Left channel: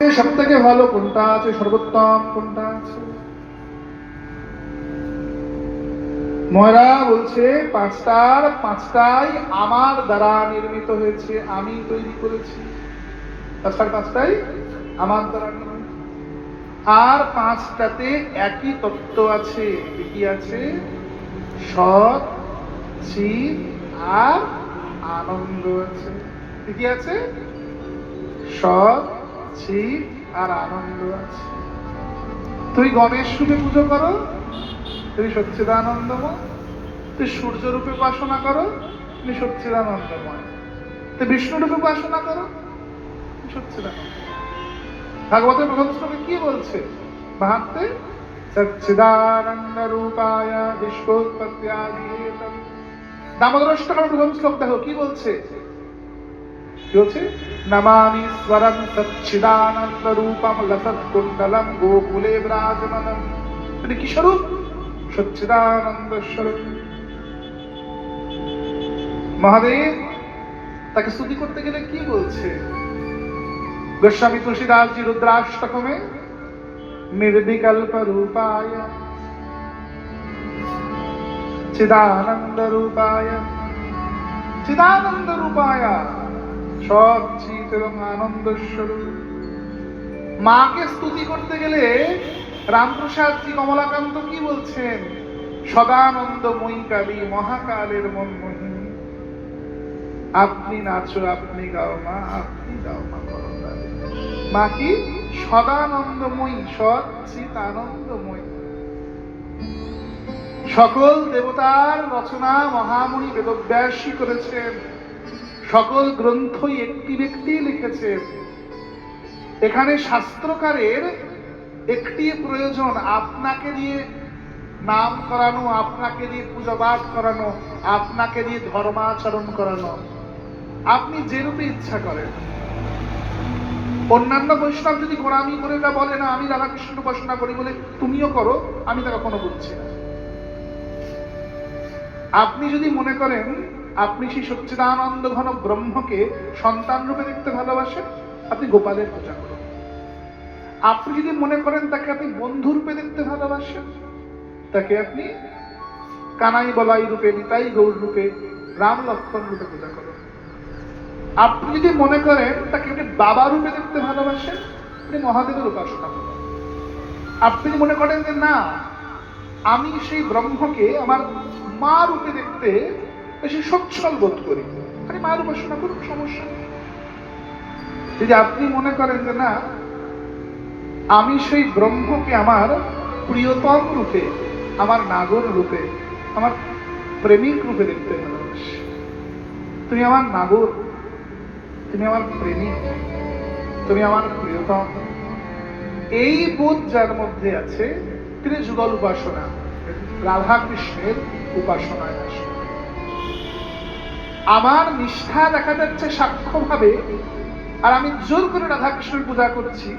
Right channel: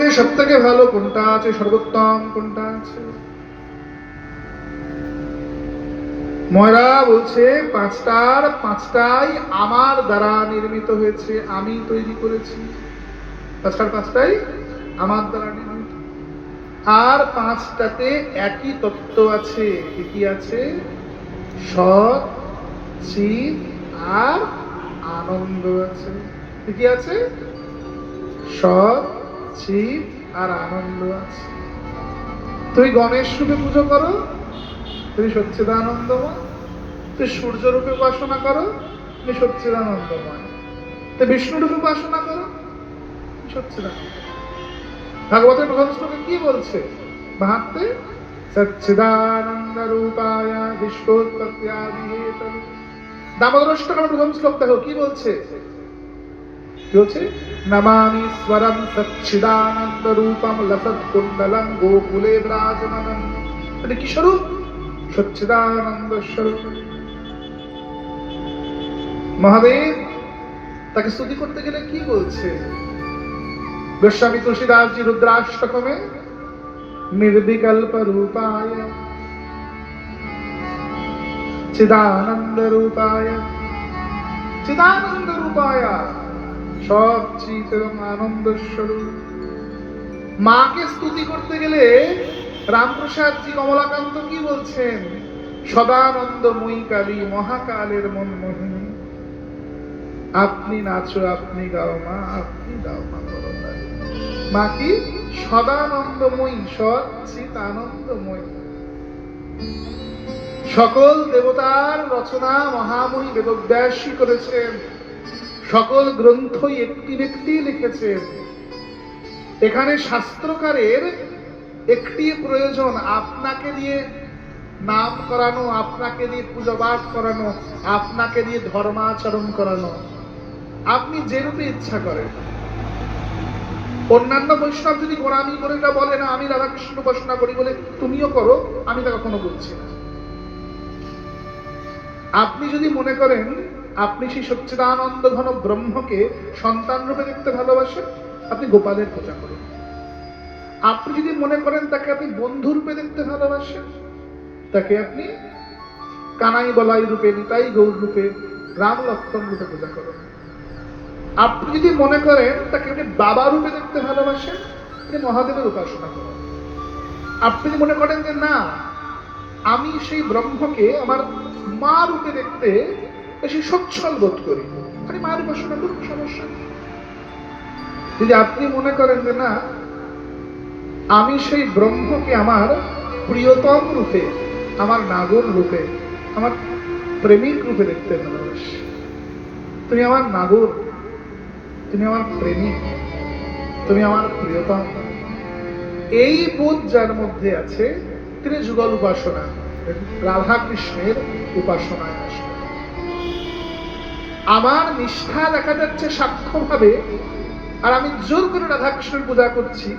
সব থেকে ভালো কোনটা আছে, সর্বোত্তম কোনটা আছে? ময়রা বলছে পাঁচটার পাঁচটাই আমার দ্বারা নির্মিত হয়েছে, আমি তৈরি করেছি। পাঁচটার পাঁচটাই আমার দ্বারা নির্মিত, আর পাঁচটাতে একই তত্ত্ব আছে। কি আছে? সৎ, চিৎ আর আনন্দ আছে। কি আছে? সৎ, চিৎ আর আনন্দ আছে। তুই গণেশ রূপে পুজো করো, তুমি সচ্চিদানন্দময়। তুই সূর্য রূপে উপাসনা করো, তুমি সচ্চিদানন্দময়। তুই বিষ্ণু রূপে উপাসনা করো, তুমি সচ্চিদানন্দ। ভাগবতের প্রথম শ্লোকে কি বলছে? ভাবতে সচ্চিদানন্দ রূপায় বিশ্বোৎপত্ত্যাদিহেতবে। দামোদর অষ্টকের প্রথম শ্লোক দেখো কি বলছে? কি বলছে? নমামি স্বরম সচ্চিদানন্দ রূপম লসৎ কুণ্ডলম গোকুলে বিরাজমানম। এটা কি স্বরূপ? সচ্চিদানন্দ স্বরূপ। মহাদেব তাকে স্তুতি করতে গেলে কি বলছে? গোস্বামী তুলসীদাসজি রুদ্রাষ্টকমে নির্বিকল্প রূপায় চিদানন্দ রূপায়, চিদানন্দ রূপায়, সব চিৎ এবং আনন্দ স্বরূপ। মাকে স্তুতি করতে গেলে রামপ্রসাদজি কমলাকান্ত কি বলছেন? সদানন্দময়ী কালী, মহাকালের মনমোহিনী। আপনি নাচো, আপনি গাও মা, আপনি গাও মা। মা কি? সদানন্দময়ী, সচ্চিৎ আনন্দময়ী। সকল দেবতার রচনা মহামুনি বেদব্যাসী করেছেন, সকল গ্রন্থই একটি ব্যক্তি লিখেছেন। এখানে শাস্ত্রকারের একটি প্রয়োজন, আপনাকে দিয়ে নাম করানো, আপনাকে দিয়ে পূজা পাঠ করানো, আপনাকে দিয়ে ধর্মাচরণ করানো। আপনি যে রূপে ইচ্ছা করেন। অন্যান্য বৈষ্ণব যদি গোড়ামি করে তা বলে না আমি রাধাকৃষ্ণ উপাসনা করি বলে তুমিও করো, আমি তা কখনো বলছি না। আপনি যদি মনে করেন আপনি সেই সচ্চিদানন্দ ঘন ব্রহ্মকে সন্তান রূপে দেখতে ভালোবাসেন, আপনি গোপালের পূজা করুন। আপনি যদি মনে করেন তাকে আপনি বন্ধু রূপে দেখতে ভালোবাসেন, তাকে আপনি কানাই বলাই রূপে, নিতাই গৌর রূপে, রাম লক্ষ্মণ রূপে পূজা করেন। আপনি যদি মনে করেন তাকে আপনি বাবা রূপে দেখতে ভালোবাসেন, আপনি মহাদেবের উপাসনা করেন। আপনি মনে করেন যে না আমি সেই ব্রহ্মকে আমার মা রূপে দেখতে বেশি সচ্ছল বোধ করি, আপনি মায়ের উপাসনা করুন, সমস্যা নেই। যদি আপনি মনে করেন যে না আমি সেই ব্রহ্মকে আমার প্রিয়তম রূপে, আমার নাগর রূপে, আমার প্রেমিক রূপে দেখতে ভালোবাসি, তুমি আমার নাগর, তুমি আমার প্রেমিক, তুমি আমার প্রিয়তম, এই বোধ যার মধ্যে আছে তিনি যুগল উপাসনা, রাধা কৃষ্ণের উপাসনায় আসে। আমার নিষ্ঠা দেখা যাচ্ছে সাক্ষ্য ভাবে, আর আমি জোর করে রাধা কৃষ্ণের পূজা করছি,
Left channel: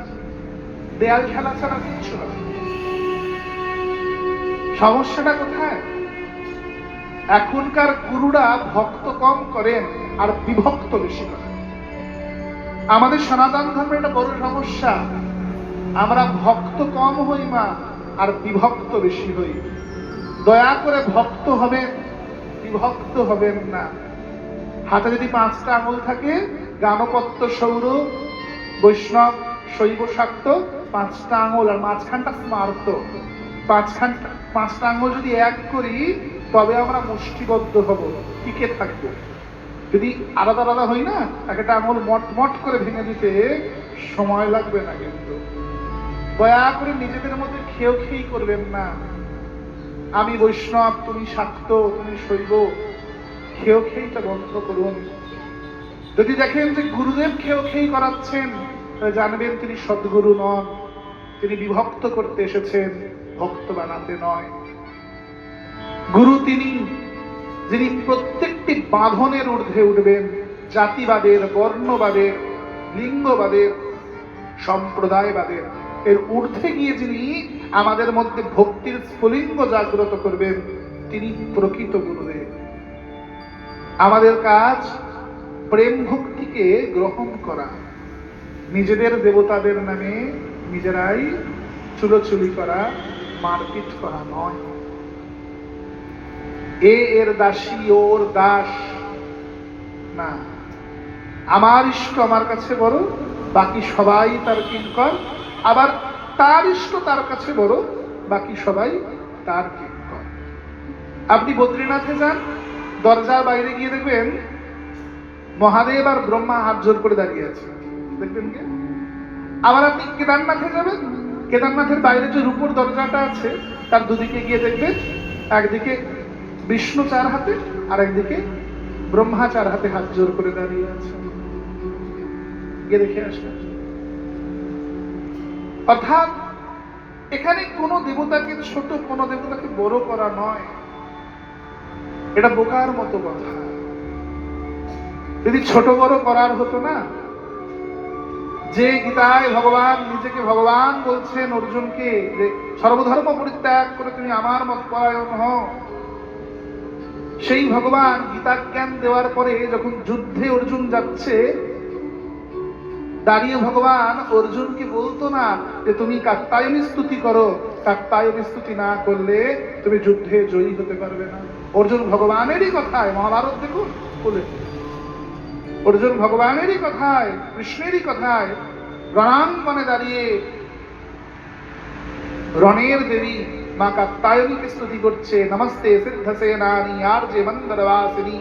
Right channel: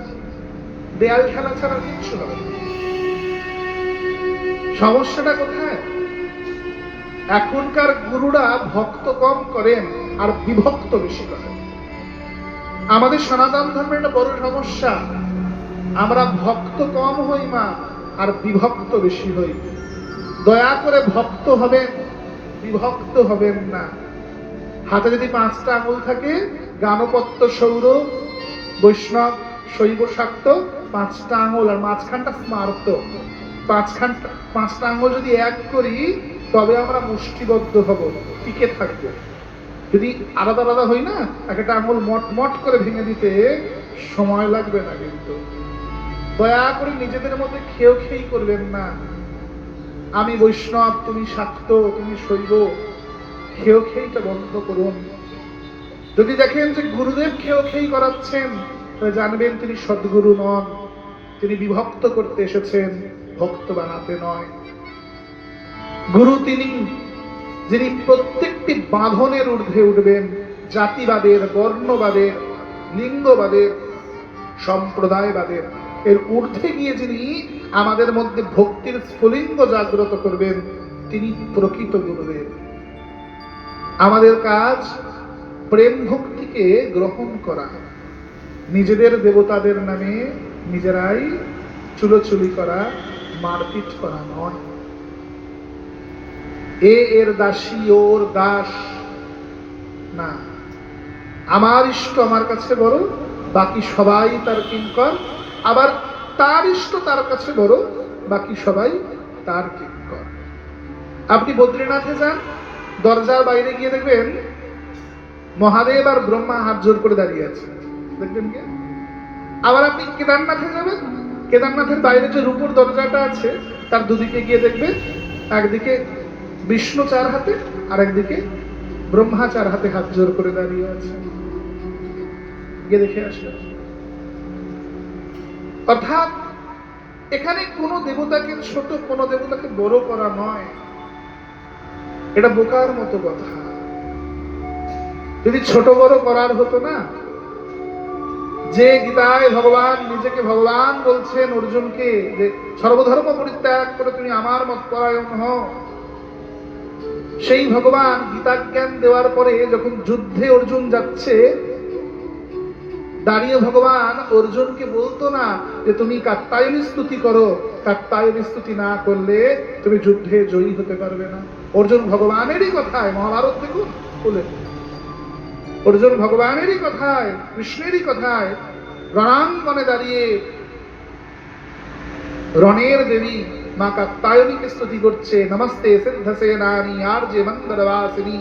দেয়াল খেলা ছাড়া কিচ্ছু হবে। সমস্যাটা কোথায়? এখনকার গুরুরা ভক্ত কম করেন আর বিভক্ত বেশি করেন। আমাদের সনাতন ধর্মের একটা বড় সমস্যা, আমরা ভক্ত কম হই মা, আর বিভক্ত বেশি হই। দয়া করে ভক্ত হবেন, বিভক্ত হবেন না। হাতে যদি 5টা আঙুল থাকে, গানপত্য সৌর বৈষ্ণব শৈব শাক্ত 5টা আঙুল, আর মাঝখানটা স্মার্ত, 5টা আঙুল যদি এক করি তবে আমরা মুষ্টিবদ্ধ হব, টিকে থাকবো। যদি আলাদা আলাদা হই না, একটা আঙুল মট মট করে ভেঙে দিতে সময় লাগবে না। কিন্তু দয়া করে নিজেদের মধ্যে খেই করবেন না। আমি বৈষ্ণব, তুমি শাক্ত, তুমি শৈব, খেইটা বন্ধ করুন। যদি দেখেন যে গুরুদেব খেই করাচ্ছেন, তাহলে জানবেন তিনি সদ্গুরু নন, তিনি বিভক্ত করতে এসেছেন, ভক্ত বানাতে নয়। গুরু তিনি যিনি প্রত্যেকটি বাঁধনের ঊর্ধ্বে উঠবেন, জাতিবাদের, বর্ণবাদের, লিঙ্গবাদের, সম্প্রদায়বাদের, এর ঊর্ধ্বে গিয়ে যিনি আমাদের মধ্যে ভক্তির স্ফুলিঙ্গ জাগ্রত করবেন, তিনি প্রকৃত গুরুদেব। আমাদের কাজ প্রেম ভক্তিকে গ্রহণ করা। নিজেদের দেবতাদের নামে নিজেরাই চুলোচুলি করা, মারপিট করা নয়। এর দাসী, ওর দাস না। আমার ইষ্ট আমার কাছে বড়, বাকি সবাই তার কিঙ্কর। আবার তার ইষ্ট তার কাছে বড়, বাকি সবাই তার কিঙ্কর। আপনি বদ্রীনাথে যান, দরজার বাইরে গিয়ে দেখবেন মহাদেব আর ব্রহ্মা হাত জোর করে দাঁড়িয়ে আছে, দেখবেন কি? আবার আপনি কেদারনাথে যাবেন, কেদারনাথের বাইরে যে রূপোর দরজাটা আছে তার দুদিকে গিয়ে দেখবেন একদিকে বিষ্ণু চার হাতে আর একদিকে ব্রহ্মা চার হাতে হাত জোর করে দাঁড়িয়ে আছে। গিয়ে দেখে আসবেন। অর্থাৎ এখানে কোনো দেবতাকে ছোট, কোনো দেবতাকে বড় করা নয়। এটা বোকার মতো কথা। যদি ছোট বড় করার হতো না, যে গীতায় ভগবান নিজেকে ভগবান বলছেন অর্জুনকে যে সর্বধর্ম পরিত্যাগ করে তুমি আমার মত পরায়ণ হও, সেই ভগবান গীতা জ্ঞান দেওয়ার পরে যখন যুদ্ধে অর্জুন যাচ্ছে, দাঁড়িয়ে ভগবান অর্জুনকে বলতো না যে তুমি কাত্যায়নী স্তুতি করো, কাত্যায়নী স্তুতি না করলে তুমি যুদ্ধে জয়ী হতে পারবে না। অর্জুন ভগবানেরই কথায়, মহাভারত দেখুন বলে, অর্জুন ভগবানেরই কথায়, কৃষ্ণেরই কথায় রণাঙ্গনে দাঁড়িয়ে রণের দেবী মা কাত্যায়নীকে স্তুতি করছে। নমস্তে সিদ্ধসেনানি আর্যে মন্দরবাসিনী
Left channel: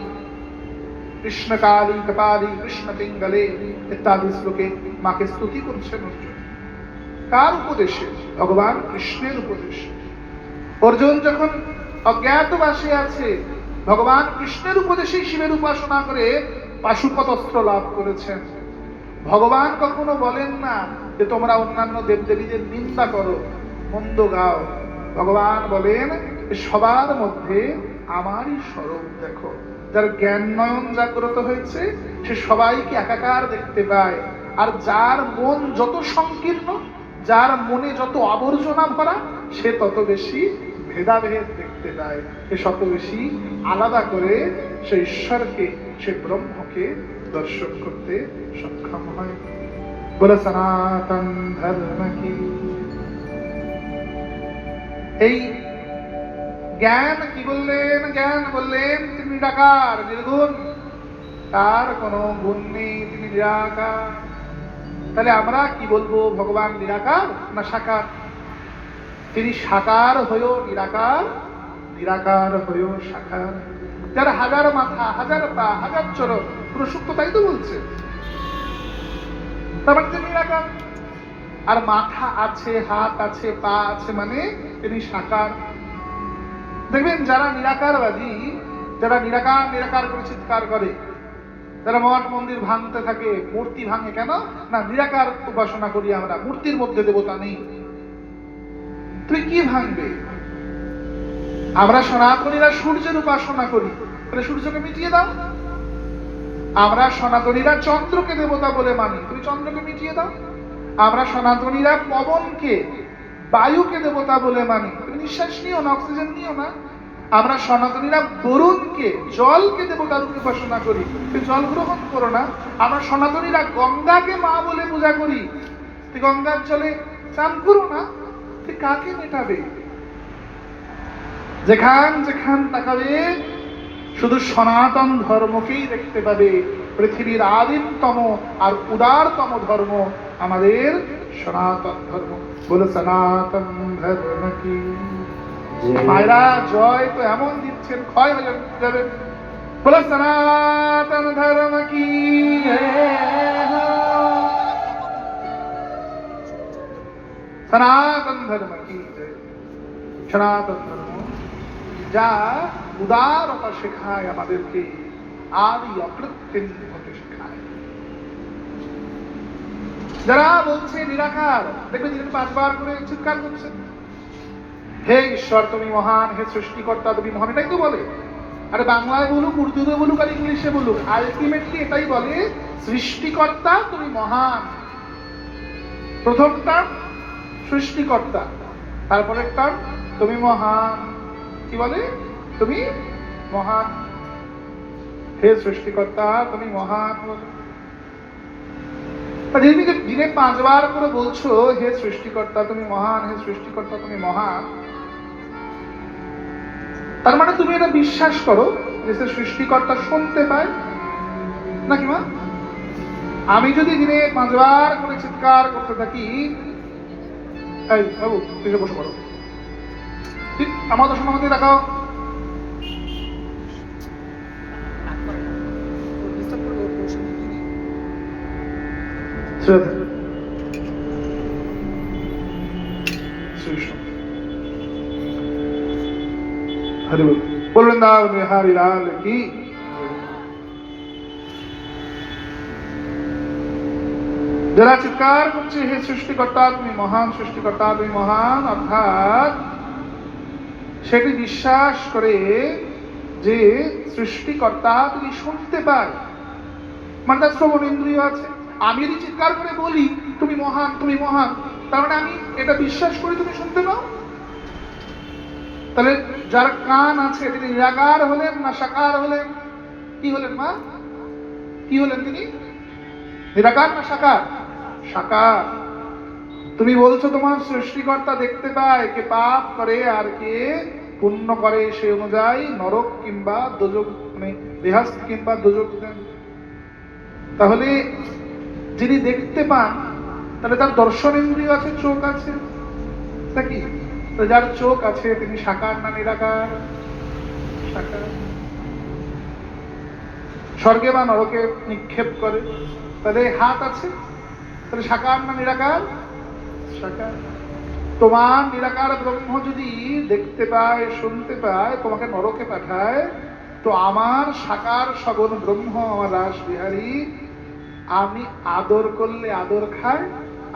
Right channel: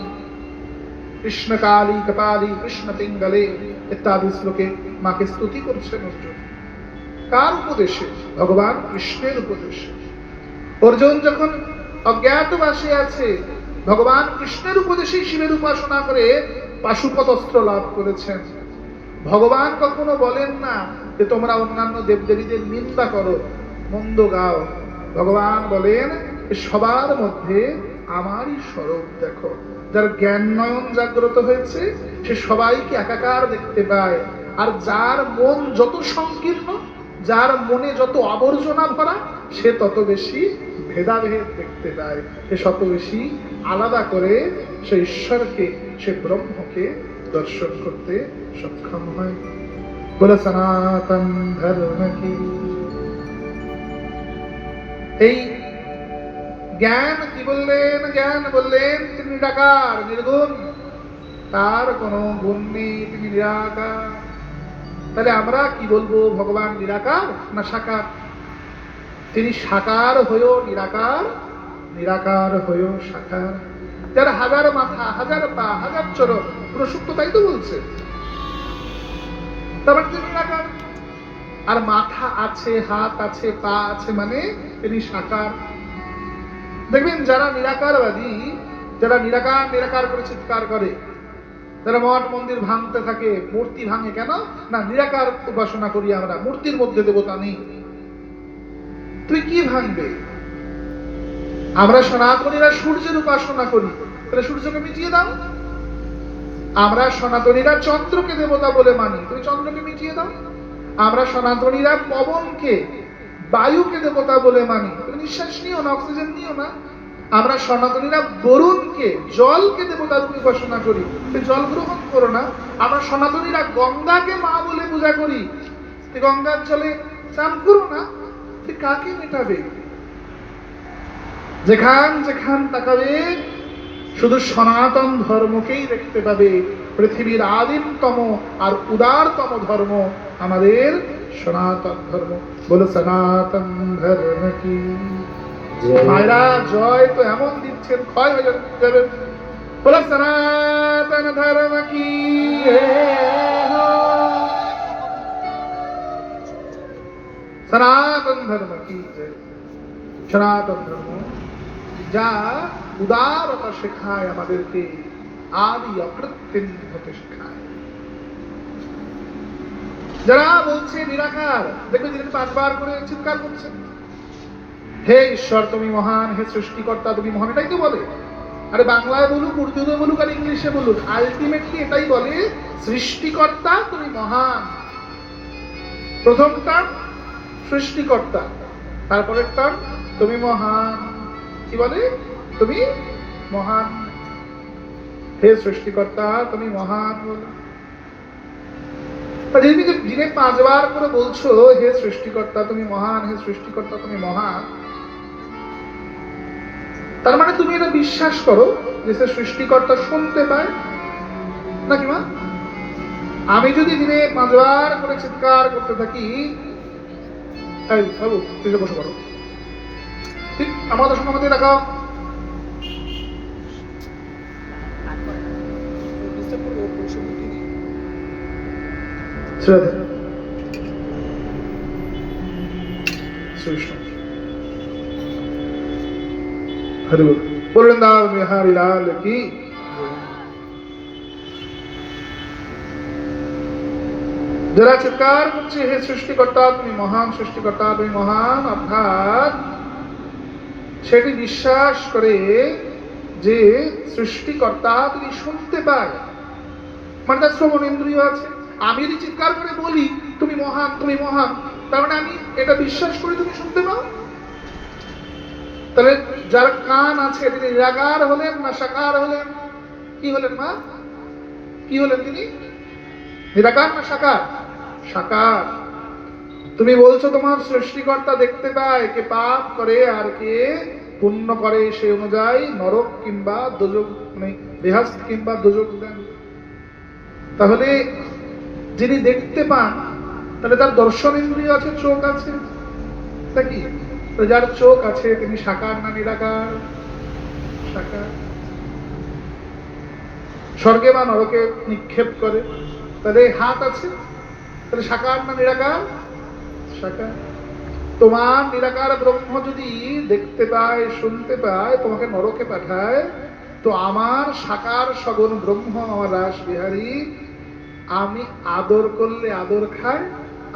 কৃষ্ণকালী কপালী কৃষ্ণ পিঙ্গলে ইত্যাদি শ্লোকে মাকে স্তুতি করছেন অর্জুন। কার উপদেশে? ভগবান কৃষ্ণের উপদেশে। অর্জুন যখন অজ্ঞাতবাসে আছে, ভগবান কৃষ্ণের উপদেশেই শিবের উপাসনা করে পাশুপত অস্ত্র লাভ করেছেন। ভগবান কখনো বলেন না যে তোমরা অন্যান্য দেবদেবীদের নিন্দা করো, মন্দ গাও। ভগবান বলেন সবার মধ্যে আমারই স্বরূপ দেখো। যার জ্ঞান নয়ন জাগ্রত হয়েছে সে সবাইকে একাকার দেখতে পায়। আর যার মন যত সংকীর্ণ, যার মনে যত আবর্জনা ভরা, সে তত বেশি ভেদাভেদ দেখতে পায়, সে তত বেশি আলাদা করে সে ঈশ্বরকে, সে ব্রহ্মকে দর্শন করতে সক্ষম হয়। বলে সনাতন ধর্ম কি। এই জ্ঞান কি বললেন? জ্ঞান বললেন তিনি নিরাকার, নির্গুণ, তার কোনো গুণ নেই, তিনি নিরাকার। তাহলে আমরা কি বলবো? ভগবান নিরাকার না সাকার? তিনি সাকার হয়েও নিরাকার, নিরাকার হয়েও সাকার। যার হাজার মাথা, হাজার পা, হাজার চরণ, পুরো সুক্ত তাই তো বলছে। তার মানে তিনি নিরাকার। আর মাথা আছে, হাত আছে, পা আছে, মানে তিনি সাকার। দেখবেন যারা নিরাকারবাদী, যারা নিরাকার নিরাকার করে চিৎকার করে, যারা মঠ মন্দির ভাঙতে থাকে, মূর্তি ভাঙে কেন না? নিরাকার উপাসনা করি আমরা, মূর্তির মধ্যে দেবতা নেই। তুই কি ভাঙবে? আমরা সনাতনীরা সূর্যের উপাসনা করি, তাহলে সূর্যকে মিটিয়ে দাও। আমরা সনাতনীরা চন্দ্রকে দেবতা বলে মানি, তুমি চন্দ্রকে মিটিয়ে দাও। আমরা সনাতনীরা পবনকে, বায়ুকে দেবতা বলে মানি, তুমি নিঃশ্বাস নিও না, অক্সিজেন নিও না। আমরা সনাতনীরা বরুণকে, জলকে দেবতা রূপে উপাসনা করি, তুমি জল গ্রহণ করো না। আমরা সনাতনীরা গঙ্গাকে মা বলে পূজা করি, তুই গঙ্গার জলে চান করো না। তুই কাকে মেটাবে? যেখান যেখান তাকাবে শুধু সনাতন ধর্মকেই দেখতে পাবে। পৃথিবীর আদিমতম আর উদারতম ধর্ম আমাদের সনাতন ধর্ম। বলে সনাতন ধর্ম কি। মায়েরা জয় তো এমন দিচ্ছেন, ক্ষয় হয়ে যাবে। বলে সনাতন ধর্ম কি। সনাতন ধর্ম কি। সনাতন ধর্ম যা উদারতা শেখায় আমাদেরকে, আদি অকৃত্রিম হতে শেখায়। যারা বলছে নিরাকার, দেখবে তিনি 5 বার করে চিৎকার করছেন, হে ঈশ্বর তুমি মহান, হে সৃষ্টিকর্তা তুমি মহান, এটাই তো বলে। আরে বাংলায় বলুক, উর্দুতে বলুক আর ইংলিশে বলুক, আলটিমেটলি এটাই বলে, সৃষ্টিকর্তা তুমি মহান। প্রথম টার্ম সৃষ্টিকর্তা, তারপরের টার্ম তুমি মহান। কি বলে? তুমি মহান, হে সৃষ্টিকর্তা তুমি মহান বলে। দিনে 5 বার করে বলছো হে সৃষ্টিকর্তা তুমি মহান, হে সৃষ্টিকর্তা তুমি মহান, তার মানে তুমি এটা বিশ্বাস করো যে সে সৃষ্টিকর্তা শুনতে পায় নাকি মা? আমি যদি দিনে 5 বার করে চিৎকার করতে থাকি, এই বাবু তুই বসে পড়ো, ঠিক আমার দর্শন আমাদের দেখাও, বললেন না বিহারি লাল কি। যারা চিৎকার করছে হে সৃষ্টিকর্তা তুমি মহান, সৃষ্টিকর্তা তুমি মহান, অর্থাৎ সেটি বিশ্বাস করে যে সৃষ্টিকর্তা তিনি শুনতে পায়, মানে তার শ্রবণ ইন্দ্রিয় আছে। আমি যদি চিৎকার করে বলি তুমি মহান, তুমি মহান, তার মানে আমি এটা বিশ্বাস করি তুমি শুনতে পাও। তাহলে যার কান আছে তিনি নিরাকার হলেন না সাকার হলেন? কি হলেন মা? কি হলেন তিনি? নিরাকার না সাকার? সাকার। তুমি বলছো তোমার সৃষ্টিকর্তা দেখতে পায় কে পাপ করে আর কে পুণ্য করে, সেই অনুযায়ী নরক কিংবা দোজক, মানে বেহেশত কিংবা দোজক দেন। তাহলে যিনি দেখতে পান তাহলে তার দর্শন ইন্দ্রিয় আছে, চোখ আছে, তা কি? যার চোখ আছে তিনি সাকার না নিরাকার? সাকার। স্বর্গে বা নরকে নিক্ষেপ করে, তাহলে হাত আছে, তাহলে সাকার না নিরাকার? সাকার। তোমার নিরাকার ব্রহ্ম যদি দেখতে পায়, শুনতে পায়, তোমাকে নরকে পাঠায়, তো আমার সাকার সগুণ ব্রহ্ম, আমার রাস বিহারী, আমি আদর করলে আদর খায়,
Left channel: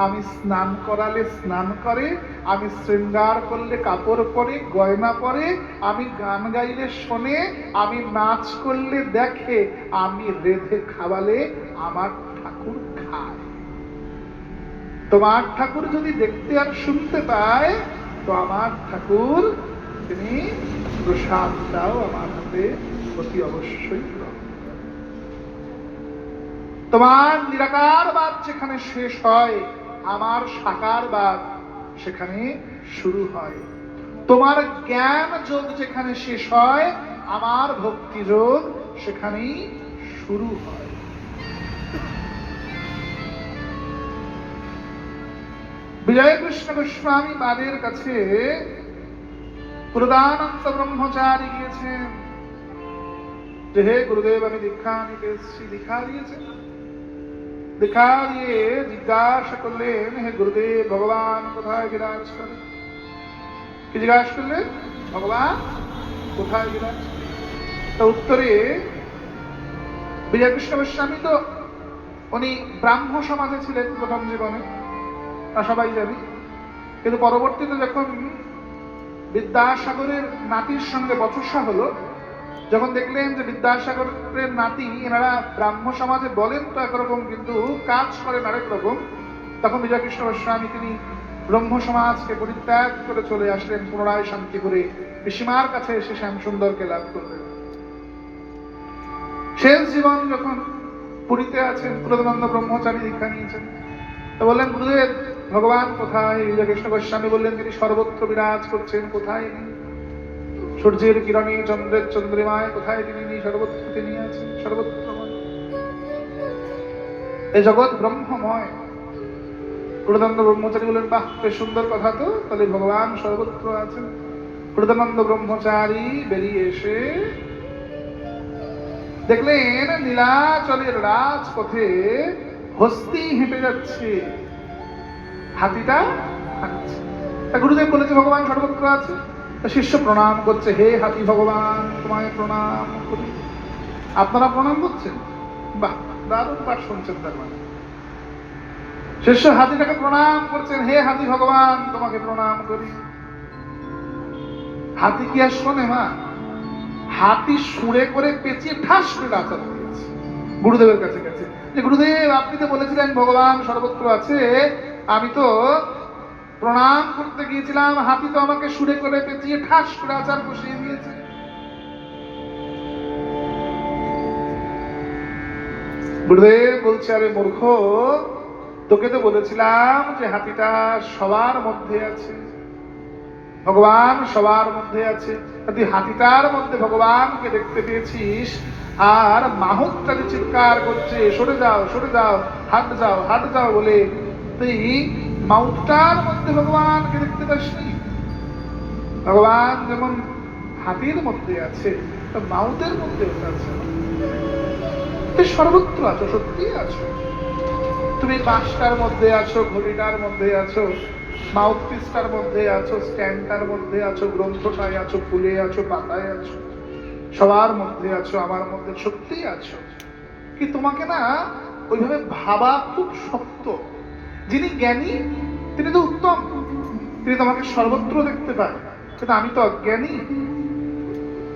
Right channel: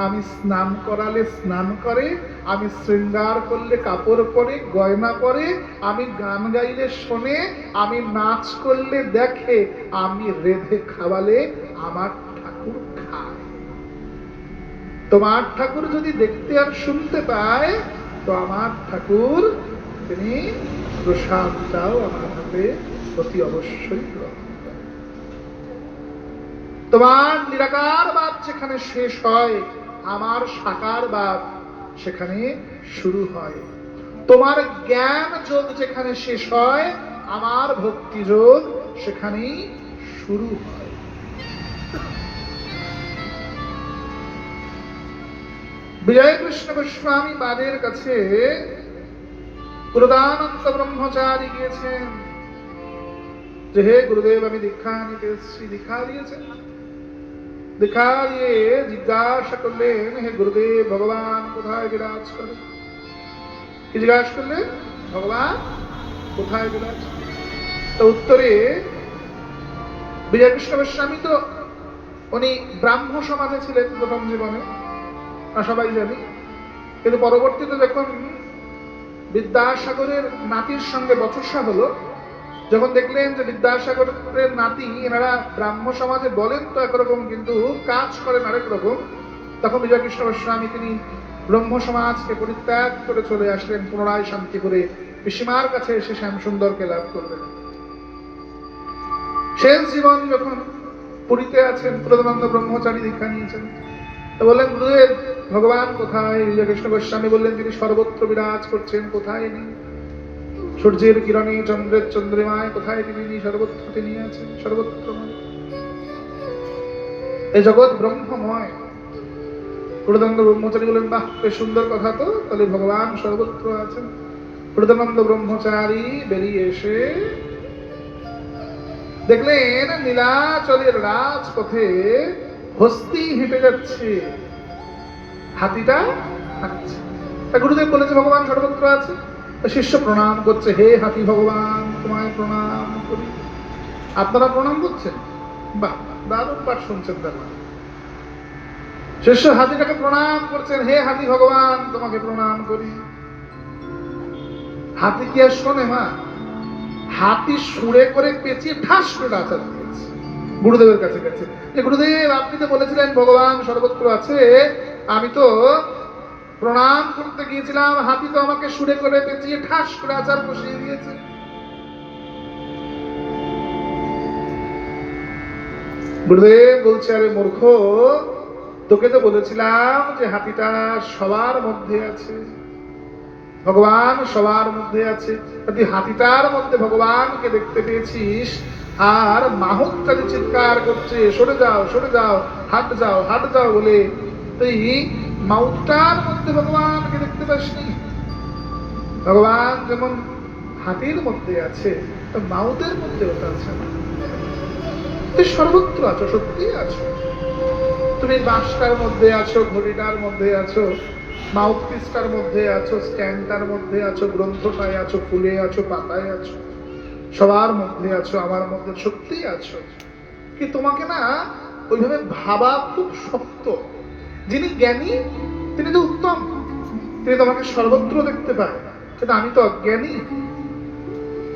আমি স্নান করালে স্নান করে, আমি শৃঙ্গার করলে কাপড় পরে, গয়না পরে, আমি গান গাইলে শোনে, আমি নাচ করলে দেখে, আমি রেঁধে খাওয়ালে আমার ঠাকুর খায়। তোমার ঠাকুর যদি দেখতে আর শুনতে পায়, তো আমার ঠাকুর তিনি প্রসাদটাও আমার হাতে অতি অবশ্যই গ্রহণ করেন। তোমার নিরাকারবাদ যেখানে শেষ হয়, আমার সাকারবাদ সেখানে শুরু হয়। তোমার জ্ঞান যোগ যেখানে শেষ হয়, আমার ভক্তি যোগ সেখানেই শুরু হয়। বিজয় কৃষ্ণ গোস্বামী বাদের কাছে প্রদানন্দ ব্রহ্মচারী গিয়েছেন যে হে গুরুদেব আমি দীক্ষা নিতে এসেছি। দীক্ষা দিয়েছেন, দীক্ষা দিয়ে জিজ্ঞাসা করলেন হে গুরুদেব ভগবান কোথায় বিরাজ করে? কি জিজ্ঞাসা করলেন? ভগবান কোথায় বিরাজ? তো উত্তরে বিজয় কৃষ্ণ গোস্বামী তো উনি ব্রাহ্ম সমাজে ছিলেন প্রথম জীবনে, সবাই জানি, কিন্তু পরবর্তীতে যখন বিদ্যাসাগরের নাতির সঙ্গে বচসা হলো, যখন দেখলেন যে বিদ্যাসাগরের নাতি এনারা ব্রাহ্ম সমাজে বলেন তো একরকম কিন্তু কাজ করেন আরেক রকম, তখন বিজয় কৃষ্ণ গোস্বামী তিনি ব্রহ্ম সমাজকে পরিত্যাগ করে চলে আসলেন পুনরায় শান্তিপুরে পিসিমার কাছে এসে শ্যাম সুন্দরকে লাভ করলেন। শেষ জীবন যখন পুরীতে আছেন, প্রদানন্দ ব্রহ্মচারী দীক্ষা নিয়েছেন, তো বললেন গুরুদেব ভগবান কোথায়? বিজয় কৃষ্ণ গোস্বামী বললেন তিনি সর্বত্র বিরাজ করছেন। কোথায় নেই? সূর্যের কিরণে, চন্দ্রের চন্দ্রিমায় কোথায় তিনি নেই? সর্বত্র তিনি আছেন, সর্বত্রময়। এই জগৎ ব্রহ্মময়। প্রদানন্দ ব্রহ্মচারী বললেন বাহ বেশ সুন্দর কথা তো, তাহলে ভগবান সর্বত্র আছেন। প্রদানন্দ ব্রহ্মচারী বেরিয়ে এসে দেখলেন নীলাচলের রাজপথে হস্তি হেঁটে যাচ্ছে, হাতিটা হাঁটছে। তা গুরুদেব বলেছে ভগবান সর্বত্র আছে। শিষ্য প্রণাম করছে, হে হাতি ভগবান তোমায় প্রণাম করি। আপনারা প্রণাম করছেন? বাহ দারুণ পাঠ শুনছেন। তার মানে শিষ্য হাতিটাকে প্রণাম করছেন, হে হাতি ভগবান তোমাকে প্রণাম করি। হাতি কি আর শোনে মা? হাতি সুরে করে পেঁচিয়ে ঠাস করে আচার দিয়েছে গুরুদেবের কাছে গেছে যে গুরুদেব আপনি তো বলেছিলেন ভগবান সর্বত্র আছে, আমি তো প্রণাম করতে গিয়েছিলাম, হাতি তো আমাকে সুরে করে পেঁচিয়ে ঠাস করে আচার বসিয়ে দিয়েছে। গুরুদেব বলছে আরে মূর্খ, তোকে তো বলেছিলাম যে হাতিটা সবার মধ্যে আছে, ভগবান সবার মধ্যে আছে। তুই হাতিটার মধ্যে ভগবানকে দেখতে পেয়েছিস, আর মাহুতটা যে চিৎকার করছে সরে যাও সরে যাও, হাট যাও হাট যাও বলে, তুই মাউতটার মধ্যে ভগবানকে দেখতে পাসনি। ভগবান যেমন হাতির মধ্যে আছে, মাউতের মধ্যে ওটা আছে না। তুই সর্বত্র আছো, সত্যি আছো। তুমি বাঁশটার মধ্যে আছো, ঘড়িটার মধ্যে আছো, মাউথপিসটার মধ্যে আছো, স্ট্যান্ডটার মধ্যে আছো, গ্রন্থটায় আছো, ফুলে আছো, পাতায় আছো, সবার মধ্যে আছো, আমার মধ্যে সত্যি আছো। কি তোমাকে না ওইভাবে ভাবা খুব শক্ত। যিনি জ্ঞানী তিনি তো উত্তম, তিনি তোমাকে সর্বত্র দেখতে পান, কিন্তু আমি তো অজ্ঞানী,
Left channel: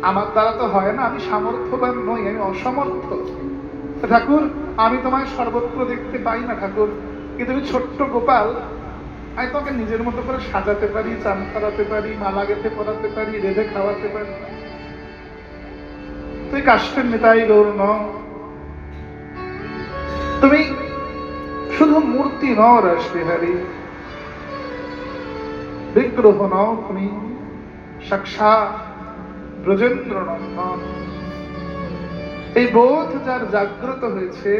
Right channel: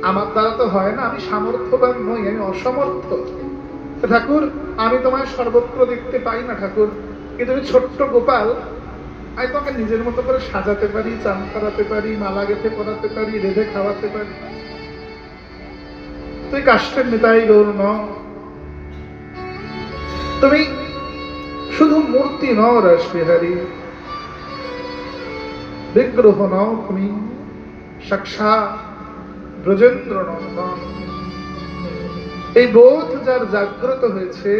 আমার দ্বারা তো হয় না, আমি সামর্থ্যবান নই, আমি অসমর্থ। ঠাকুর আমি তোমায় সর্বত্র দেখতে পাই না ঠাকুর, কিন্তু তুমি ছোট্ট গোপাল, আমি তোমাকে নিজের মতো করে সাজাতে পারি, চান করাতে পারি, মালা গেঁথে পরাতে পারি, রেঁধে খাওয়াতে পারি। তুই কাষ্ঠের নেতাই গৌর নও, তুমি শুধু মূর্তি নও রাসবিহারী, বিগ্রহ নও, তুমি সাক্ষাৎ ব্রজেন্দ্র নন্দন। এই বোধ যার জাগ্রত হয়েছে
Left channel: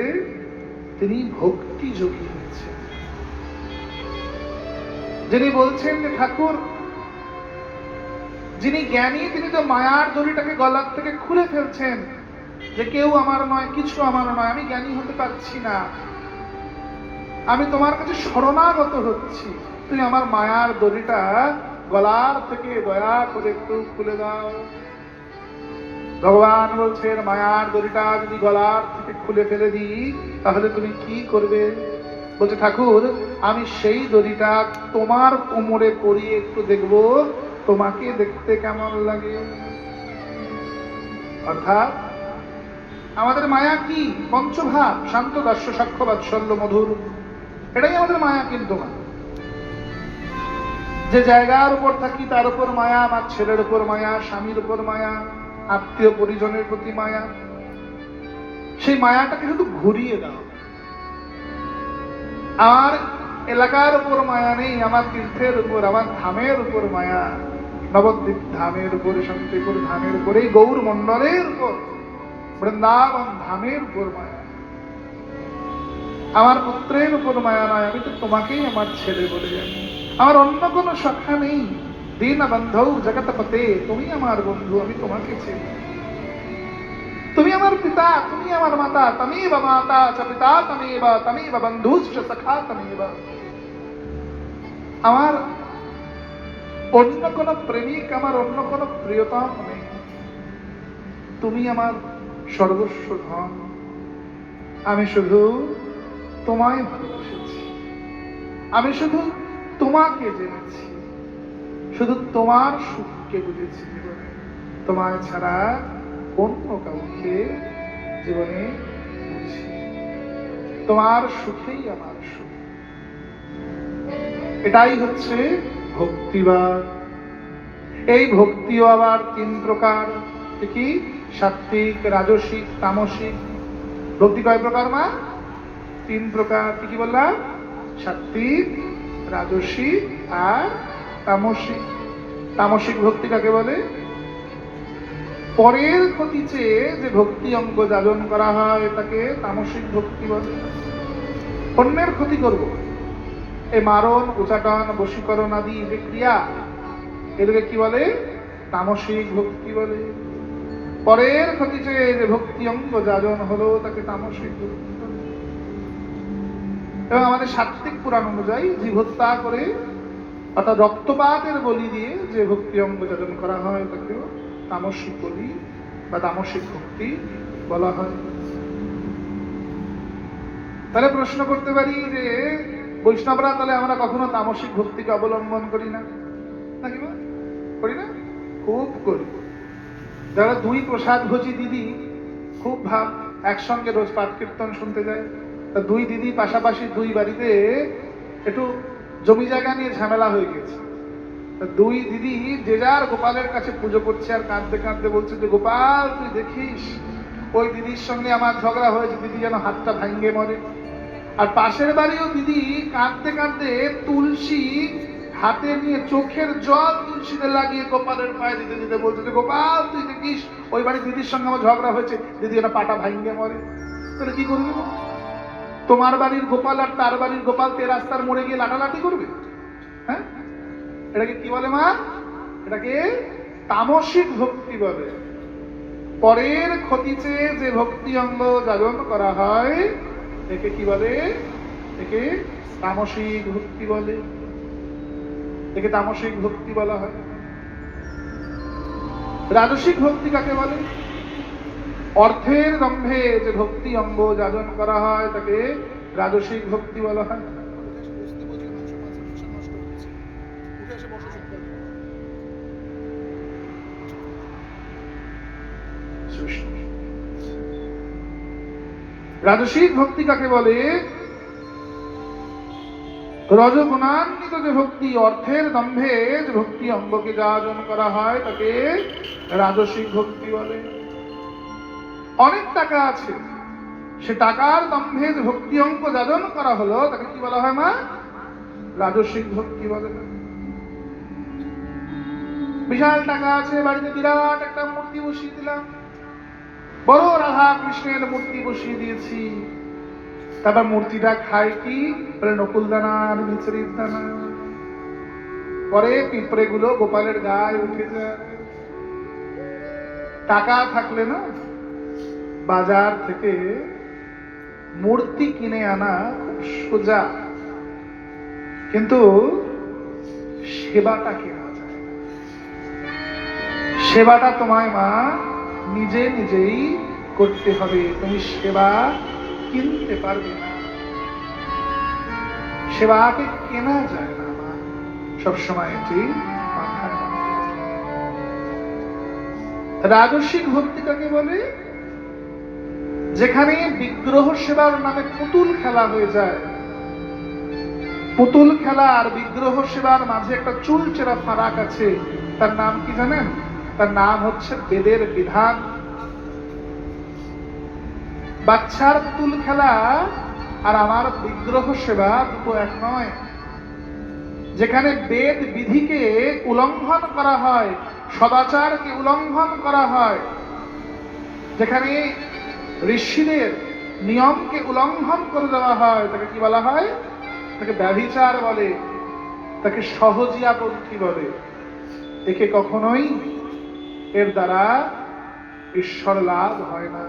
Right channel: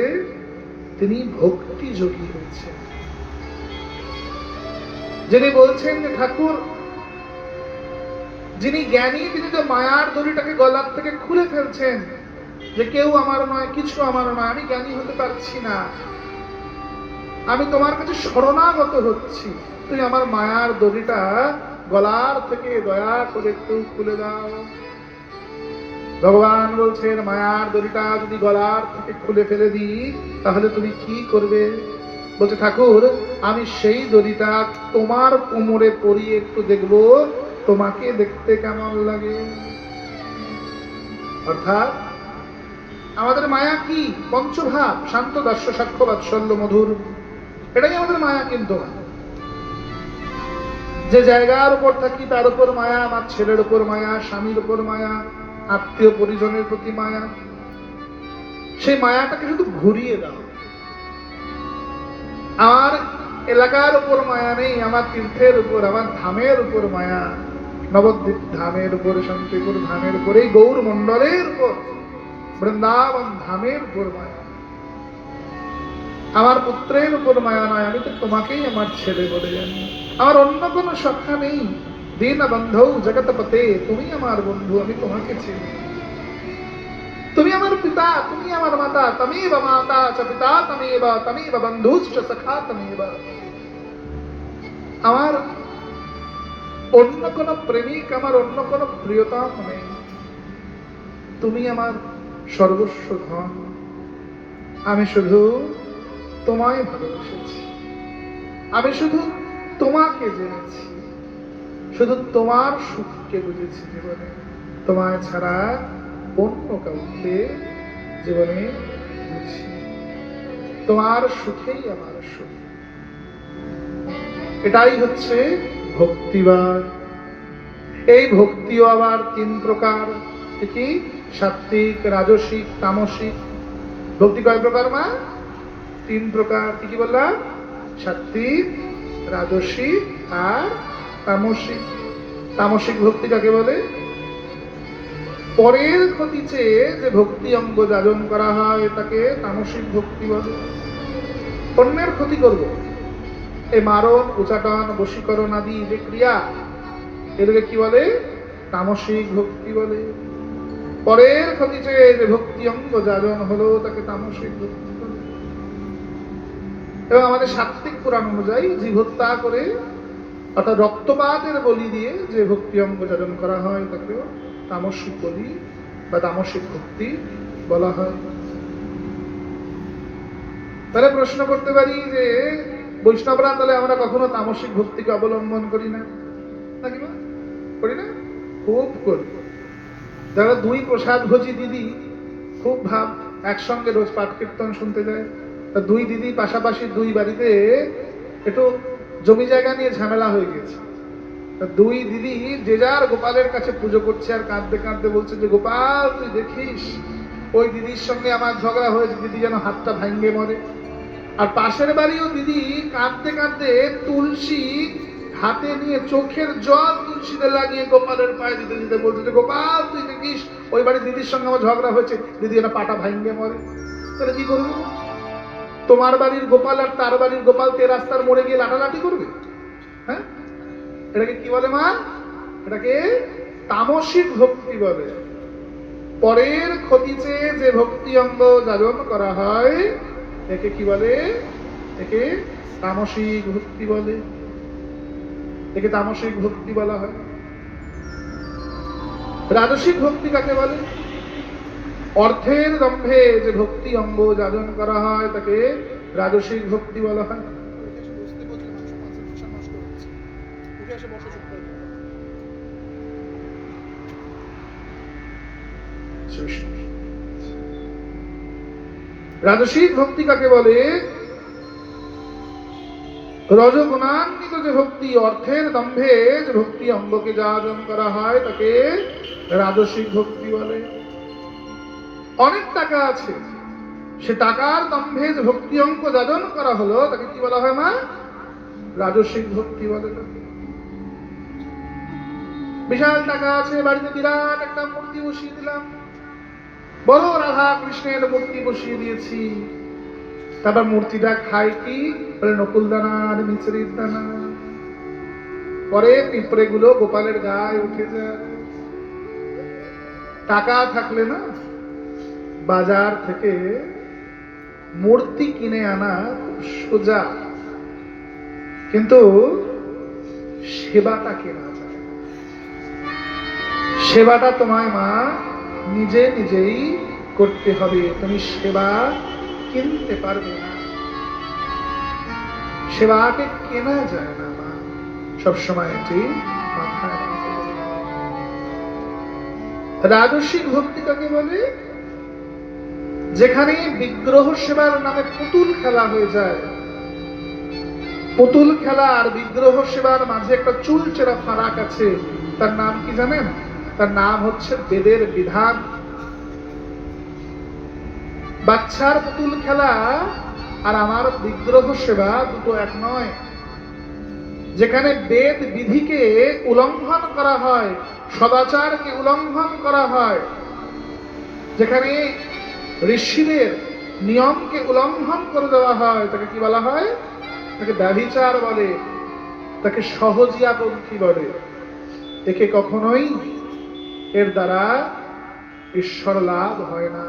তিনি ভক্তি যোগী হয়েছে। যিনি বলছেন যে ঠাকুর যিনি জ্ঞানী তিনি তো মায়ার দড়িটাকে গলার থেকে খুলে ফেলছেন, যে কেউ আমার নয়, কিছু আমার নয়, আমি জ্ঞানী হতে পারছি না, আমি তোমার কাছে শরণাগত হচ্ছি, তুমি আমার মায়ার দড়িটা গলার থেকে দয়া করে একটু খুলে দাও। ভগবান বলছেন মায়ার দড়িটা যদি গলার থেকে খুলে ফেলে দিই তাহলে তুমি কি করবে? বলছে ঠাকুর আমি সেই দড়িটা তোমার কোমরে পরিয়ে একটু দেখবো তোমাকে দেখতে কেমন লাগে। অর্থাৎ আমাদের মায়া কি? পঞ্চভাব, শান্ত, দাস্য, সাক্ষ্য, বাৎসল্য, মধুর, এটাই আমাদের মায়া। কিন্তু যে জায়গার উপর থাকি তার উপর মায়া, আমার ছেলের উপর মায়া, স্বামীর উপর মায়া, আত্মীয় পরিজনের প্রতি মায়া, সেই মায়াটাকে শুধু ঘুরিয়ে দাও। আমার এলাকার উপর মায়া নেই, আমার তীর্থের উপর, আমার ধামের উপর মায়া, নবদ্বীপ ধামের উপর, শান্তিপুর ধামের উপর, এই গৌর মন্ডলের উপর, বৃন্দাবন ধামের উপর মায়া। আমার পুত্রের উপর মায়া নয়, আমি তো তোমাকেই আমার ছেলে বলে জানি, আমার অন্য কোনো সখা নেই। দীন বন্ধু জগৎপতে, তুমি আমার বন্ধু, আমি তোমাকে চিনি। তুমি আমার পিতা, তুমি আমার মাতা, তমেব মাতা চ পিতা তমেব, তমেব বন্ধুশ্চ সখা তমেব। আমার অন্য কোন প্রেমিক, আমার অন্য কোন প্রিয়তম নেই, তুমি আমার সর্বস্ব ধন। আমি শুধু তোমায় ভালোবেসেছি, আমি শুধু তোমাকে জেনেছি, শুধু তোমার সুখকে বুঝেছি জীবনে, তোমায় ছাড়া অন্য কাউকে জীবনে বুঝি। তোমার সুখেই আমার সুখ। এটাই হচ্ছে ভক্তিবাদ। এই ভক্তিও আবার তিন প্রকার। কি? সাত্বিক, রাজসিক, তামসিক। ভক্তি কয় প্রকার মা? তিন প্রকার। কি বললাম? সাত্বিক, রাজসিক আর তামসিক। তামসিক ভক্তি কাকে বলে? পরের ক্ষতি চেয়ে যে ভক্তি অঙ্গ যাজন করা হয় তাকে তামসিক ভক্তি বলে। অন্যের ক্ষতি করব, এই মারণ, উচাটন, বশীকরণ আদি যে ক্রিয়া, এদের কি বলে? তামসিক ভক্তি বলে। পরের ক্ষতি চেয়ে যে ভক্তি অঙ্গ যাজন হলো তাকে তামসিক ভক্তি বলে। এবং আমাদের সাত্বিক পুরাণ অনুযায়ী জীব হত্যা করে অর্থাৎ রক্তপাতের বলি দিয়ে যে ভক্তি অঙ্গ যাজন করা হয় তাকে তামসিক বলি বা তামসিক ভক্তি বলা হয়। তাহলে প্রশ্ন করতে পারি যে বৈষ্ণবরা তাহলে আমরা কখনো তামসিক ভক্তিকে অবলম্বন করি না নাকি? করি না? খুব করি। যারা দুই প্রসাদ ভোজি দিদি খুব ভাব একসঙ্গে রোজ পাঠ কীর্তন শুনতে যায়, দুই দিদি পাশাপাশি দুই বাড়িতে একটু জমি জায়গা নিয়ে ঝামেলা হয়ে গেছে। দুই দিদি যে যার গোপালের কাছে পুজো করছে আর কাঁদতে কাঁদতে বলছে যে গোপাল তুই দেখিস ওই দিদির সঙ্গে আমার ঝগড়া হয়েছে, দিদি যেন হাতটা ভাঙ্গে মরে। আর পাশের বাড়িও দিদি কাঁদতে কাঁদতে তুলসী হাতে নিয়ে চোখের জল তুলসীতে লাগিয়ে গোপালের পায়ে দিতে দিতে বলছে যে গোপাল তুই দেখিস ওই বাড়ির দিদির সঙ্গে আমার ঝগড়া হয়েছে, দিদি এটা পাটা ভাঙবে মরে। তাহলে কি করবে? তোমার বাড়ির গোপাল আর তার বাড়ির গোপাল তে রাস্তার মোড়ে গিয়ে লাঠালাঠি করবে? হ্যাঁ, এটাকে কি বলে মা? এটাকে তামসিক ভক্তি বলে। পরের ক্ষতি চেয়ে যে ভক্তি অঙ্গ জাগরণ করা হয় একে কি বলে? একে তামসিক ভক্তি বলে। একে তামসিক ভক্তি বলা হয়। রাজসিক ভক্তি কাকে বলে? অর্থের দম্ভে যে ভক্তি অঙ্গ জাগরণ করা হয় তাকে রাজসিক ভক্তি বলা হয়। রাজসিক ভক্তি কাকে বলে? রজগুণান্বিত যে ভক্তি, অর্থের দম্ভে যে ভক্তি অঙ্গকে যাজন করা হয় তাকে রাজসিক ভক্তি বলে। অনেক টাকা আছে, সে টাকার দম্ভে যে ভক্তি অঙ্গ যাজন করা হলো তাকে কি বলা হয় মা? রাজসিক ভক্তি বলে। বিশাল টাকা আছে, বাড়িতে বিরাট একটা মূর্তি বসিয়ে দিলাম, বড় রাধা কৃষ্ণের মূর্তি বসিয়ে দিয়েছি, তারপর মূর্তিটা খায় কি? নকুল দানা আর মিছরির দানা। পরে পিঁপড়ে গুলো গোপালের গায়ে উঠে যায়। টাকা থাকলে না বাজার থেকে মূর্তি কিনে আনা খুব সোজা, কিন্তু সেবাটা কেনা যায়। সেবাটা তোমায় মা নিজে নিজেই করতে হবে, তুমি সেবা কিনতে পারবে না, সেবাকে কেনা যায় না মা। সবসময় এটি মাথায় রাখতে হবে। রাজসিক ভক্তি কাকে বলে? যেখানে বিগ্রহ সেবার নামে পুতুল খেলা হয়ে যায়। পুতুল খেলা আর বিগ্রহ সেবার মাঝে একটা চুলচেরা ফারাক আছে, তার নাম কি জানেন? তার নাম হচ্ছে বেদের বিধান। বাচ্চার পুতুল খেলা আর আমার বিগ্রহ সেবা দুটো এক নয়। যেখানে বেদ বিধিকে উল্লঙ্ঘন করা হয়, সদাচারকে উল্লঙ্ঘন করা হয়, যেখানে ঋষিদের নিয়মকে উল্লঙ্ঘন করে দেওয়া হয় তাকে কি বলা হয়? তাকে ব্যভিচার বলে, তাকে সহজিয়াপন্থী বলে। একে কখনোই এর দ্বারা ঈশ্বর লাভ হয় না।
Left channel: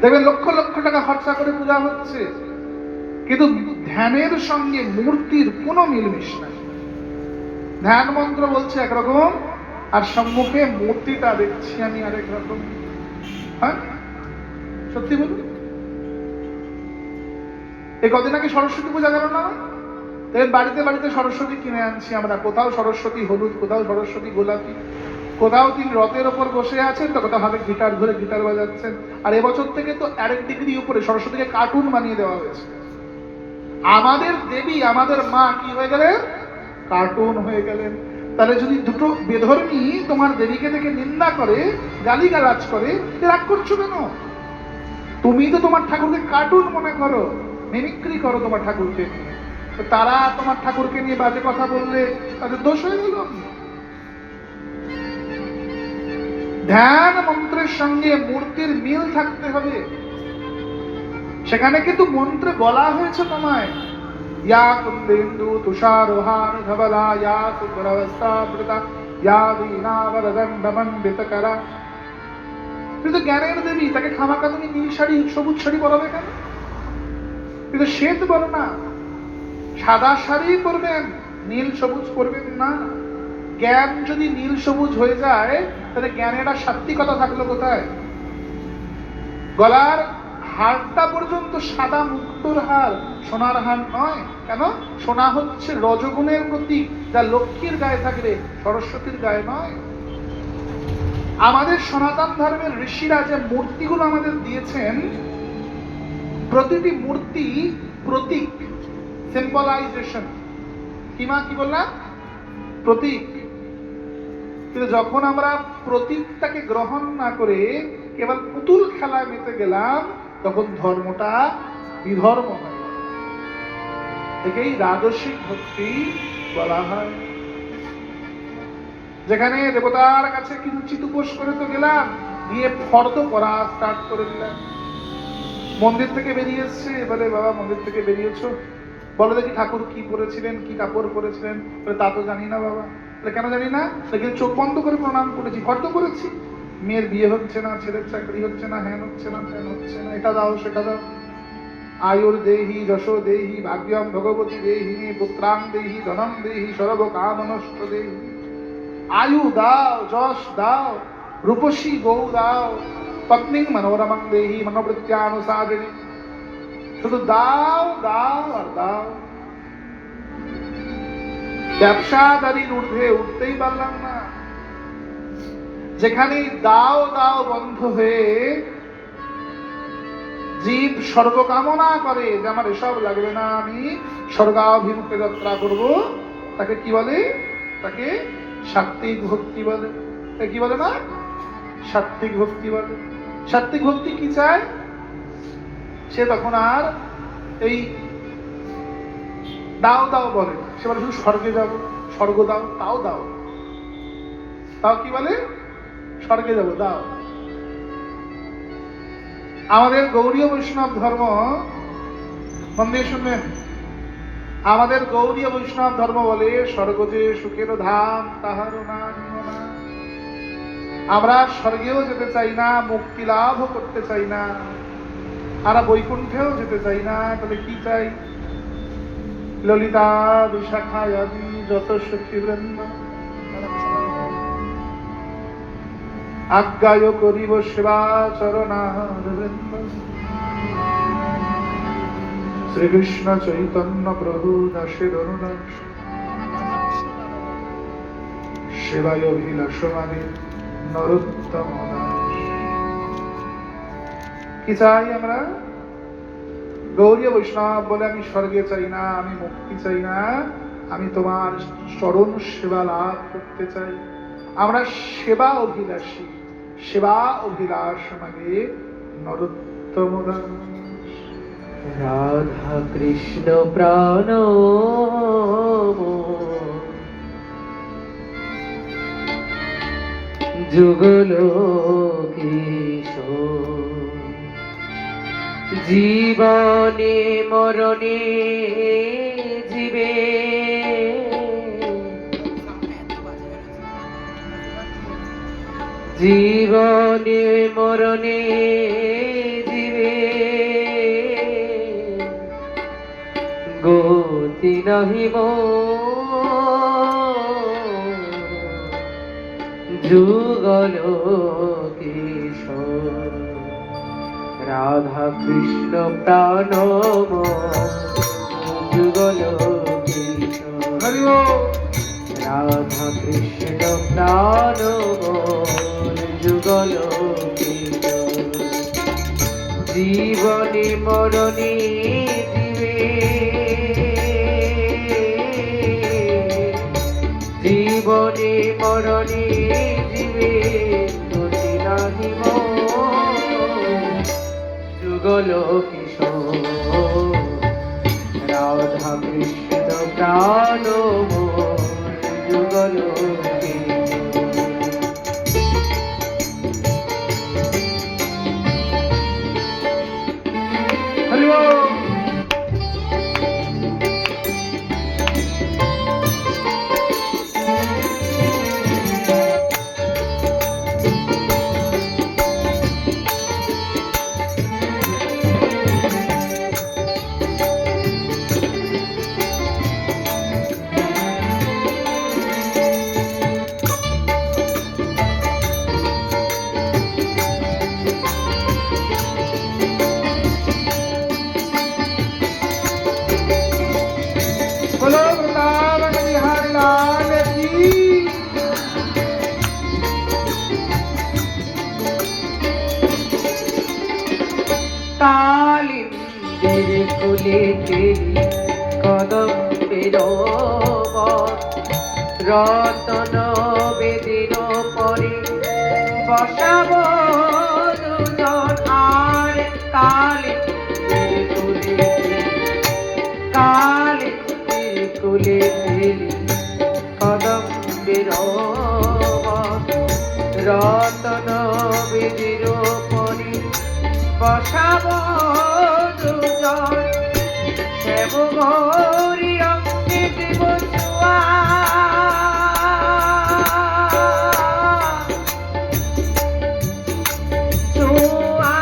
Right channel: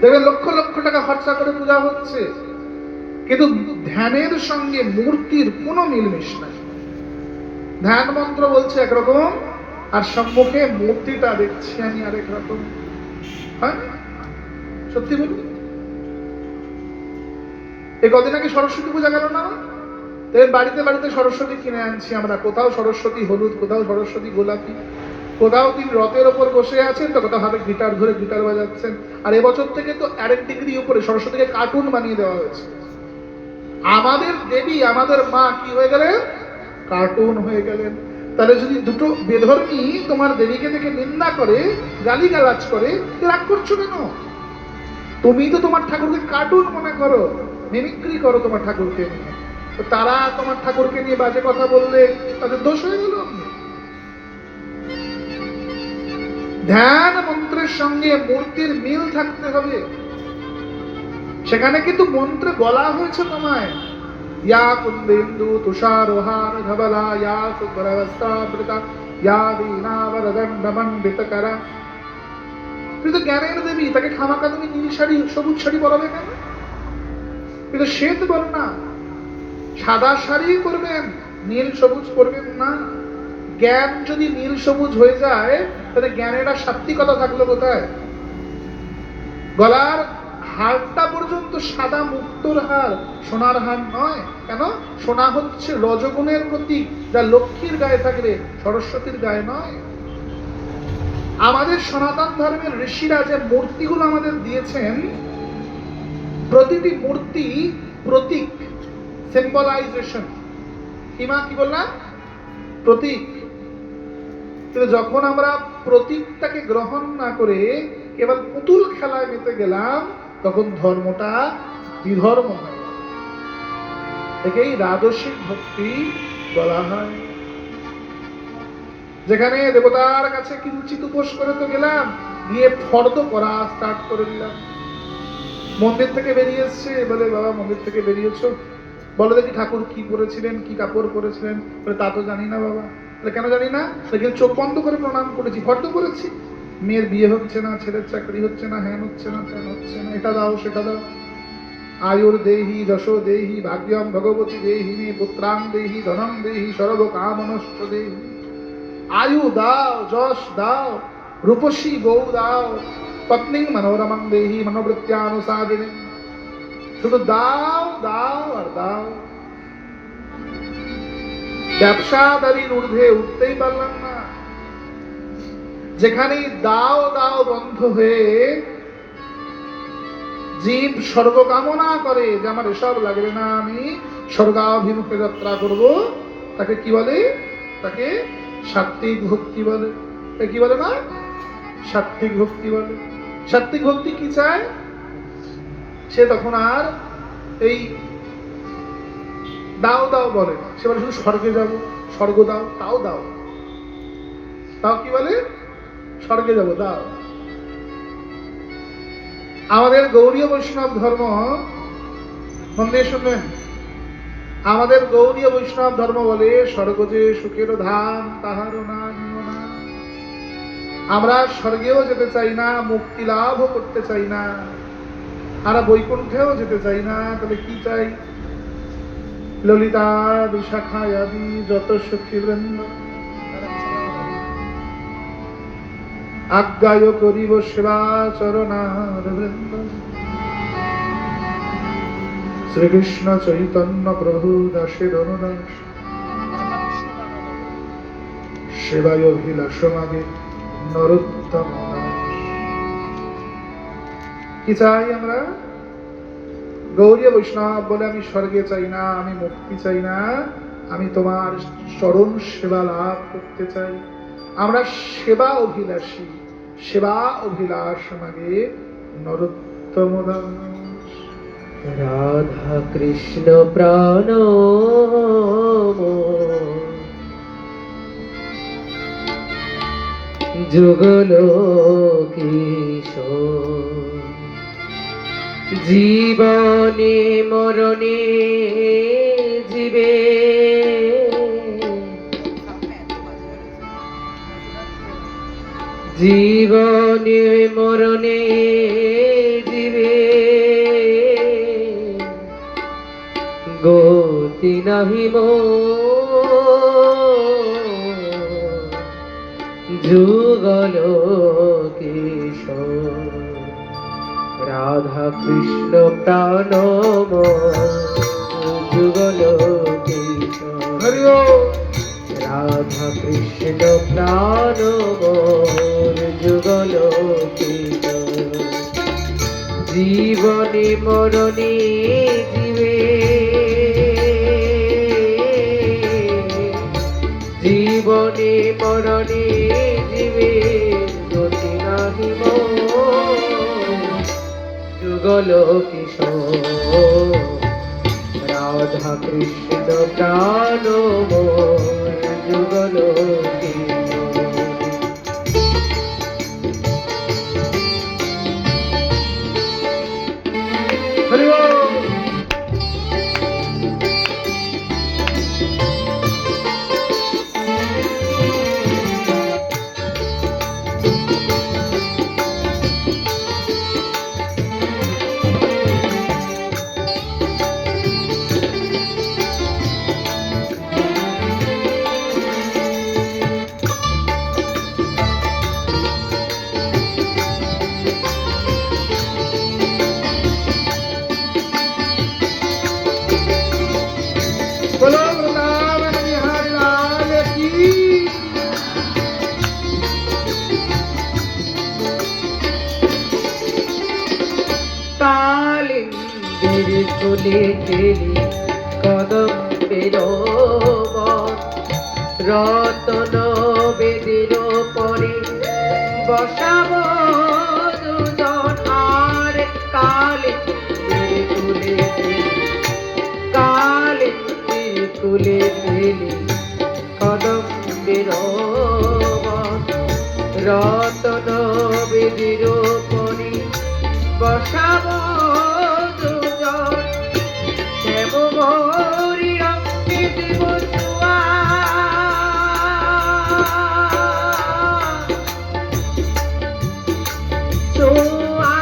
দেখবেন লক্ষ লক্ষ টাকা খরচা করে পূজা হচ্ছে, কিন্তু ধ্যানের সঙ্গে মূর্তির কোনো মিলমিশ নাই। ধ্যান মন্ত্র বলছে একরকম, আর সম্মুখে মূর্তিটা দেখছি আমি আরেক রকম। হ্যাঁ, সত্যি বলুন। এই কদিন আগে সরস্বতী পূজা গেল না? বাড়িতে বাড়িতে সরস্বতী কিনে আনছি আমরা। কোথাও সরস্বতী হলুদ, কোথাও সরস্বতী গোলাপি, কোথাও তিনি রথের ওপর বসে আছেন, তো কোথাও হাতে গিটার ধরে গিটার বাজাচ্ছেন। আর এবছর থেকে তো আরেক ডিগ্রি উপরে সরস্বতীকে কার্টুন বানিয়ে দেওয়া হয়েছে। আমাদের দেবী, আমাদের মা কি হয়ে গেলেন? কার্টুন হয়ে গেলেন। তাহলে যদি দুটো বেধর্মী তোমার দেবীকে দেখে নিন্দা করে, গালিগালাজ করে, রাগ করছো কেন? তুমি তো তোমার ঠাকুরকে কার্টুন মনে করো, মিমিক্রি করো তোমার ঠাকুরকে নিয়ে। তারা তোমার ঠাকুরকে নিয়ে বাজে কথা বললে তাদের দোষ হয়ে গেল। ধ্যান মন্ত্রের সঙ্গে মূর্তির মিল থাকতে হবে। সেখানে কিন্তু মন্ত্রে বলা হয়েছে তোমায়, ইয়া কুন্দেন্দু তুষারোহার ধবলা, ইয়া শুভ্রবস্ত্রাবৃতা, ইয়া বীণাবরদণ্ডমণ্ডিতকরা। কিন্তু জ্ঞানের দেবী, তাকে খামাকা তুমি নীল শাড়ি সবুজ শাড়ি পরাবে কেন? কিন্তু শ্বেত বলো না, সাদা শাড়ি পরবেন, নীল সবুজ পরবেন না। জ্ঞান যদি নীল সবুজ হয়ে যায় তাহলে জ্ঞানের আর সাত্বিকতা থাকলো কোথায়? গলার হারটা পর্যন্ত সাদা মুক্তোর হার, সোনার হার নয়। কেন? সোনা হচ্ছে রজগুণের প্রতীক, যা লক্ষ্মীর গায়ে থাকলে সরস্বতীর গায়ে নয়। আমাদের সনাতন ধর্মের ঋষিরা যে মূর্তিগুলো আমাদের দিয়েছেন, প্রতিটি মূর্তি প্রতীক, সিম্বলাইজেশন। কিমা কি বললাম? প্রতীক। কিন্তু যখন আমরা প্রতীকটাকে গ্রহণ না করে কেবল পুতুল খেলায় মেতে গেলাম, তখন ধর্মটা বিধর্ম হয়। একেই রাজসিক ভক্তি বলা হয়। যেখানে দেবতার কাছে কিঞ্চিত উপোস করে তো গেলাম, গিয়ে ফর্দ করা স্টার্ট করে দিলাম। মন্দির থেকে বেরিয়ে এসছে, বলে বাবা মন্দির থেকে বেরিয়েছো, বলো দেখি ঠাকুর কি পরেছিলেন, কি কাপড় পরেছিলেন। বলে তা তো জানি না বাবা। বলে কেন জানি না? সেখানে চোখ বন্ধ করে প্রণাম করেছি, ফর্দ করেছি। মেয়ের বিয়ে হচ্ছে না, ছেলের চাকরি হচ্ছে না, হ্যান হচ্ছে না, ত্যান হচ্ছে না, এটা দাও সেটা দাও। আয়ুর দেহি, যশো দেহি, ভাগ্যম ভগবতী দেহি, পুত্রাং দেহি, ধনম দেহি, সর্ব কামনষ্ট দেহি। আয়ু দাও, যশ দাও, রূপসী গৌ দাও, পত্নী মনোরমং দেহি, মনোবৃত্যানুসাদিনী। শুধু দাও দাও আর দাও। ব্যবসাদারির ঊর্ধ্বে উঠতেই পারলাম না। যেখানেই দাও দাও বন্ধ হয়ে জীব স্বর্গ কামনা করে যে আমার এসব লাগবে না, আমি স্বর্গাভিমুখে যাত্রা করব, তাকে কি বলে? তাকে সাত্ত্বিক ভক্তি বলে। কি বলে না? সাত্ত্বিক ভক্তি বলে। সাত্ত্বিক ভক্তি কি চায়? সে তখন আর এই দাও দাও বলে না, সে বলে শুধু স্বর্গে যাব, স্বর্গ দাও, তাও দাও। তাও কি বলে? স্বর্গে যাব, দাও। আমাদের গৌড়ীয় বৈষ্ণব ধর্ম, মন দিয়ে শুনবেন, আমাদের গৌড়ীয় বৈষ্ণব ধর্ম বলে স্বর্গ যে সুখের ধাম তাহার না নিও না। আমরা স্বর্গেও যেতে চাই না, মুক্তি লাভও করতে চাই না, আমরা বৈকুণ্ঠেও যেতে চাই না। তবে কি চাই? ললিতা বিশাখা আদি যত সখী বৃন্দ আজ্ঞায় করিব সেবা চরণার বৃন্দ। শ্রীকৃষ্ণ চৈতন্য প্রভু দাসের অনুদাস সেবায় অভিলাষমাগে নরোত্তম দাস। কি চাই আমরা? গৌরীয় বৈষ্ণব বলে আমি স্বর্গে চাই না, আমি মুক্তি চাই না, আমি তোমার চরণ সেবা লাভ করতে চাই। আমরা সেবা অভিলাষী, সেবা অভিলাষ মাগে নরোত্তম দাস। রাধা কৃষ্ণ প্রাণ যুগল কিশোর, জীবনে মরণে জীবে জীবনে মরণে জীবে গতি নাহি যুগল কিশোর। রাধা কৃষ্ণ প্রাণ যুগল কিশোর। রাধা কৃষ্ণ প্রাণ যুগল কিশোর, জীবনে মরণে জীবে জীবনে মরণে জীবে গতি নাহি যুগল কিশোর। রাধা কৃষ্ণ প্রাণ যুগল কিশোর। হরি বল। बोलो वृंदावन बिहारी लाल की। কালিন্দের কোলে কেলি কদম্বের রতন বেদির পরে বসাব দুজন। আর কালিন্দের কোলে কুলে ফেলি কদম্বের রতন বেদির পরে বসাব দুজন শ্যাম গৌরী রঙে দেব ছোঁয়া ছোঁয়া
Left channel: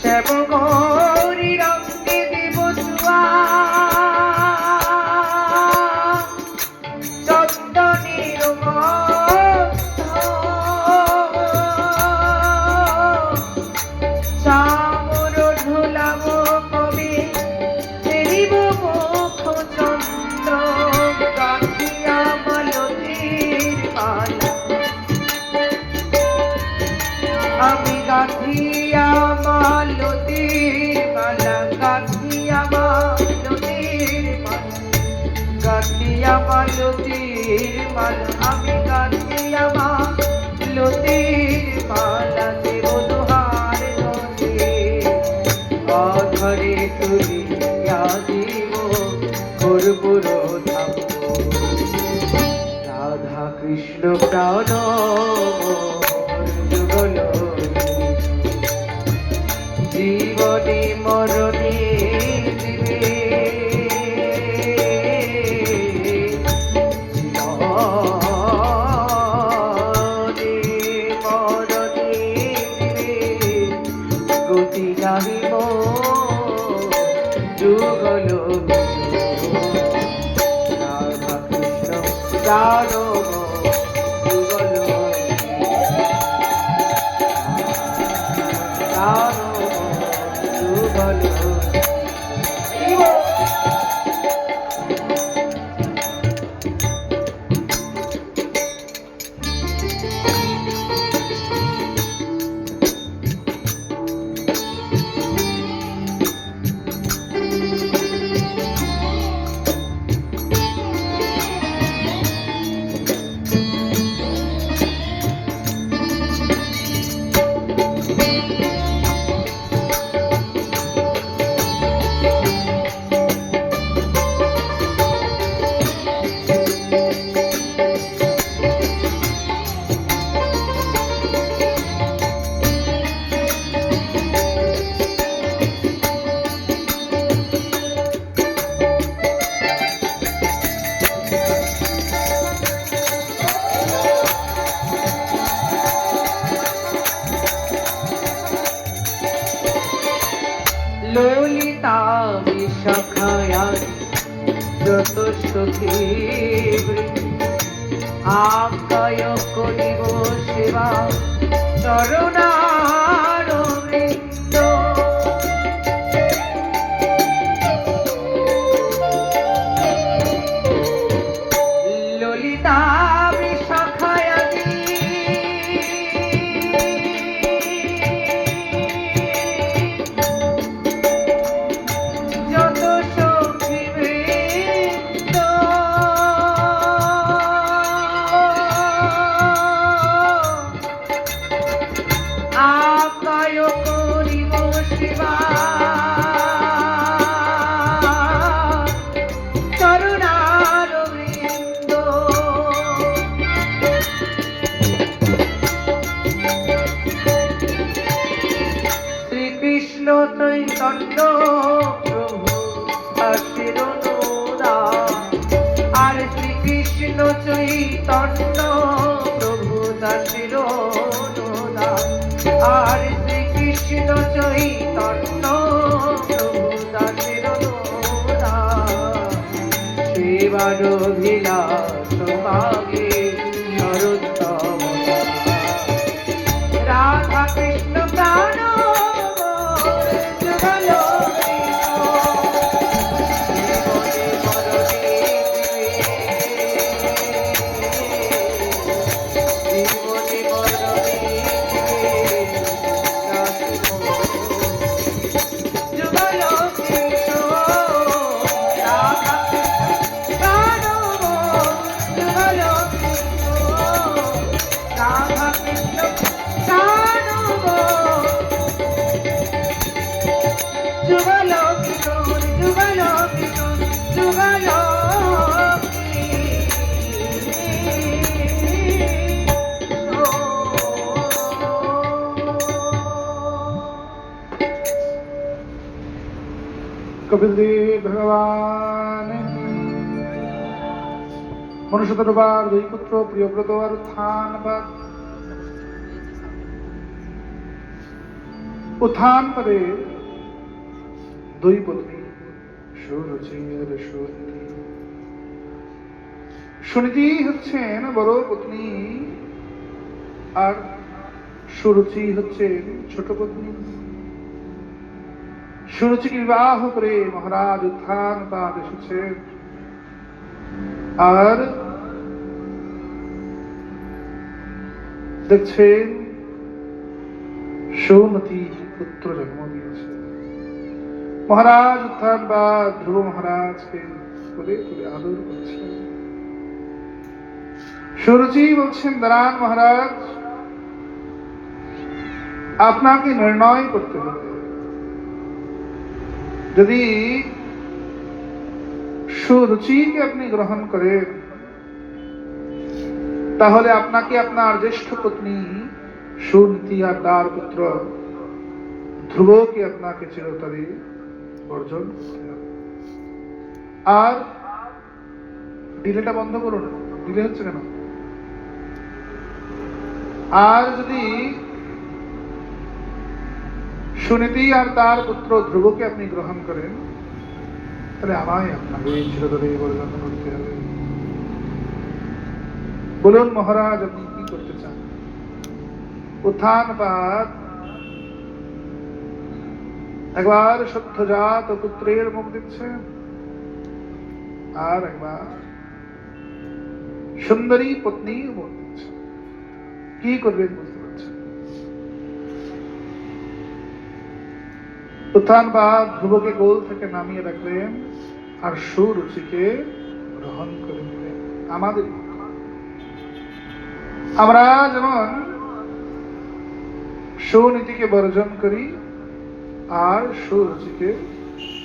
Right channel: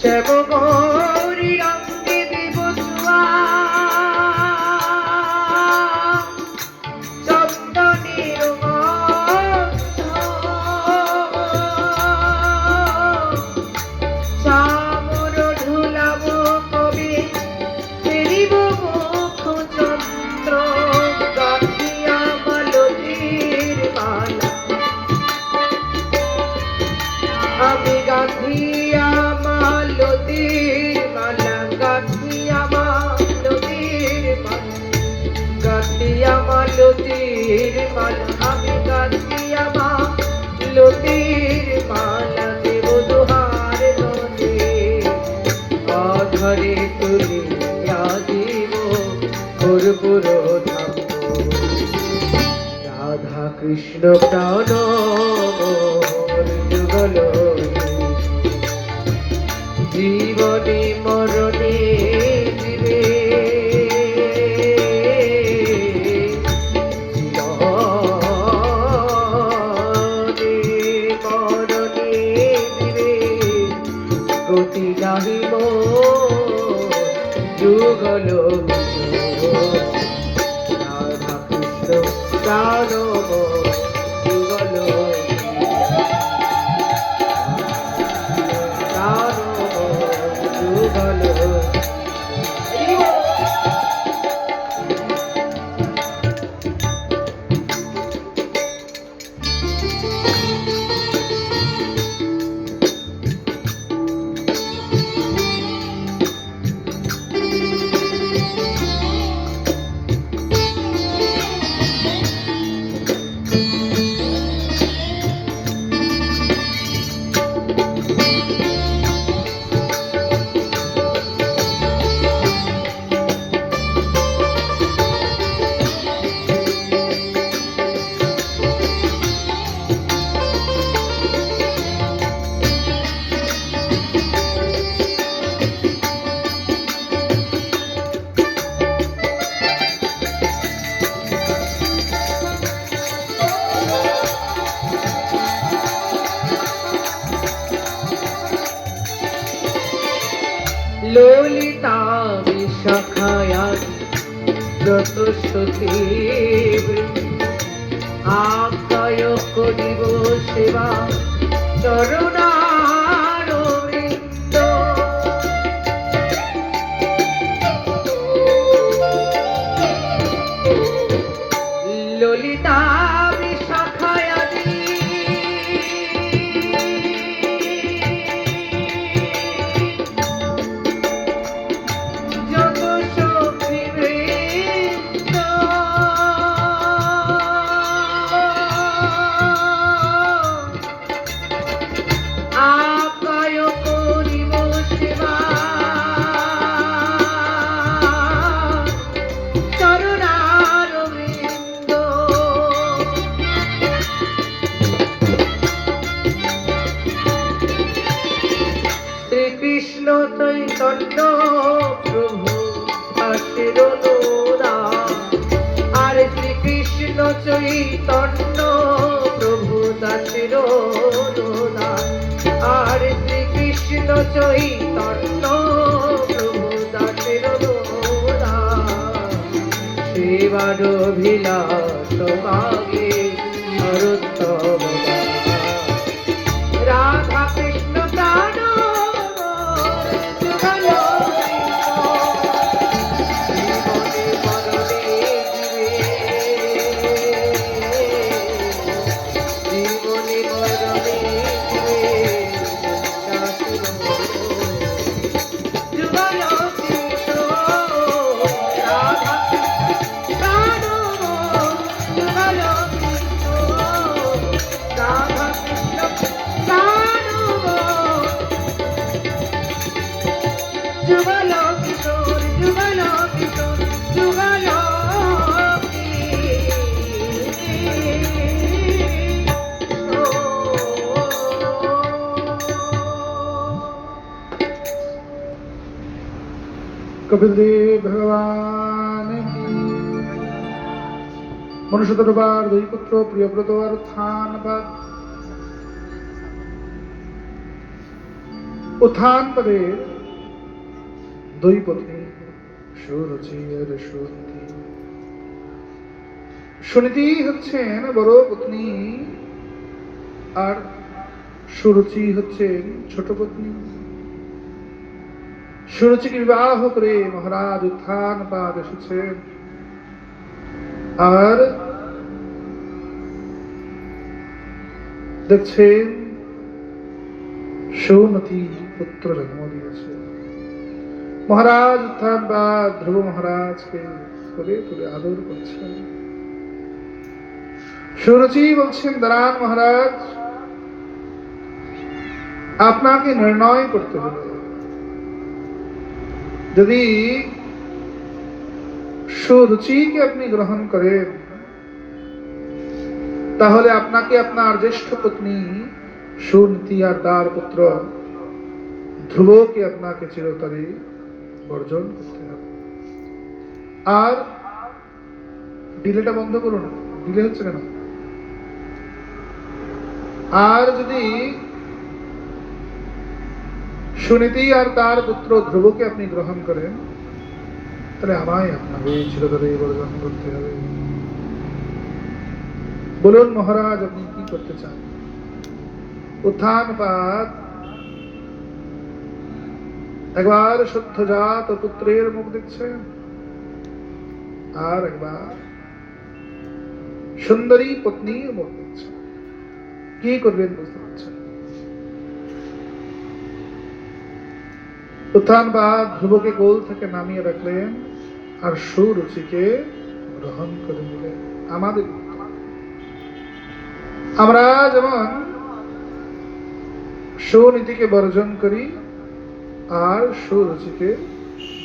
শ্যাম গৌরী রঙে দেব ছোঁয়া চন্দনের গন্ধ চামর ঢোলাব কবে ফেরিব মুখ চন্দ্র গাঁথিয়া মালতীর মালা আমি গাঁথিয়া মালতীর মালা গাঁথিয়া মালতীর মালা গাঁথিয়া মালতীর মালা আমি গাঁথিয়া মালতীর মালা দেব দুহার নদে আধারে তুলিয়া দিব কর্পূর ধাম রাধা কৃষ্ণ প্রাণ যুগল জীবনে মরণে দিবে জীবনে মরণে দিবে গতি নাহিব যুগল রাধা কৃষ্ণ প্রাণ যুগল যুগল ললিতা বিশাখায়াদি যত সখী আজ্ঞায় করিব সেবা চরণার বৃন্দ ললিতা বিশাখায়াদি যত সখী বৃন্দ আজ্ঞায় করিব সেবা চরণার বৃন্দ শ্রীকৃষ্ণ চৈতন্য প্রভু দাসের অনুদান আর শ্রীকৃষ্ণ চৈতন্য প্রভু দাসের অনুদান আর শ্রীকৃষ্ণ চৈতন্য প্রভু দাসের অনুদান সেবার অভিলাষ মাগে সরোত্তম রাধা কৃষ্ণ প্রাণ যুগল জীবনে মরণে যুগল যুগল কিশোর যুগল কিশোর যুগল कपिल देव भगवान मनुष्य दरबार दुई पुत्र प्रियव्रत और उत्थान पदे दुई पत्नी সুরুচি আর সুনীতি। সুনীতি হচ্ছেন বড় পত্নী আর সুরুচি হচ্ছেন ছোট পত্নী। সুরুচিকে বিবাহ করে মহারাজ উত্থান পাদ এসেছেন আর দেখছেন সুনীতি পুত্র জন্ম দিয়েছে। মহারাজ উত্থান পাদ ধ্রুব মহারাজকে তুলে তুলে আদর করছেন। সুরুচি বলছেন, দাঁড়ান মহারাজ, আপনাকে নির্ণয় করতে হবে। যদি সুরুচিকে আপনি গ্রহণ করেন তাহলে আপনাকে আপনার জ্যেষ্ঠ পত্নী সুনীতি আর তার পুত্র ধ্রুবকে আপনাকে চিরতরে বর্জন করতে হবে। আর ডিলেটা বন্ধ করুন, ডিলে হচ্ছে কেন? আর যদি সুনীতি আর তার পুত্র ধ্রুবকে আপনি গ্রহণ করেন তাহলে আমায় আপনাকে চিরতরে বর্জন করতে হবে। বলুন মহারাজ, আপনি কি করতে চান? উত্থান পাদ একবার সদ্যজাত পুত্রের মুখ দেখছেন আর একবার সুন্দরী পত্নীর মুখ দেখছেন। কি করবেন বুঝতে পারছেন? উত্থান পাদ ধ্রুবকে কোল থেকে নামিয়ে রাখলেন আর সুরুচিকে গ্রহণ করে নিলেন। আমাদের আমরা যেমন সুনীতিকে বর্জন করি আর সুরুচিকে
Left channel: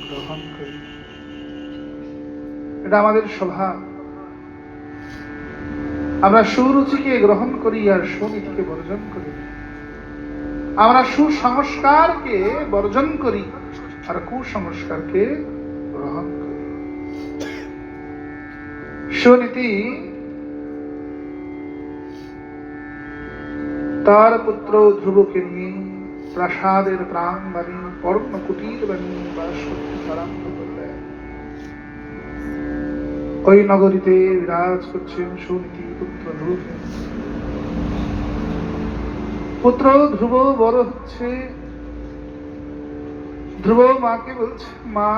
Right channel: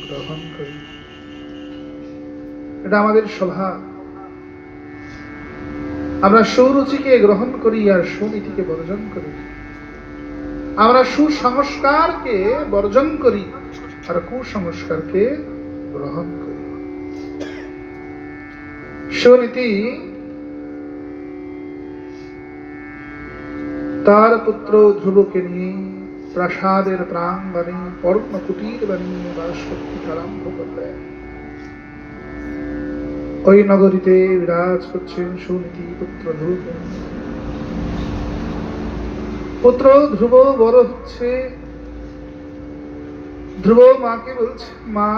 গ্রহণ করি, এটা আমাদের স্বভাব। আমরা সুরুচিকে গ্রহণ করি আর সুনীতিকে বর্জন করি। আমরা সুসংস্কারকে বর্জন করি আর কুসংস্কারকে গ্রহণ করি। সুনীতি তার পুত্র ধ্রুবকে নিয়ে প্রাসাদের প্রাঙ্গণে পর্ণ কুটির বানিয়ে বাস করতে আরম্ভ করলেন। ওই নগরীতে বিরাজ করছেন সুনীতি পুত্র ধ্রুব। পুত্র ধ্রুব বড় হচ্ছে। ধ্রুব মাকে বলছে, মা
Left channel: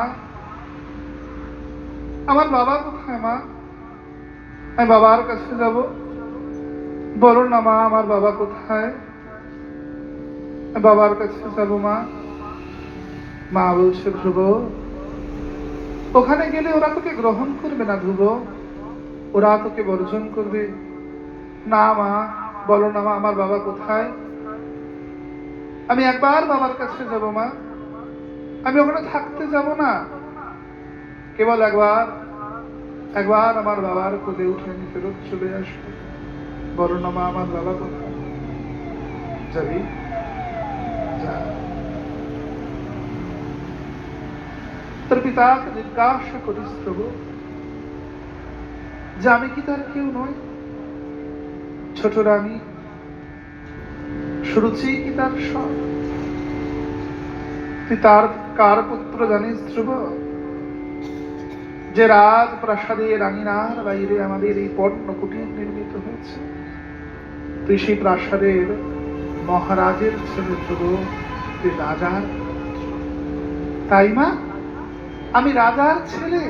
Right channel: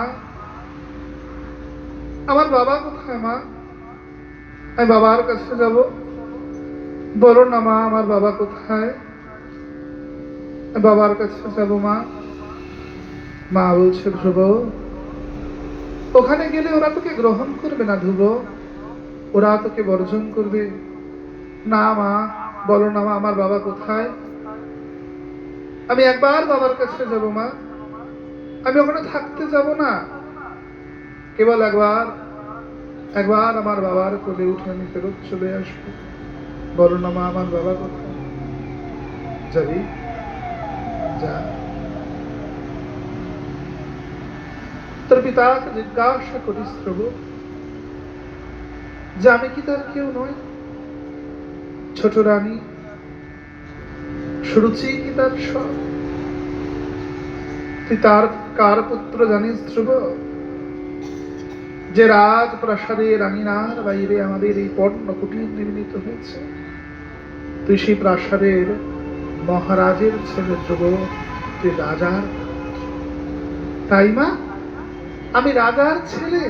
আমার বাবা কোথায়? মা, আমি বাবার কাছে যাব। বলো না মা, আমার বাবা কোথায়? বাবার কাছে যাব মা। মা বলছে, ধ্রুব ওখানে গেলে ওরা তোকে গ্রহণ করবে না ধ্রুব, ওরা তোকে বর্জন করবে। না মা, বলো না মা, আমার বাবা কোথায়? আমি একবার বাবার কাছে যাব মা, আমি ওখানে থাকতে যাব না, কেবল একবার একবার আমার বাবার কোলে উঠে আমি ফেরত চলে আসবো। বলো না মা, আমার বাবা কোথায়? যাবি, যা। তোর পিতাকে জিজ্ঞাসা করিস ধ্রুব যে আমি কি তার কেউ নই? ছোট রানী সুরুচি কি তার সব? তুই তার কার পুত্র জানিস ধ্রুব? যে রাজপ্রাসাদে রানীনার বাইরে আমাদের এই পর্ণ কুটির নির্মিত হয়েছে, তুই সেই প্রাসাদের মহারাজের ছেলে ধ্রুব, তুই রাজার। তাই মা, আমি রাজার ছেলে।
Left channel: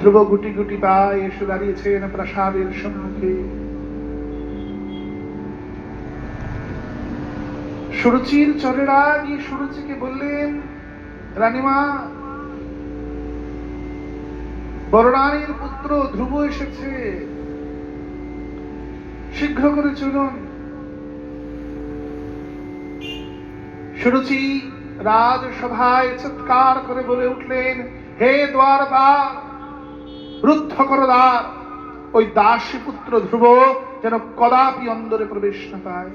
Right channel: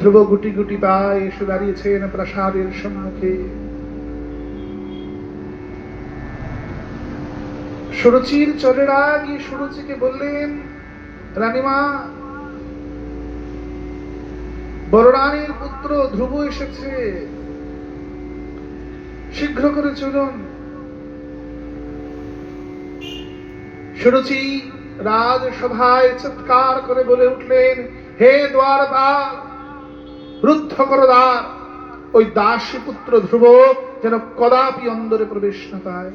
ধ্রুব গুটি গুটি পায়ে এসে দাঁড়িয়েছেন প্রাসাদের সম্মুখে। সুরুচির চরেরা গিয়ে সুরুচিকে বললেন, রানীমা, বড় রানীর পুত্র ধ্রুব এসেছে, শীঘ্র করে চলুন। সুরুচি রাজসভায় চিৎকার করে বলে উঠলেন, হে দ্বারপাল, রুদ্ধ করো দ্বার, ওই দাসী পুত্র ধ্রুব যেন কদাপি অন্দরে প্রবেশ না পায়।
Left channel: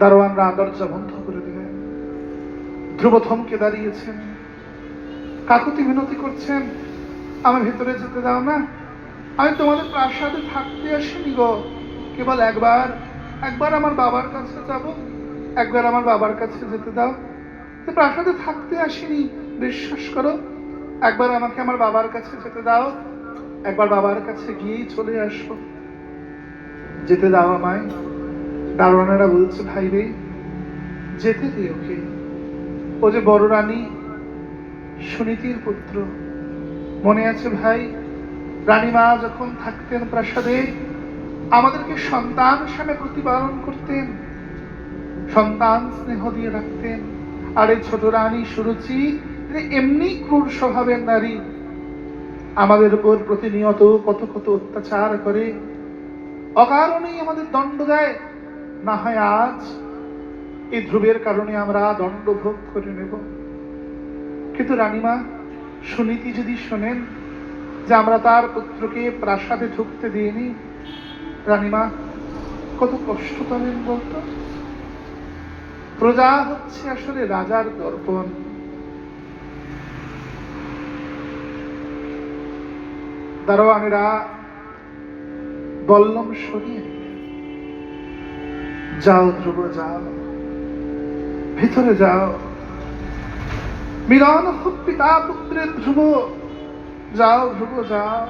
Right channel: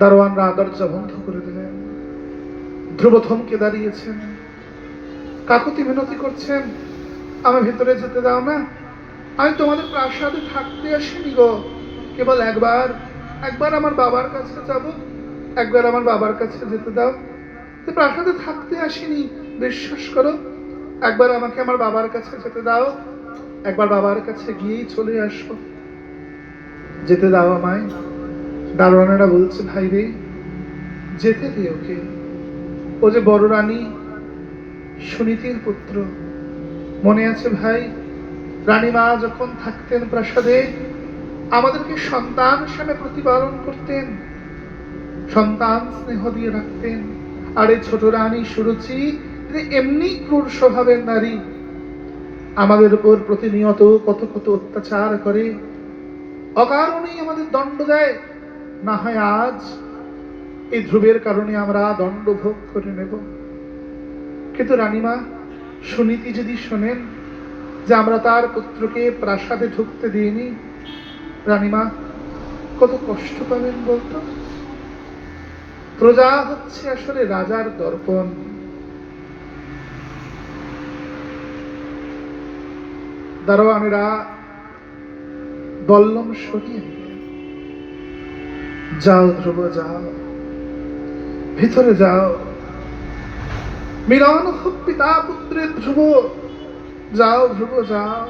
দারোয়ানরা দরজা বন্ধ করে দিলেন। ধ্রুব থমকে দাঁড়িয়েছেন, কাকুতি মিনতি করছেন, আমি ভেতরে যেতে দাও না, আমি তোমাদের প্রাসাদে থাকতে আসিনি গো, কেবল একবার আমার বাবার কাছে যাব, একবার আমার বাবার কাছে যেতে দাও, প্রাসাদে থাকতে আসিনি, বিশ্বাস করো, একবার আমাকে আমার বাবার কাছে যেতে দাও, একবার বাবার কাছে গিয়েই চলে আসবো, যেতে দাও আমায়। দারোয়ানেরা বলছে, ভাই রে, যেতে দে ওকে, ও যে বড় রানী সুনীতির পুত্র। মনে আছে ভাই, রানীমা যখন থাকতেন প্রাসাদে আমাদেরকে সন্তান হিসেবে প্রতিপালন করতেন, সন্তান স্নেহ দিয়ে রাখতেন। আর এই ছোট রানী সুরুচি এমনি ক্রূর স্বভাবের নারী, আমাদের উপর প্রতিনিয়ত কত কত অত্যাচার করে, অকারণেই আমাদের দণ্ড দেয়। না হয় আজ এই ধ্রুবের কারণে আমরা দণ্ড ভোগ করে নেব। কিন্তু রানীমা সুনীতি যদি শোনেন যে আমরা তার পুত্রকে প্রাসাদে ঢুকতে দিইনি, রানীমা কত কষ্ট পাবেন বলতো। প্রজা হচ্ছে আসলে রাজার দর্পণ। দারোয়ানেরা বল্লম সরিয়ে, যাও ধ্রুব যাও, ভিতরে যাও, মিলন হোক পিতা পুত্রের ধ্রুব, যাও ধ্রুব যাও।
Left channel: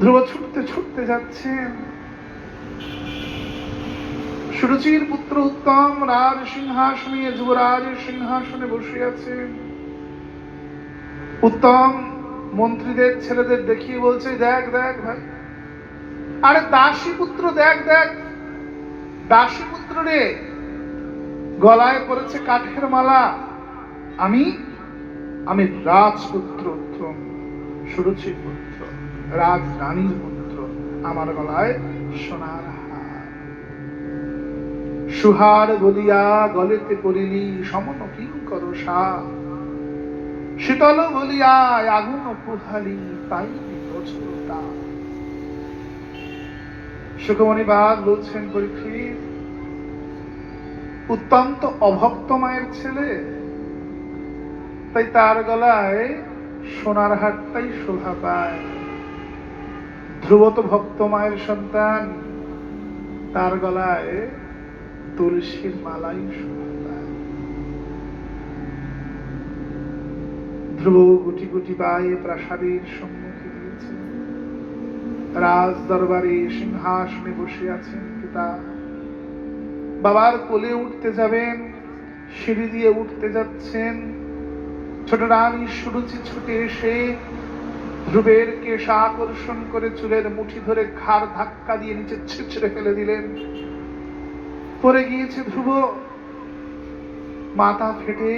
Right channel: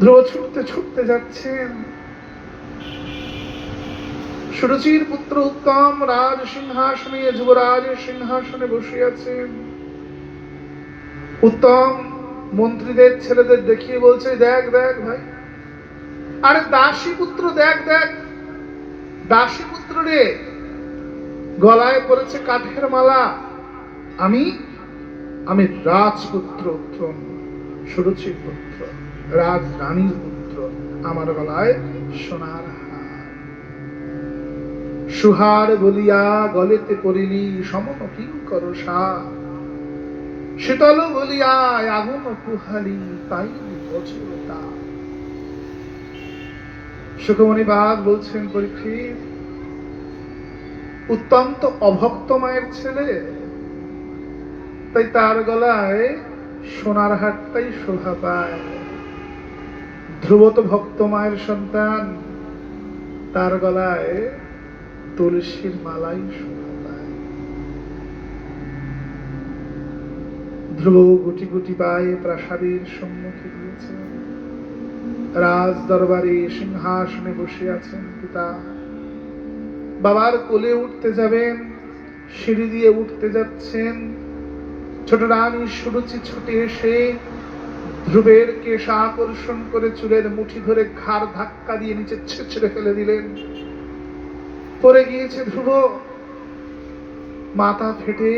ধ্রুব ছুটতে ছুটতে যাচ্ছেন। সুরুচির পুত্র উত্তম রাজ সিংহাসনে, যুবরাজের সিংহাসনে বসে আছেন। উত্তম মন্ত্রীদের ছেলেদের দেখিয়ে বলছে, দেখ দেখ ভাই, আরে দাসী পুত্র দেখ দেখ, দাসী পুত্র রে, গলায় পড়েছে কাঠের মালা। আমি আমি রাজপুত্র উত্তম, সুরুচির পুত্র, রাজ রানীর পুত্র, আমার গলায় সোনার হার। সুহার বলিয়া গলেতে পড়িলি সমন কিঙ্কর সা, শীতল বলিয়া আগুন পুহালি তাই বোঝে তা। সুখমণি বাগ বলছেন, পরীক্ষিত, উত্তম তো অভক্ত মায়ের ছেলে, তাই তার গলায় সোনার হারটাই শোভা পায়। ধ্রুব তো ভক্ত মায়ের সন্তান, তার গলায় তুলসীর মালাই শোভা পায়। ধ্রুব গুটি গুটি পায়ে প্রাসাদের সম্মুখে দিয়েছে। রাজ দরবারে সিংহাসনে বসে আছেন পিতা। বাবার কোলে উঠতে যাবেন, সিঁড়ি দিয়ে উঠতে যাচ্ছেন। ছোট রানী সুরুচি ছুটে এসে ধ্রুবের কেশ আকর্ষণ করে চুলের মুঠি ধরে ঘাড় ধাক্কা দিয়ে নিচে ছিঁচড়ে ফেলে দিলেন। পড়ে গিয়েছে ধ্রুব, মাথা ফেটে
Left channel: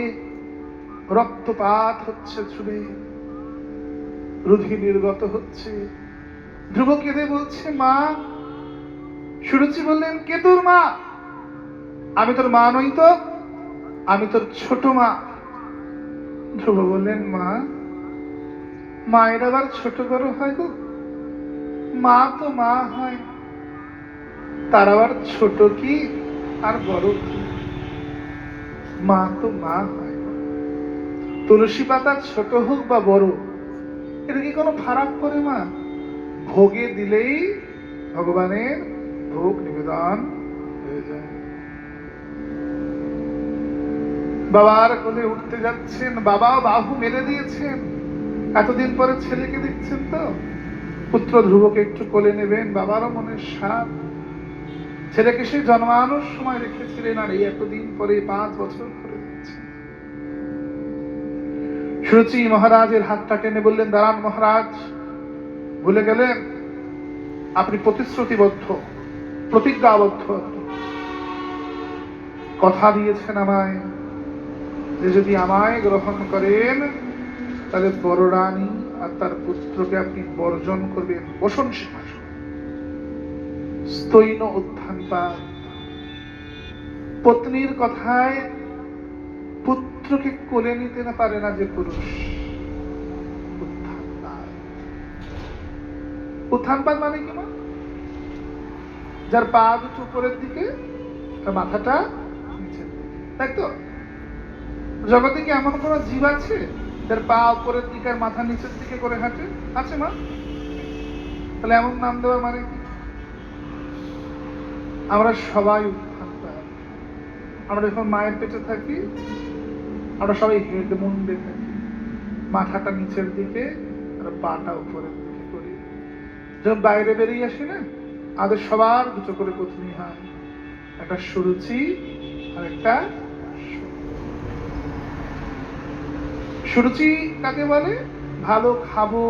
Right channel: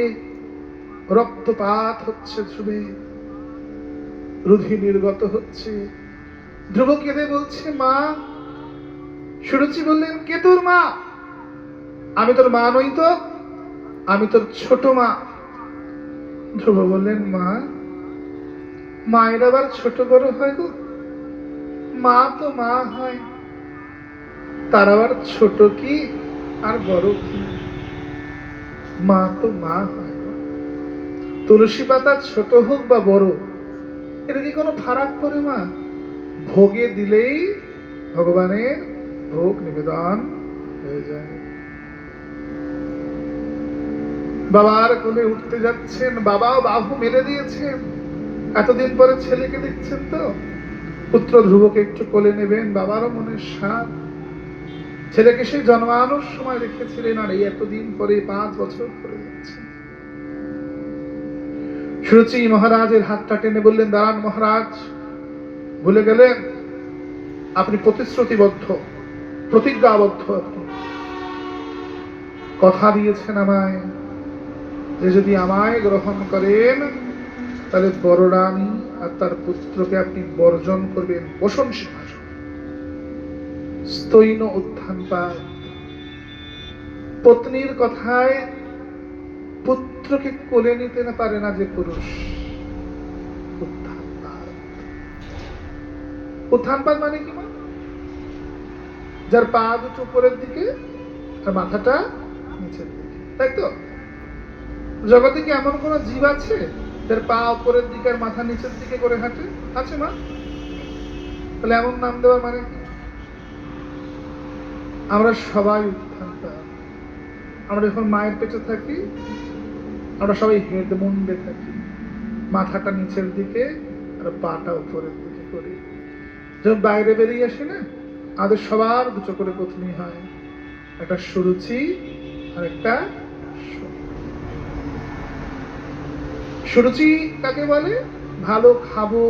রক্তপাত হচ্ছে, ধ্রুবে রুধি নির্গত হচ্ছে। ধ্রুব কেঁদে বলছে, মা। সুরুচি বললেন, কে তোর মা? আমি তোর মা নই তো, আমি তোর ছোট মা। ধ্রুব বললেন, মা, মায়ের আবার ছোট বড় হয় গো? মা তো মা হয়, তার আবার ছোট কি আর বড় কি? মা তো মা হয়। তুলসী পাতা ছোট হোক বা বড়, এটা কি কোনো ফারাক করে মা? ভোগে দিলেই ভগবানের ভোগ নিবেদন হয়ে যায়। বাবার কোলে উঠতে যাচ্ছেন, বাবাও বাহু মেরে দিয়েছেন। এতদিন পরে ছেলেকে দেখছেন তো, পুত্র ধ্রুবকে একটু কোলে নেবেন, বাবারও মনের সাধ। ছেলেকে সেই জন্মানোর সময় দেখেছিলেন, আর এই এতদিন পরে 5 বছর পরে যাচ্ছে। সুরুচি মহারাজের হাতটা টেনে বললেন, দাঁড়ান মহারাজ, ভুলে গেলেন আপনি প্রতিশ্রুতিবদ্ধ, প্রতিজ্ঞাবদ্ধ, কথা দিয়েছেন আমায় যে যদি আমায় গ্রহণ করেন তাহলে বড় রানী আর তার পুত্রকে আপনি বর্জন করবেন বসন সিংহাসন, স্তৈন উত্থানপাত। পত্নীর কথায় পুত্রকে কোলে নিতে না পারে না যে পুরুষ, উত্থানপাত মানে কি মা? যার পা দুটো উপরের দিকে আর মাথাটা নিচের দিকে, তাই তো? জগতে কি এমন কোন জীব আছে যার পা উপরের দিকে আর মাথা নিচের দিকে করে হাঁটে? আছে মা? তাহলে এমন নাম দেওয়ার মানে কি? আমরা সবাই উত্থানপাত। আমরা যখন মায়ের পেটে থাকি আমরা সবাই হেড মুন্ডে থাকি, মাথাটা নিচের দিকে আর পাটা উপরের দিকে করি। যখন বাইরে বেরিয়ে আসি না, আমাদের সবার দুটো করে পত্নী হয়, একটা সুরুচি আর একটা সুরুচি। কাকে বলে? ভালো খাবো,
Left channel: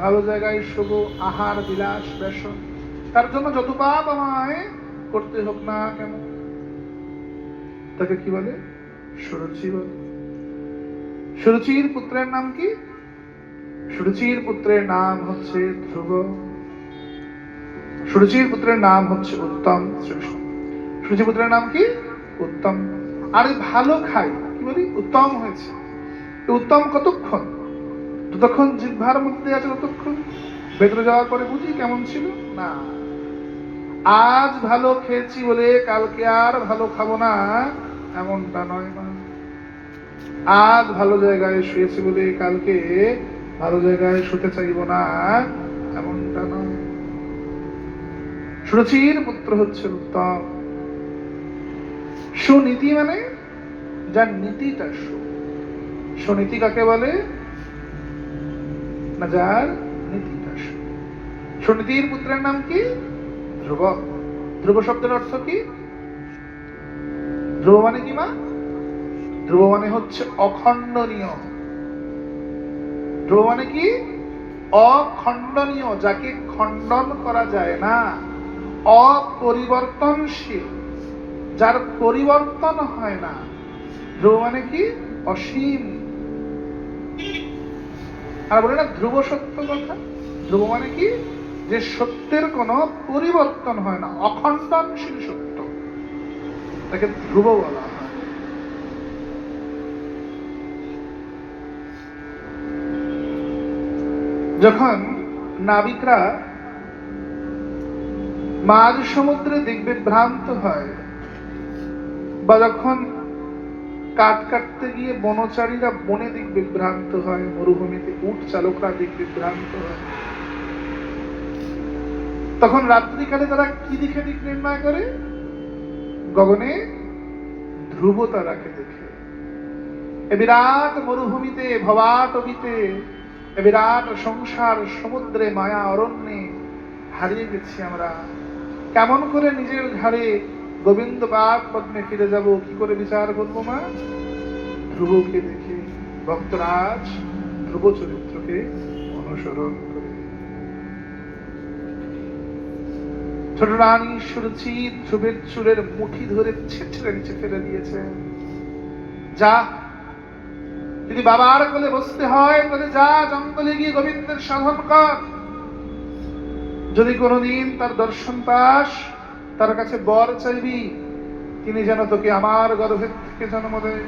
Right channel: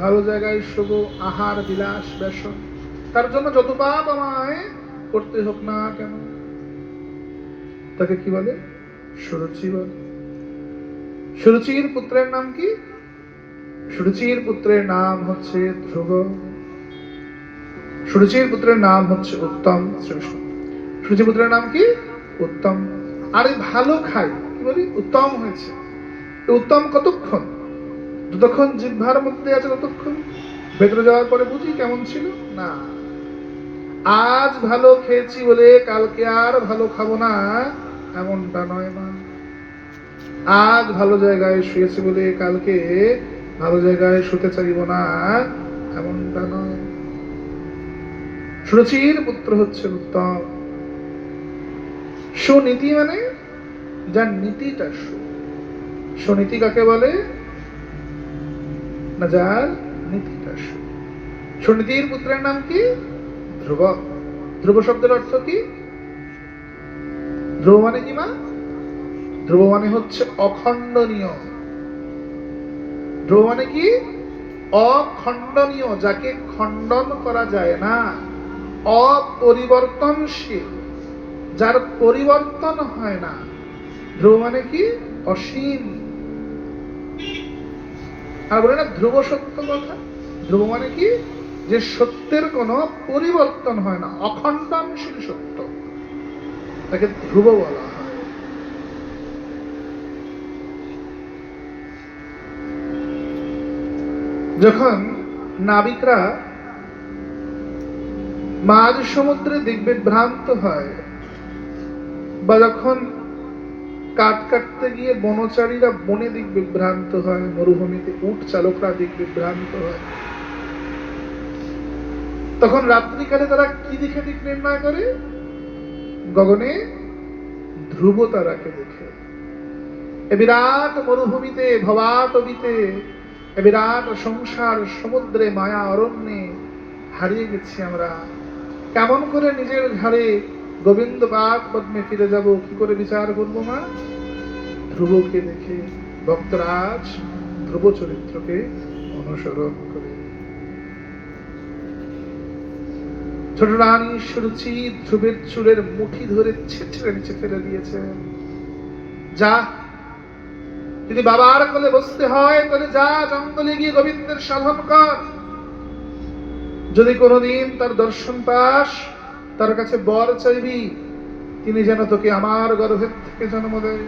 ভালো জায়গায় শোবো, আহার বিলাস বেশন, তার জন্য যত পাপ আমায় করতে হোক না কেন, তাকে কি বলে? সুরুচি বলে। সুরুচির পুত্রের নাম কি? সুরুচির পুত্রের নাম হচ্ছে ধ্রুব। সুরুচির পুত্রের নাম হচ্ছে উত্তম। সুরুচির পুত্রের নাম কি? উত্তম। আরে ভালো খাই, কি বলি? উত্তম হয়েছে। উত্তম কতক্ষণ? যতক্ষণ জিহ্বার মধ্যে আছে ততক্ষণ। ভেতরে যাওয়ার পরে বুঝি কেমন ছিল না। আজ ভালো খেয়েছি বলে কালকে আর ভালো খাবো না, এমনটা নয় মা। আজ ভালো জায়গায় শুয়েছি বলে কালকে ভালো জায়গায় শুতে চাইব না, এমনটা নয়। সুরুচির পুত্র হচ্ছে উত্তম। সুনীতি মানে যার নীতিটা সুনীতি কাকে বলে? না যার নীতিটা সুনীতির পুত্রের নাম কি? ধ্রুব। ধ্রুব শব্দের অর্থ কি? ধ্রুব মানে কি মা? ধ্রুব মানে হচ্ছে অখণ্ডনীয়। ধ্রুব মানে কি? অখণ্ডনীয়, যাকে খণ্ডন করা যায় না, অপরিবর্তনশীল, যার পরিবর্তন হয় না। ধ্রুব মানে কি? অসীম। আর বলে না ধ্রুব সত্য কথা। ধ্রুব মানে কি? যে সত্যের কোনো পরিবর্তন হয় না, অখণ্ডনশীল সত্য, তাকে ধ্রুব বলা হয়। যখন নাবিকরা মাঝ সমুদ্রে দিগ্বিভ্রান্ত হয়, বা যখন কাঠ কাটতে গিয়ে বনচারীরা বনে দিগ্বিভ্রান্ত হয়, মরুভূমিতে উট চালকরা দিগ্বিভ্রান্ত হয়, তখন রাত্রিকালে তারা কি দেখে দিক নির্ণয় করে? গগনে ধ্রুব তারাকে দেখে। এ বিরাট মরুভূমিতে, ভবাটবিতে, এ বিরাট সংসার সমুদ্রে, মায়া অরণ্যে হারিয়ে গেছি আমরা। কেমন করে নিজের ঘরে গোবিন্দ পাদ পদ্মে ফিরে যাব, কি করে বিচার করবো মা? ধ্রুবকে দেখে। ভক্তরাজ ধ্রুব চরিত্রকে অনুসরণ করে। ছোট রানী সুরুচি ধ্রুবের চুলের মুঠি ধরে ছেঁচড়ে নিচে ফেলে দিয়েছে। যা, যদি বাবার কোলে বসতে হয় তাহলে যা, জঙ্গলে গিয়ে গোবিন্দের সাধন কর। যদি কোনোদিন তার দর্শন পাস, তার কাছে বর চাইবি, তিনি যেন তোকে আমার গর্ভের থেকে জন্ম দেয়।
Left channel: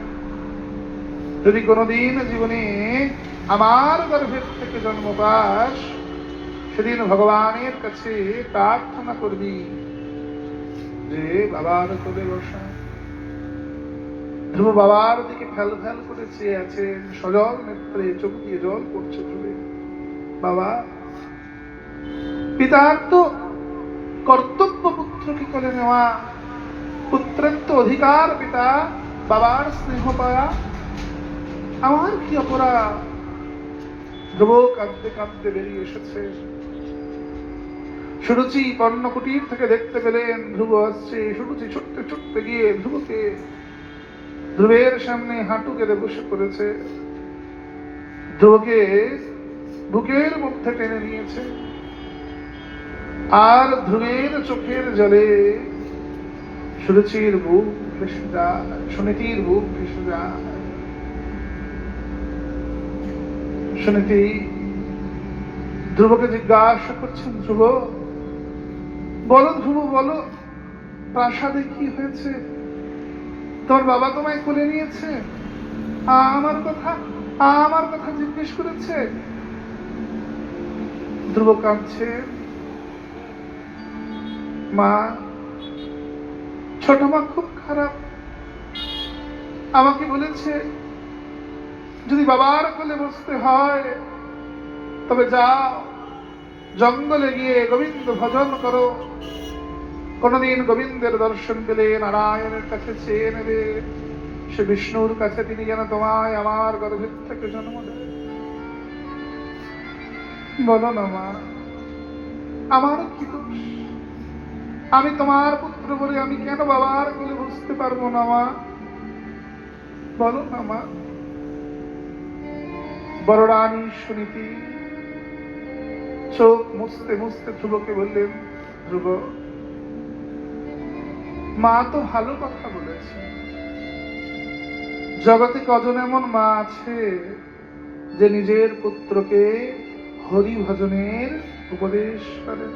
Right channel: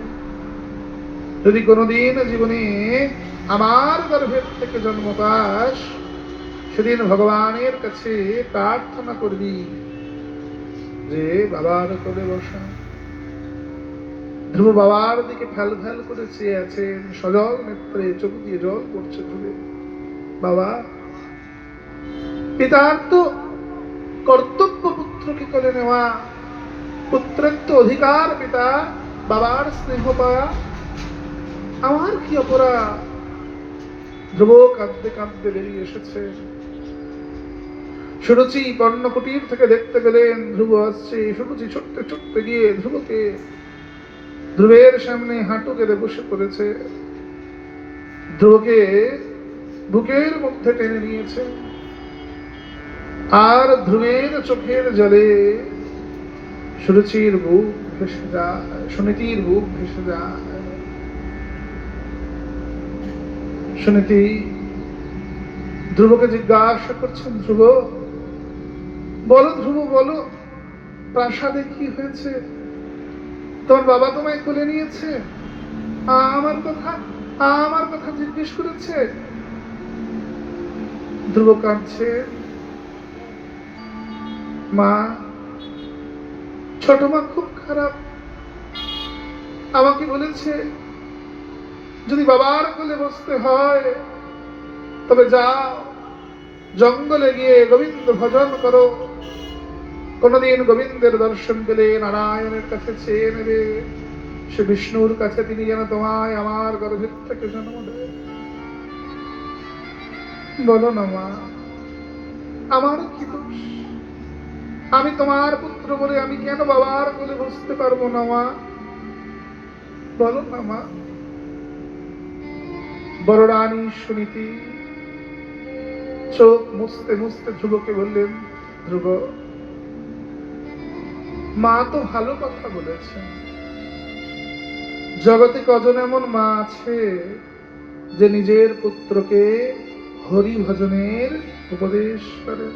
যদি কোনোদিন জীবনে আমার গর্ভের থেকে জন্ম পাস, সেদিন ভগবানের কাছে প্রার্থনা করবি যে বাবার কোলে বসা। ধ্রুব বাবার দিকে ফ্যাল ফ্যাল করে চেয়ে আছেন, সজল নেত্রে চোখ দিয়ে জল পড়ছে ধ্রুবে। বাবা, পিতার তো কর্তব্য পুত্রকে কোলে নেওয়া, পুত্রের তো অধিকার পিতা বাবার স্নেহ পাওয়া, আমার কি অপরাধ? ধ্রুব কাঁদতে কাঁদতে বেরিয়ে এসেছে। সুরুচি কর্ণকুটির থেকে দেখতে পেলেন ধ্রুব আসছে। সুরুচি ছুটতে ছুটতে গিয়ে ধ্রুবের সামনে হাঁটু কেঁদে বসে পড়েছে। ধ্রুবকে বুকের মধ্যে টেনে নিয়েছে, আর ধ্রুবের চোখের জলে সুরুচির বুক ভেসে যায়, সুনীতির বুক ভেসে যায়। সুনীতি ধ্রুবকে জিজ্ঞাসা করছেন, ধ্রুব বলো, ধ্রুব বলো, প্রাসাদে কি হয়েছে? তোমার বাবা তোমায় কোলে নিয়েছে, আমার কথা জিজ্ঞেস করেছে। ধ্রুব কাঁদছে, মা, ছোট মা খুব খারাপ, আমাকে বলেছে যদি বাবার কোলে বসতে হয় তবে যাও জঙ্গলে গিয়ে গোবিন্দ ভজন করো, কোনদিন গোবিন্দের দর্শন পেলে নারায়ণের কাছে চেয়ে নেবে, সে বিষ্ণুর কাছে তিনি যেন তোমায় আমার গর্ভের থেকে জন্ম দেয়। বলো না মা, আমার কি দোষ? আমি তোমার পুত্র বলে আমি কেন বাবার কোলে বসতে পারবো না মা? বলো না মা। বড় রানী সুনীতি চোখ মুছতে মুছতে ধ্রুবকে বললেন, ধ্রুব, মা তো ভালো কথা বলেছেন। জগতে কজন এমন মা আছে যে নিজের পুত্রকে হরি ভজনের উপদেশ করেন?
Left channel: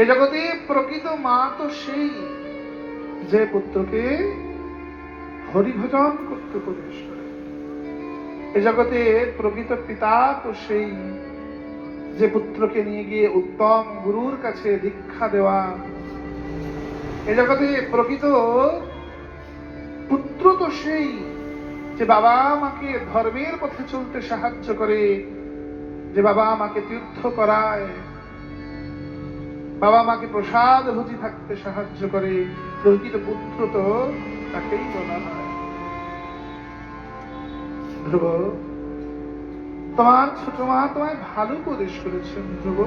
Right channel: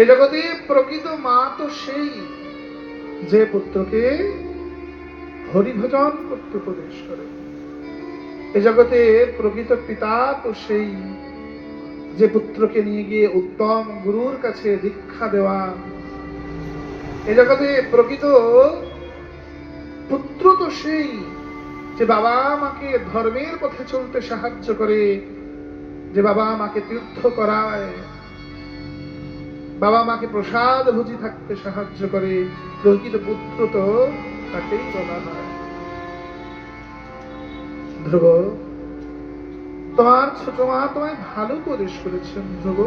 এ জগতে প্রকৃত মা তো সেই যে পুত্রকে হরি ভজন করতে উপদেশ করে। এ জগতে প্রকৃত পিতা তো সেই যে পুত্রকে নিয়ে গিয়ে উত্তম গুরুর কাছে দীক্ষা দেওয়া। এ জগতে প্রকৃত পুত্র তো সেই যে বাবা মাকে ধর্মের পথে চলতে সাহায্য করে, যে বাবা মাকে তীর্থ করায়, বাবা মাকে প্রসাদ ভোজি থাকতে সাহায্য করে। প্রকৃত পুত্র তো তাকেই বলা হয়। ধ্রুব, তোমার ছোট মা তোমায় ভালো উপদেশ করেছেন। ধ্রুব,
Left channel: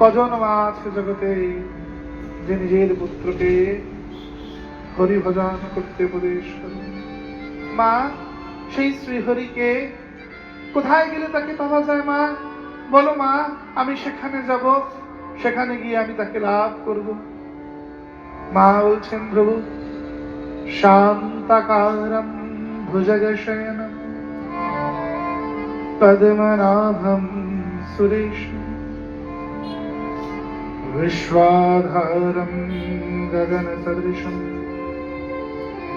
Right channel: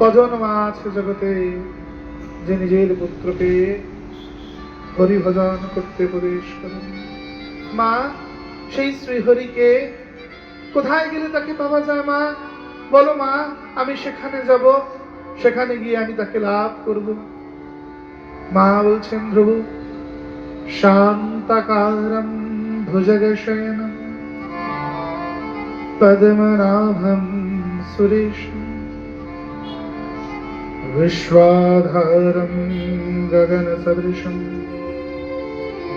কজন মা আছে জগতে যে নিজের পুত্রকে হরি ভজন করতে উপদেশ করেন? মা, সেই শ্রীহরিকে কোথায় গেলে তাকে পাওয়া যায় মা? বলো মা, আমি সেখানে যাব, সেখানে গিয়ে আমি তাকে লাভ করব। মা বলছেন, ধ্রুব, শান্তাকারম ভুজগশয়নম পদ্মনাভম সুরেশম विश्वाधारं गगनसदृशं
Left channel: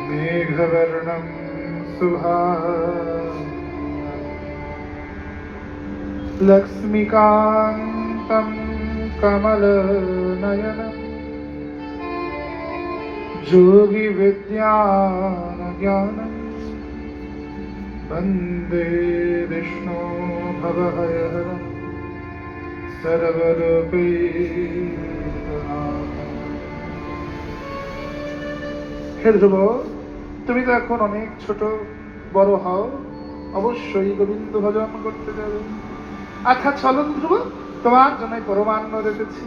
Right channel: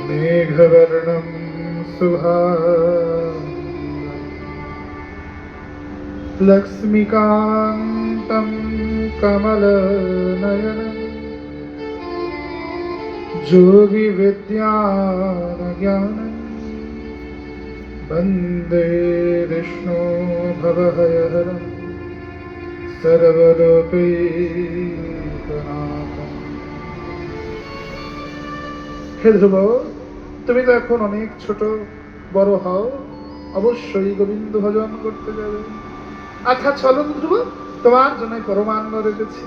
मेघवर्णं शुभांगं लक्ष्मीकान्तं कमलनयनं योगिविद्यानज्ञानं वन्दे विष्णु भवहरहरम् সর্বলোকৈকনাথম। হে ধ্রুব, তুমি তো এখন অনেক ছোট, বড় হও, অবশ্যই গোবিন্দ ভজন করতে যাবে। আচ্ছা চলো ধ্রুব, তোমার জন্য পরমান্ন রেখেছি।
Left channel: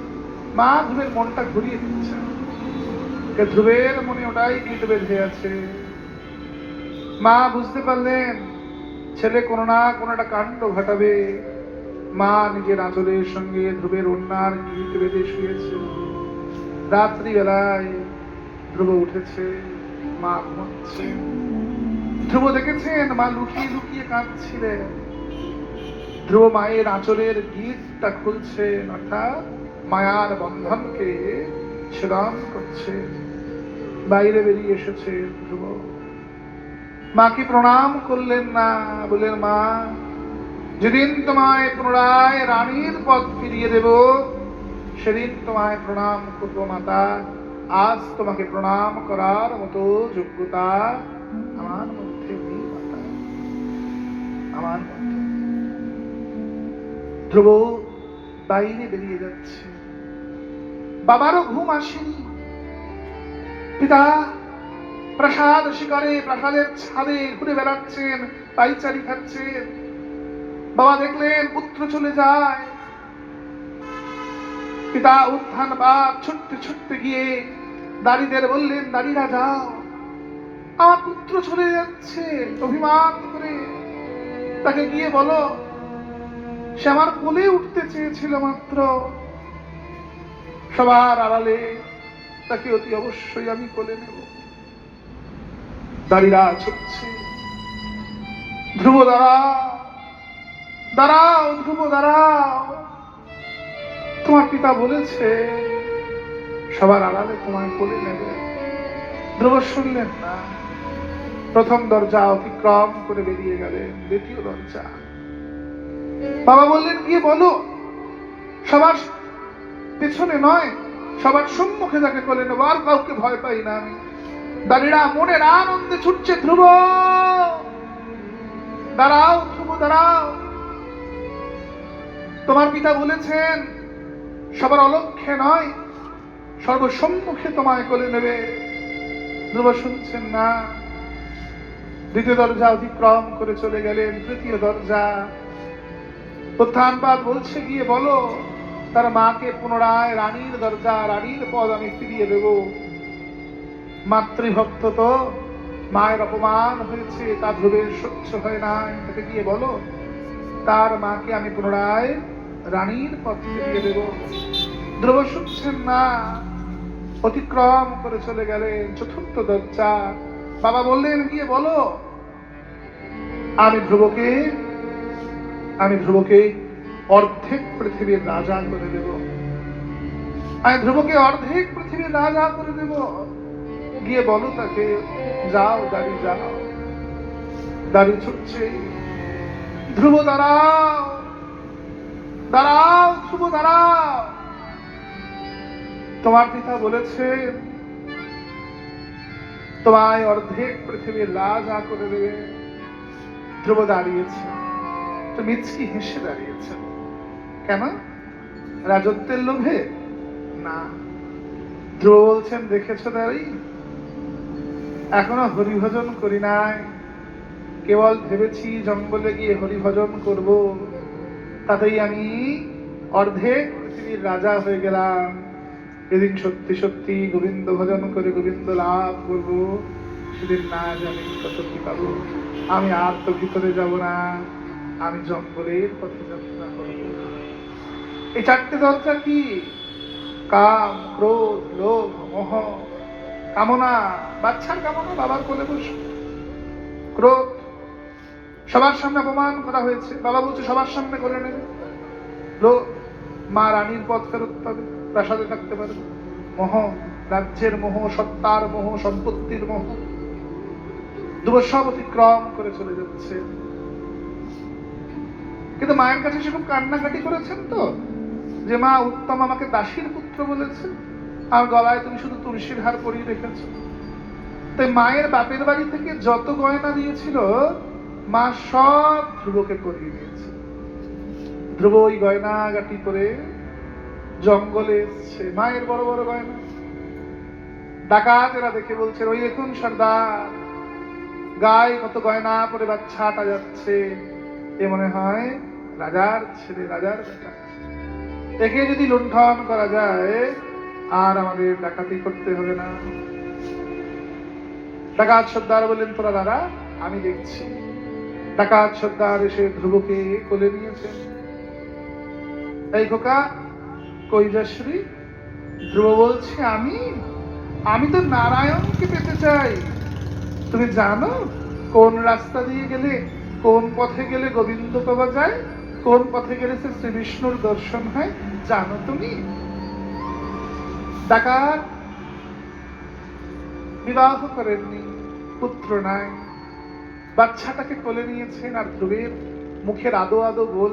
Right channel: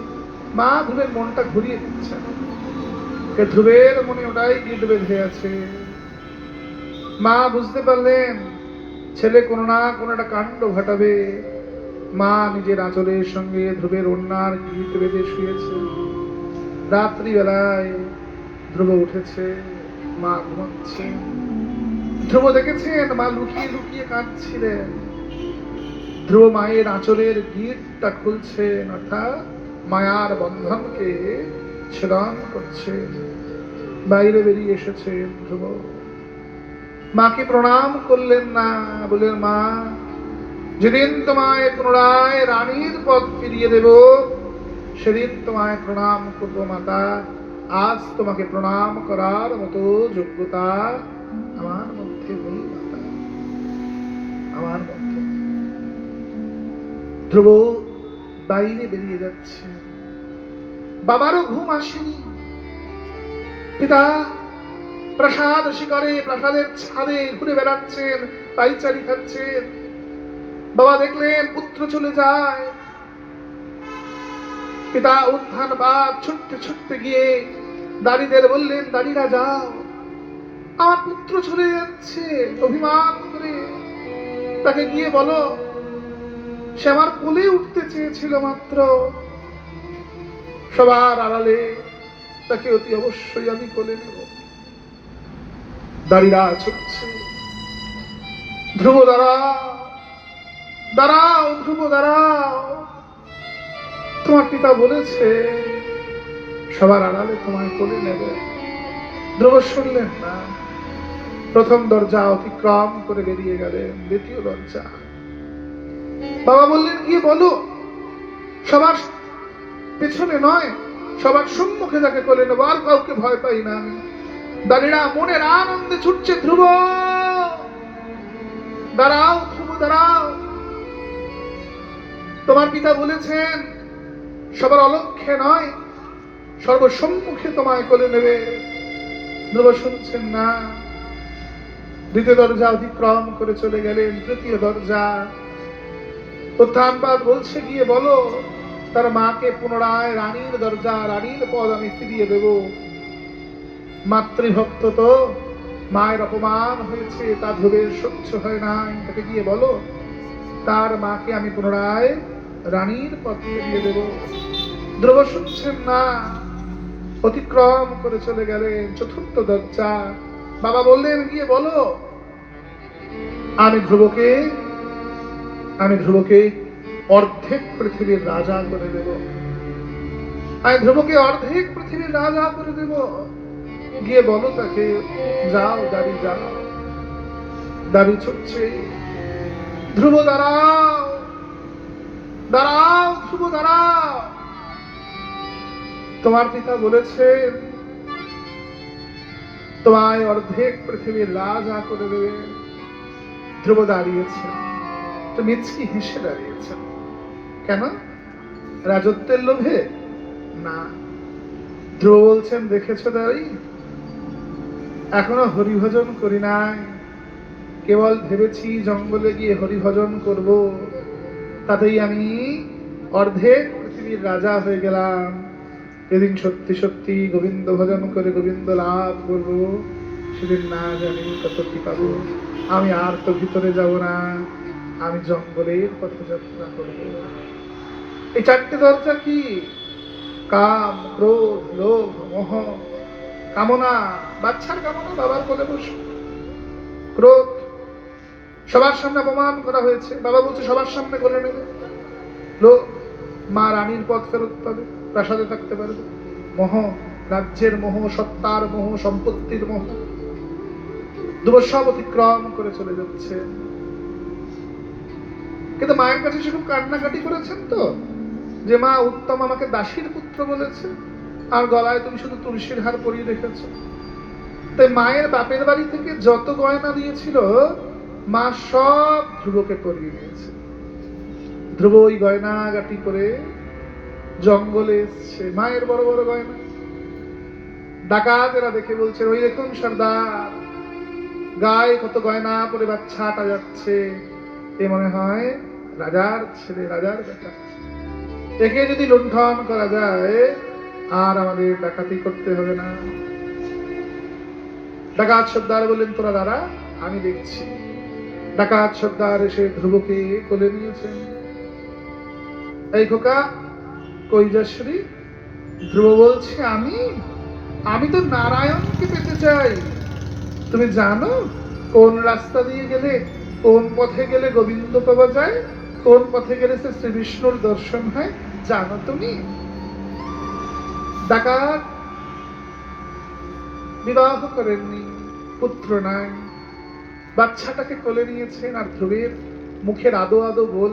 মা ধ্রুবের মনটা ঘুরিয়ে দিচ্ছে। হে ধ্রুবের মনে ওটাই গীত বেঁধে আছে। মা বুঝতে পারলেন ছেলে কোনো না কোনো একটা কাণ্ড ঘটাবে। মা নিজের আঁচলের সঙ্গে ধ্রুবের ওড়নার গিট বেঁধে শুয়েছে। রাত্রি বেলায় ধ্রুব উঠেছে, মা ঘুমাচ্ছে। ধ্রুব দেখেছেন মা লুকিয়ে লুকিয়ে কাঁদছিলেন। ধ্রুব মায়ের আঁচলের গিটটা খুলছেন, অর্থাৎ মায়ার বন্ধনকে ছেদন করছে। বাইরে বেরিয়ে এসেছে ধ্রুব। মাকে প্রণাম করলেন না, বললেন, মা, যেদিন তোমায় পুনরায় রানীর পদ ফিরিয়ে দেব সেদিন তোমায় প্রণাম করব মাতা। আজ তোমাকে প্রণাম করার মতো যোগ্যতা আমার মধ্যে নেই মাতা, আমার মধ্যে। ধ্রুব বাইরে বেরিয়ে যাচ্ছে। বাবারও ঘুম আসেনি। পিতা প্রাসাদ শিকারে প্রাসাদের ছাদে ঘুরে বেড়াচ্ছেন, পাইচারি খাচ্ছেন। বাবা দেখলেন পুত্র চলে যায়। পিতা উত্থান বাদ ছুটতে ছুটতে গিয়ে দাঁড়িদের বললেন, দাঁড়িরা যাও, আমার পুত্র চলে যাচ্ছে অভিমান করে। তাকে গিয়ে বলো সে আমার কোলে উঠতে চেয়েছিল মাত্র। সবার আড়ালে তাকে অতি অবশ্যই আমি কোলে নেব। দাঁড়িরা ছুটছে। ধ্রুব দাঁড়াও, দাঁড়াও ধ্রুব দাঁড়াও, তোমার পিতা বলেছে সবার আড়ালে তোমায় কোলে নেবে। ধ্রুব শুনলেন না। প্রথম দরজা অতিক্রম করে বেরিয়ে গেলেন, দ্বিতীয় দরজা। বাবা বললেন, গিয়ে বলো সবার পেছনে নয়, সবার সম্মুখে তাকে কোলে নেবো, আর কাউকে ভয় পাই না। দাঁড়িরা মনের আনন্দে ছুটছে, ধ্রুব দাঁড়াও, ধ্রুব দাঁড়াও, তোমার পিতা বলেছেন সবার অলক্ষ্যে নয়, সর্বসম্মুখে তোমায় কোলে নেবে। ধ্রুব শুনছেন না। দ্বিতীয় দরজা অতিক্রম করে চলে গেলেন, তৃতীয় দরজা। উত্থানপাদ বলছে, গিয়ে বলো তার মাকে পুনরায় রানীর দরজা, রানীর পদ আমি ফিরিয়ে দেব। মাতৃভক্ত তো, মায়ের অপমান হয়েছে, তা ধ্রুবের সহ্য হয় না। তাকে গিয়ে বলো তার মাকে আমি পুনরায় রানীর পদ ফিরিয়ে দেব। ধ্রুব শুনছেন না। অতিক্রম করে চলে গেলেন চতুর্থ দরজা। বাবা বললেন, গিয়ে বলো আমি ধ্রুবকে অর্ধেক পৃথিবীর রাজা করে দেব। আমি ধ্রুবকে অর্ধেক পৃথিবীর রাজা করে দেব। গিয়ে বলো তাকে, যাও দাঁড়ি, যাও। দাঁড়ি ছুটছে, ধ্রুব দাঁড়াও, দাঁড়াও, ধ্রুব দাঁড়াও, তোমার পিতা বলেছেন তোমায় অর্ধেক পৃথিবীর রাজা করে দেবে। ধ্রুব দাঁড়িয়েছে, মিচকি হেসে দাঁড়িয়েছে। কেন? রাজত্বের লোভে না। ধ্রুব বলছেন, দেখেছ দাঁড়ি, এখনো হরিভজন করি নাই, কেবল ভেবেছি জঙ্গলে গিয়ে হরিভজন করব, তাতেই আমি অর্ধেক পৃথিবীর রাজা হয়ে গেলাম। যেদিন সত্যি সত্যি গোবিন্দ ভজন করে গোবিন্দ লাভ করব, সেদিন না জানি কত কি পাবো। আমি আর তো ভিতরে যাব না, আমি জঙ্গলের পথে যাত্রা করব। এই চারটে দরজা কি? কাম, ক্রোধ, লোভ, মোহ। কামনা, বাচ্চার কামনা, বাবার কোলে বসে। ক্রোধ, সবার সামনে অপমান করা হয়েছে, বাবা বলছে সবার সামনে কোলে নেবে। লোভ, মা রানীর পথ ফেরত পাবে, প্রাসাদে থাকতে পারবে। মোহ, রাজ্যের মোহ, সত্তার মোহ, সম্পত্তির মোহ। ধ্রুব সব অতিক্রম করে চলে যাচ্ছে। কিন্তু মায়ের কাছে সেরকম কান্নাকাটি করেছেন তো, যে মা উত্তম আমাকে দাসীর পুত্র বলেছে, আর গলায় তুমি শুধু তুলসীর হার পরিয়ে রেখেছো। তাই মায়ের বাপের বাড়ি থেকে যত গয়না দিয়েছিল, মা সব ধ্রুবকে করিয়ে দিয়েছে। ধ্রুব ওই গয়না গাটি করে জঙ্গলে এসছে, মায়ের বড় বড় গয়না। ডাকাতেরা দেখে বলছে, ওই দেখুন সর্দার, গায়ে কত গয়না পরে বাচ্চাটা যাচ্ছে, এ মনে হয় রাজার ছেলে, রাজার বেটা। দেখে যদি লুণ্ঠন করা যায়, আর আমাদের ডাকাতি করতে হবে না। ডাকাত সর্দার বললেন, তোরা দাঁড়া, আমি দেখছি। ডাকাত সর্দার এসে ধ্রুবকে কোলে নিয়েছেন। এই খোকা, কই যাসরি? ধ্রুব বলছে, আমি তো নারায়ণকে পেতে চাই। তুমি জানো কোন রাস্তা দিয়ে গেলে, কোন পথে গেলে গোবিন্দ পাওয়া যায়, কোন পথে গেলে সে শ্রী বিষ্ণুর দর্শন হয়, জানো তুমি? ডাকাত বিবাহ করেননি, পুত্র নাই, বাচ্চাটাকে কোলে নিয়েছেন, আর ধ্রুবের মুখের আদো আদো বল।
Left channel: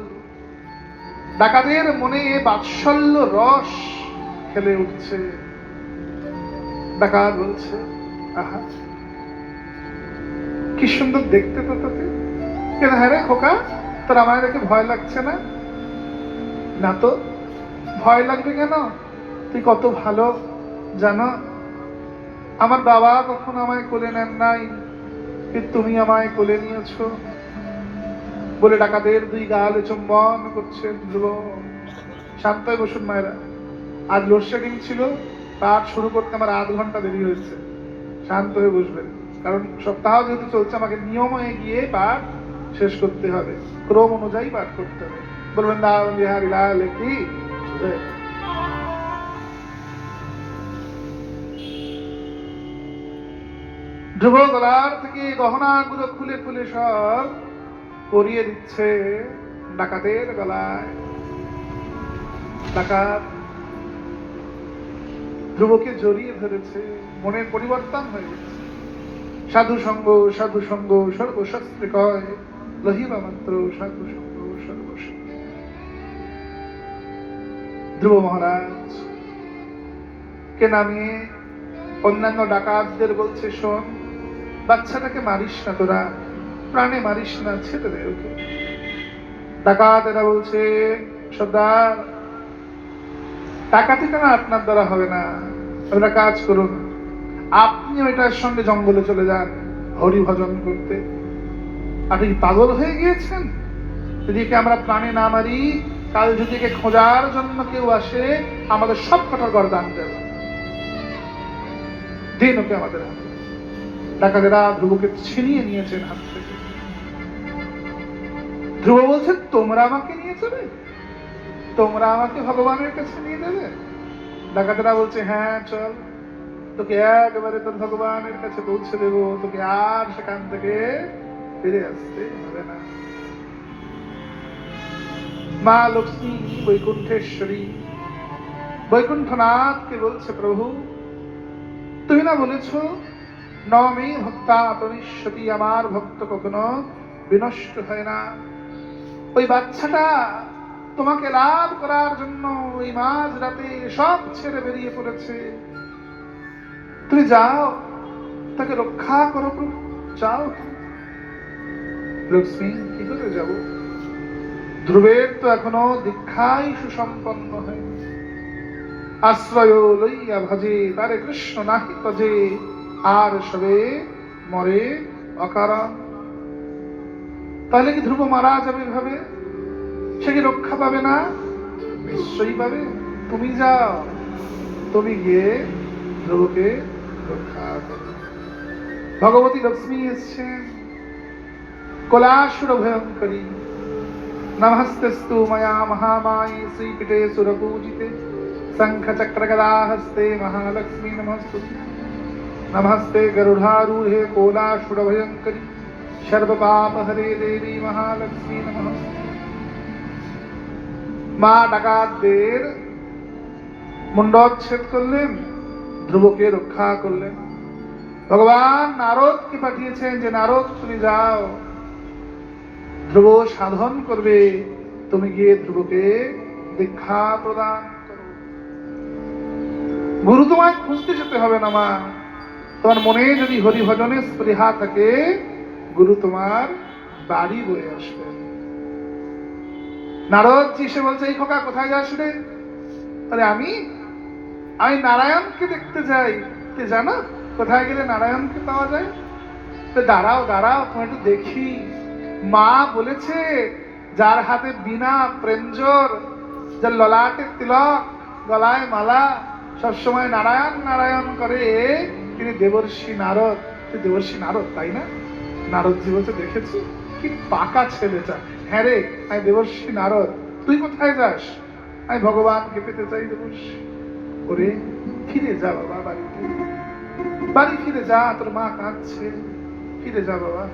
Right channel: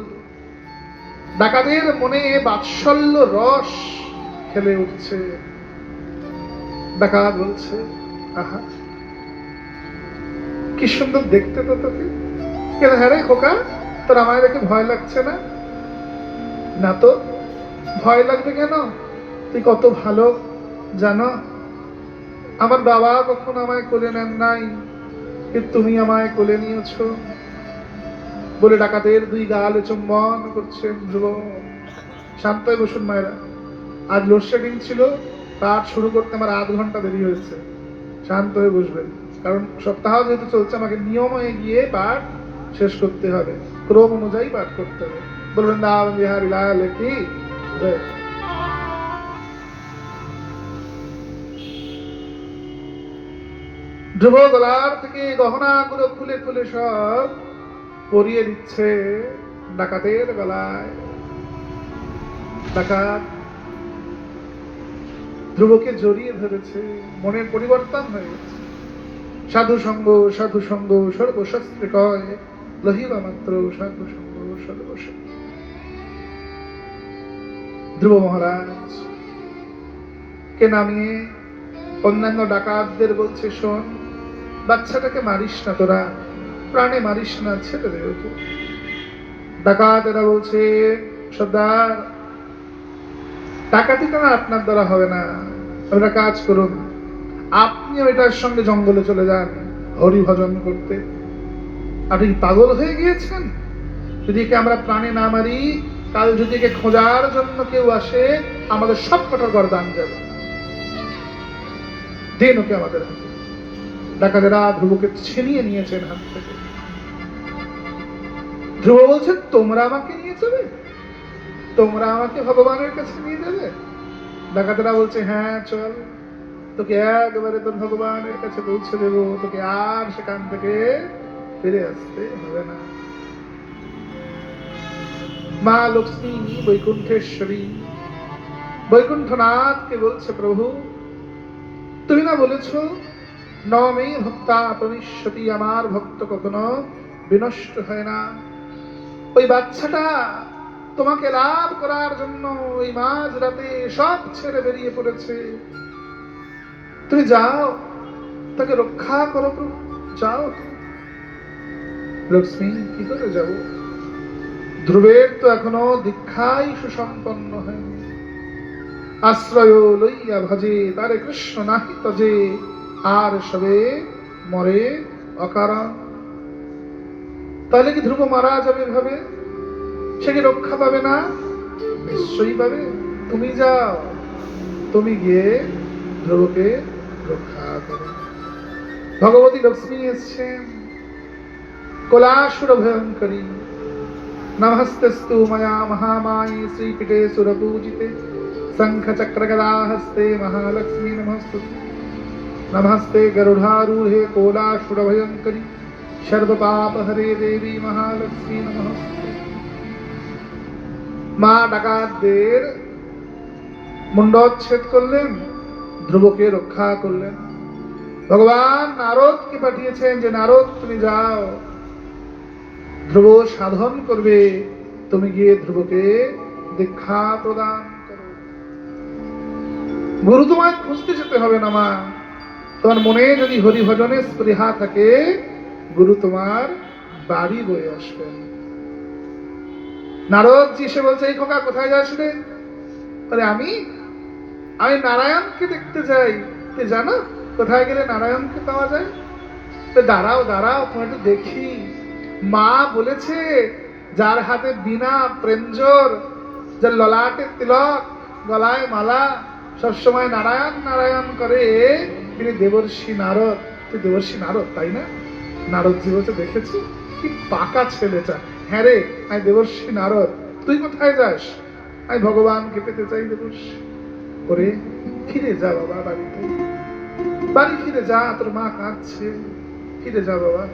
ডাকাতের মনে বাৎসল্য রস খেলে উঠছে। ডাকাত বলছে, আহা কি সুন্দর দেখতে তো তোকে। কেন? হ্যাঁ রে খোকা, তোর আমায় দেখে ভয় লাগছে না? না তো, ভয় লাগবে কেন? তুই কত ভালো জানো। আমার বাবা কখনো আমায় কোলে নেন নাই, কিন্তু তুমি আমায় কোলে নিয়েছো। বলে ডাকাতের দুই গালে চুম্বন করছেন ধ্রুব। শান্ত হয়ে বসুন মায়েরা, আজ লোডশেডিং ছিল, পাঠ শুরু করতে আমার আধ ঘন্টা দেরি হয়েছে। শান্ত হয়ে বসবেন, কারণ সপ্তাহ যেহেতু চলছে, আমাকে নিয়ম হয়ে গিয়ে পাঠ শেষ করতে হবে, ক্রম অনুযায়ী পাঠ করতে হবে। বলবেন দাম বিহারি লাল কি। ধ্রুব গলার থেকে গহনাগুলো খুলে খুলে সব পরিয়ে দিচ্ছে ডাকাতের গলায়। ডাকাত ধ্রুবকে জড়িয়ে ধরেছে, মনের পরিবর্তন হয়ে গেছে। সাধু সঙ্গ সর্বশস্ত্রে কয়, লহিবা মাত্র সাধু সঙ্গ সর্বশস্ত্রে। ধ্রুব মহারাজ কে নামিয়ে অন্যান্য ডাকাতদের বলছে, শোন, বাচ্চাটাকে মারিস না, তোরা প্রাণে মারিস না, ছেড়ে দে ওকে। ডাকাতেরা বলছে, সর্দার, ডাকাতি কেন আপনার দ্বারা হবে না, ওরা কাজ করুন, আপনি ওইটার সঙ্গে জঙ্গলে চলে যান হরি ভজন করতে। আপনি পাগল হয়ে গিয়েছেন? যদি একে আমরা প্রাণে না মারি, কাল যদি একে খোঁজার জন্য কেউ আসে, আমাদের সব কটার গর্দান যাবে, দিন ওকে আমাদের হাতে। ডাকাতেরা ধ্রুবকে ছিনিয়ে নিয়েছেন হাত থেকে। ধ্রুব বলছেন, তোমরা আমাকে নিয়ে যাবে, তোমরা আমাকে ভগবানের কাছে নিয়ে যাবে? ডাকাতেরা বলছে, হ্যাঁ চল, তোকে একবারে তোর ভগবানের কাছে পৌঁছে দেব, তোকে আর সেখান থেকে ফিরে আসতে হবে না। মা লক্ষ্মী বৈকুণ্ঠেশ্বরী বৈকুণ্ঠনাথকে বলছে, প্রভু তুমি না বলেছ, নমে ভক্তা প্রবিশ্যতি, আমার ভক্ত কখনো বিনষ্ট হয় না। ওই বাচ্চাটা তোমাকে লাভ করার জন্য ওই মাঝ রাতে সব ছেড়ে বেরিয়ে পড়েছে, তুমি যাও, তাকে রক্ষা করো প্রভু, যাও। লক্ষ্মী, কি করে যাব? ধ্রুবের তো এখনো দীক্ষাই সুসম্পন্ন হয়নি। আশ্রয় লইয়া ভজে তারে কৃষ্ণ নাহি তজে, আর সবে মরে অকারণ। তাহলে কি ধ্রুব মারা যাবে ভাবে? সে কি রক্ষা পাবে না? নিশ্চয়ই পাবে। তুমি যাও, তুমি গিয়ে ধ্রুবকে রক্ষা করো। ভগবতী লক্ষ্মী এসছেন, কলাসুর ভয়ঙ্করী। নমস্তেস্তু ময়া মহামায়ী শ্রীপীঠে সুরপূজিতে, শঙ্খ চক্র গদা হস্তে মহালক্ষ্মী নমস্তুতে। নমস্তে গরুড়ারূঢ়ে কোলাসুর ভয়ঙ্করী, সর্ব পাপ হরে দেবী মহালক্ষ্মী নমস্তুতে। মা ডাকাতদের মুন্ডচ্ছেদ করলেন, ধ্রুবকে রক্ষা করলেন। ভগবান নারদকে পাঠিয়েছেন যে, নারদ তুমি যাও, ধ্রুব সাধন করবে, তুমি গিয়ে ধ্রুবকে দীক্ষা প্রদান করো। গুরু তোমায় খুঁজতে যেতে হবে না মা, তোমার মনে যদি হরি ভজনের স্পৃহা থাকে, গুরু তোমার বাড়ি বয়ে আসবেন। নারদ জি সে বলছে, এই খোকা কোথায় যাস রে? আরে আমি নারায়ণকে দেখতে যাই। জানো কোথায় গেলে নারায়ণকে পাওয়া যায়? দাঁড়াও দাঁড়াও, তোমার একটু দেখি। মা বলেছে, যার হাতে বীণা প্রেঞ্জর, যার ললাটে তিলক, গলায় মালা, সবসময় নারায়ণ নারায়ণ করে, তিনি দেবর্ষি নারদ। তুই দেবর্ষি নারদ তাই না? নারদজি বলছে, দেখেছি কি পাকা ছেলেটা। হ্যাঁ রে, আমি দেবর্ষি নারদ। তুই কোথায় যাস? আমি ভগবানকে পেতে চাই দেবর্ষি। ওরে ফিরে যা বাবা বাড়িতে, বাড়ি ফিরে যা, তোর মা কাঁদছে, ফিরে যা বাবা।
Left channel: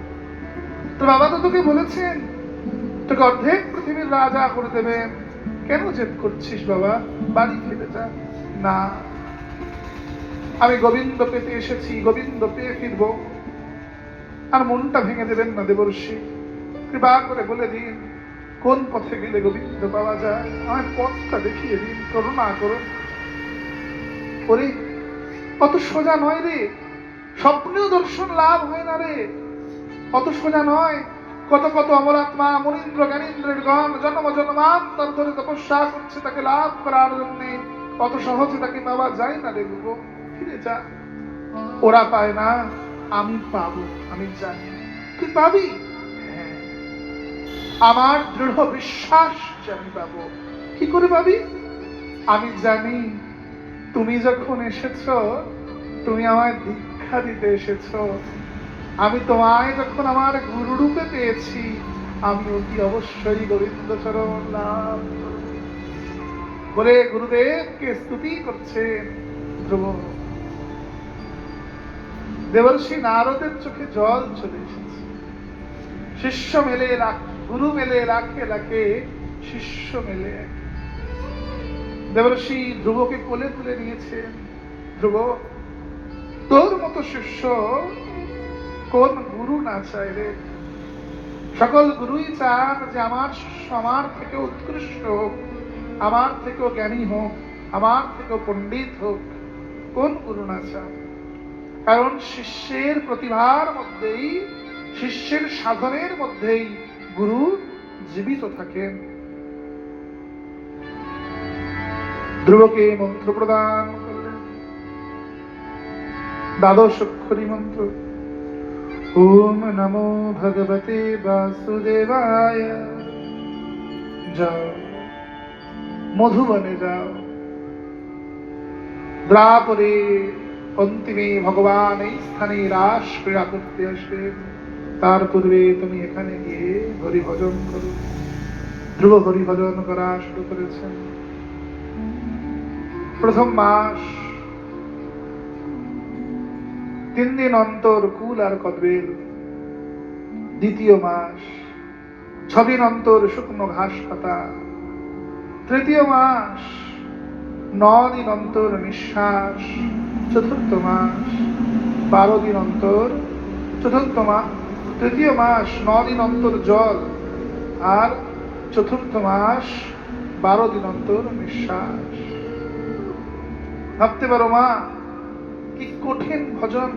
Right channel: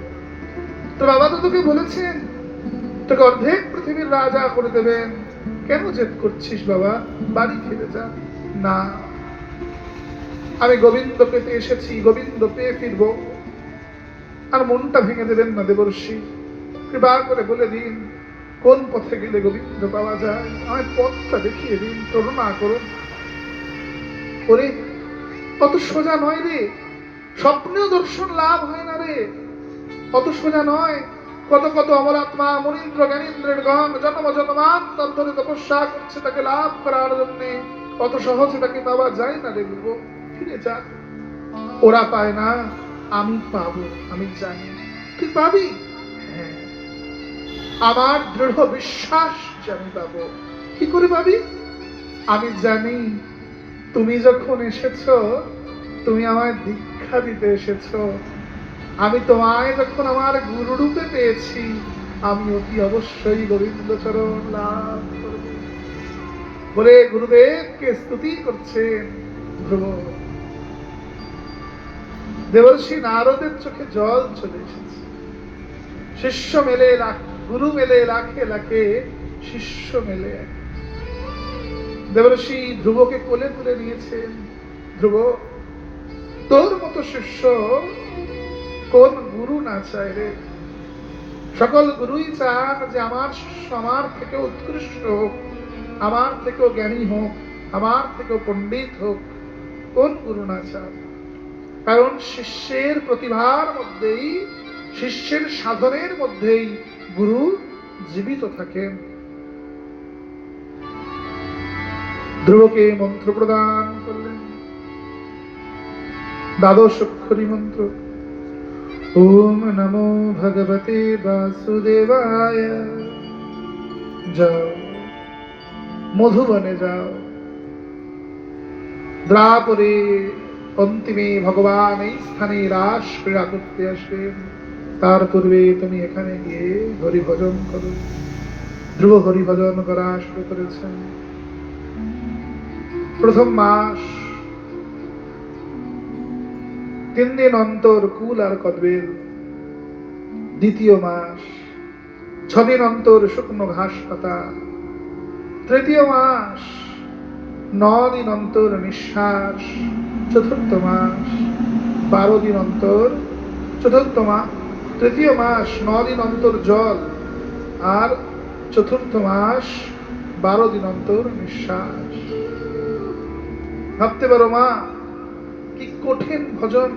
তোর বাবা তো তোকে বলেছেন তোকে অর্ধেক পৃথিবীর রাজা করে দেবেন, কেন জেদ করছিস বাবা? বাড়ি ফিরে যা। না, আমি গোবিন্দ পেতে এসেছি, গোবিন্দ পেয়ে ফিরবো। আর মনটা ভেঙে দেবেন না দেবর্ষি, কৃপা করে বলে দিন কোন পথে গেলে গোবিন্দ পাওয়া যায়, আমার পথটা দেখিয়ে দিন, করুণা করুন। ওরে অত সোজা নয় রে, স্বপ্নেও দর্শন লাভ হয় না রে, অত সোজা নয়। কত কত অমরাত্মা মনীন্দ্র জ্ঞানীন্দ্রের গণ জন্ম জন্মান্তর ধরে তপস্যা করছে তাকে লাভ করার জন্য, অত সহজে তাকে পাওয়া যায় না রে দেব। ফিরে যা, ওরা পায় না, আমি পাবো, আমি জানি তুই পাবি। হ্যাঁ, আমার দৃঢ় বিশ্বাস যে আমি পাবো। কি করে পাবি? আমি জানি, তুমি যখন এসেছ, তুমি আমায় দীক্ষা দিতে এসেছ। আমি তোমায় যখন আমার গুরু রূপে পেয়েছি, আমি অতি অবশ্যই গোবিন্দ চরণ লাভ করব বলে গুরুদেবকে স্তুতি করছেন ধ্রুব। দেবর্ষি নারদের চোখে জল চলে এসেছে। শিষ্য মেলে গুরু মেলে লাখে লাখে, শিষ্য মেলে। দেবর্ষি ধ্রুবকে কোলে তুলে নিয়েছেন, ধ্রুব, তোর মতো শিষ্য কোন গুরু না চায় রে? সকল গুরুই চান যে আমার শিষ্য আমার থেকে উৎকৃষ্ট হোক, আমার থেকেও জ্ঞানী হোক, আমার থেকেও পণ্ডিত হোক। কোন গুরু না চায়? কারণ শিষ্যের প্রতিভার মধ্যেই, শিষ্যের সাধনের মধ্যেই গুরু জীবিত থাকেন। ধ্রুবকে মন্ত্র প্রদান করলেন, দ্বাদশ অক্ষরী মন্ত্র। ওম নমো ভগবতে বাসুদেবায়। যাও, মধুবনে যাও, দ্রাপরে অন্তিমে ভগবান এই স্থানে রাস ক্রীড়া করতে আসবেন। তার পূর্বে তুমি এখানে গিয়ে হরিভজন করো। ধ্রুব হরিভজন করা শুরু করেছেন। প্রথম মাস 3 দিন অন্তর কুল আর কদবেল, দ্বিতীয় মাস 6 দিন অন্তর শুকনো ঘাস পাতা, তৃতীয় মাস 9 দিন অন্তর নিঃশ্বাস, চতুর্থ মাস 12 দিন অন্তর, চতুর্থ মাস, তৃতীয় মাস 9 দিন অন্তর জল, আর চতুর্থ মাস 12 দিন অন্তর নিঃশ্বাস। ভাবতে পারো মা, কি কঠিন ভজন।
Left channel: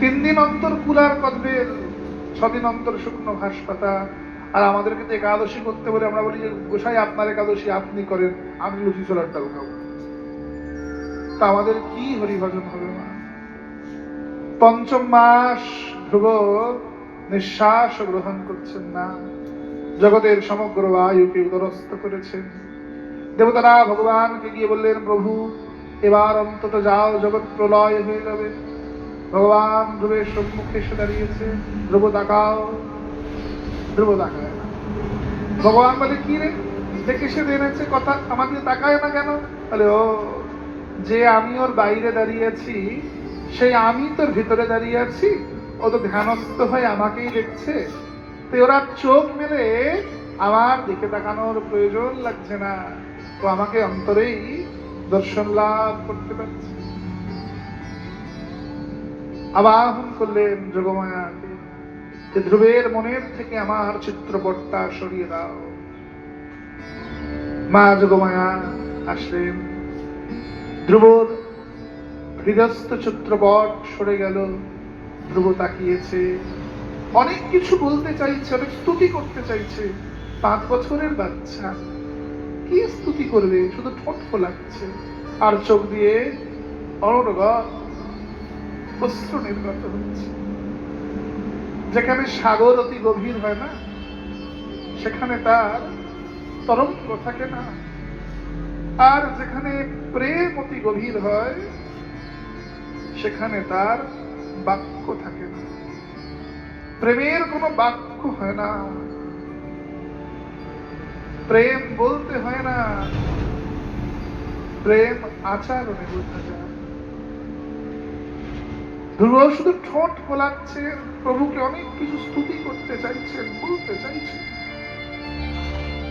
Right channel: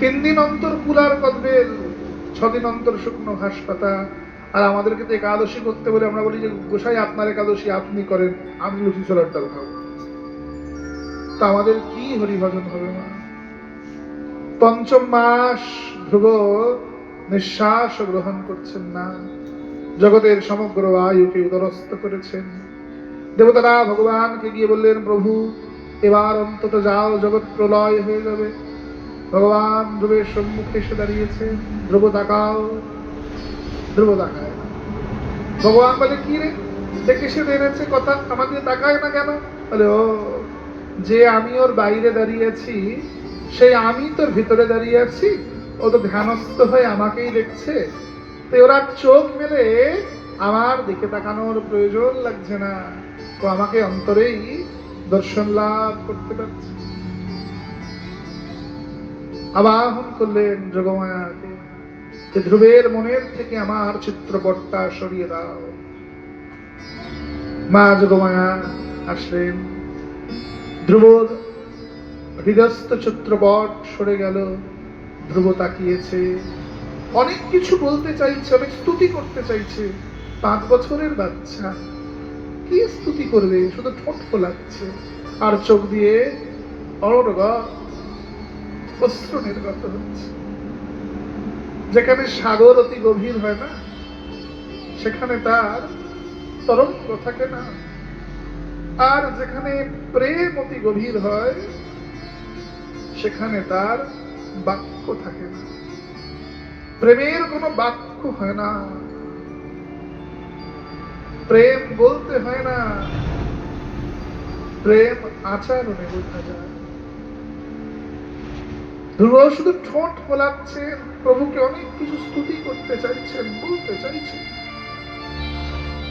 3 দিন অন্তর কুলার কদবেল, 6 দিন অন্তর শুকনো ঘাস পাতা। আর আমাদেরকে তো একাদশী করতে বলে আমরা বলি যে গোসাই আপনার একাদশী আপনি করেন, আমি লুচি ছোলার ডাল খাবো। তা আমাদের কি হরিভজন হবে মা? পঞ্চম মাস ধ্রুব নিঃশ্বাস গ্রহণ করছেন না, জগতের সমগ্র আয়ুকে উদরস্থ করেছেন। দেবতারা ভগবানকে গিয়ে বললেন, প্রভু এবার অন্তত যাও, জগৎ প্রলয় হয়ে যাবে। ভগবান ধ্রুবের সম্মুখে এসে দাঁড়িয়েছে। ধ্রুব তাকাও। ধ্রুব তাকায়। ভগবান বলে, কি রে, দেখে সে এনেছে কথা, আমাকে তাকায় না কেন? বলে, ও, যে আমি ওর বাইরে দাঁড়িয়ে আছি, সেই আমি তোর ভিতরে দাঁড়িয়ে আছি, ও তো ধ্যানস্থ হয়ে আমাকেই দেখছে। তো ওরা চোখ মেলে আমার দিকে তাকানোর প্রয়োজন লাগছে না, তো আমাকে অন্তরেই দর্শন লাভ করতে পারছে। আবাহন করলেন যোগমায়াকে, যে ধ্রুবের মনের থেকে আমার চিত্রপটটা সরিয়ে দাও। মা যোগমায়া আসলেন। ধ্রুবর হৃদয়স্থ চিত্রপট সরে গেল। ধ্রুব তাকিয়েছে, অনেক কিছু বলতে চাইছে, অনেক স্তুতি করতে চাইছে। 5 বছরের বাচ্চা, কি স্তুতি করবে? শুধু ঠোঁট ফোলাচ্ছে আর চোখ দিয়ে অনর্গল অশ্রু নির্গত হচ্ছে। যেখানে সাগর অতি গভীর হয় না, সেখানে তার তরঙ্গ থাকে না। আর যেখানে প্রেম অতি গভীর হয়, সেখানে তার বাক্য থাকে না। প্রেমের কোনো বাক্য হয় না, প্রেম বলতে হয় না, প্রেম আচরণে বোঝা যায়। ধ্রুব শুধু ঠোঁট ফোলাচ্ছে, প্রভুকে অনেক কিছু স্তুতি করতে চাইছেন, বলতে চাইছেন।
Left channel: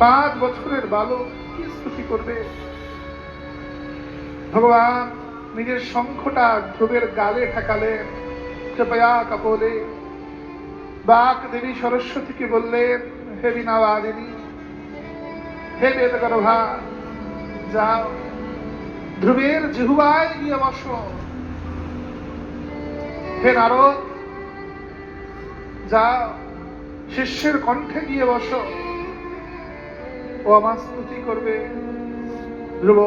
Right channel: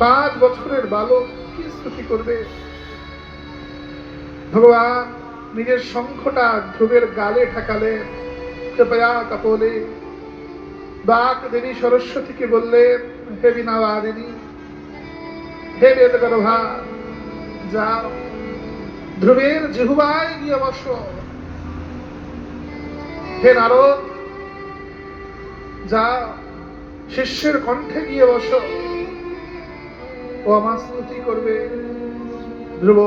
5 বছরের বালক কি স্তুতি করবে? ভগবান নিজের শঙ্খটা ধ্রুবের গালে ঠেকালে, কৃপয়া কাপলে। বাক দেবী সরস্বতীকে বললেন, হে বীণাবাদিনী, হে বেদগর্ভা, যাও ধ্রুবের জিহ্বায় গিয়ে বসো। হে নারদ, যাও শিষ্যের কণ্ঠে গিয়ে বসো, ও আমার স্তুতি করবে। ধ্রুব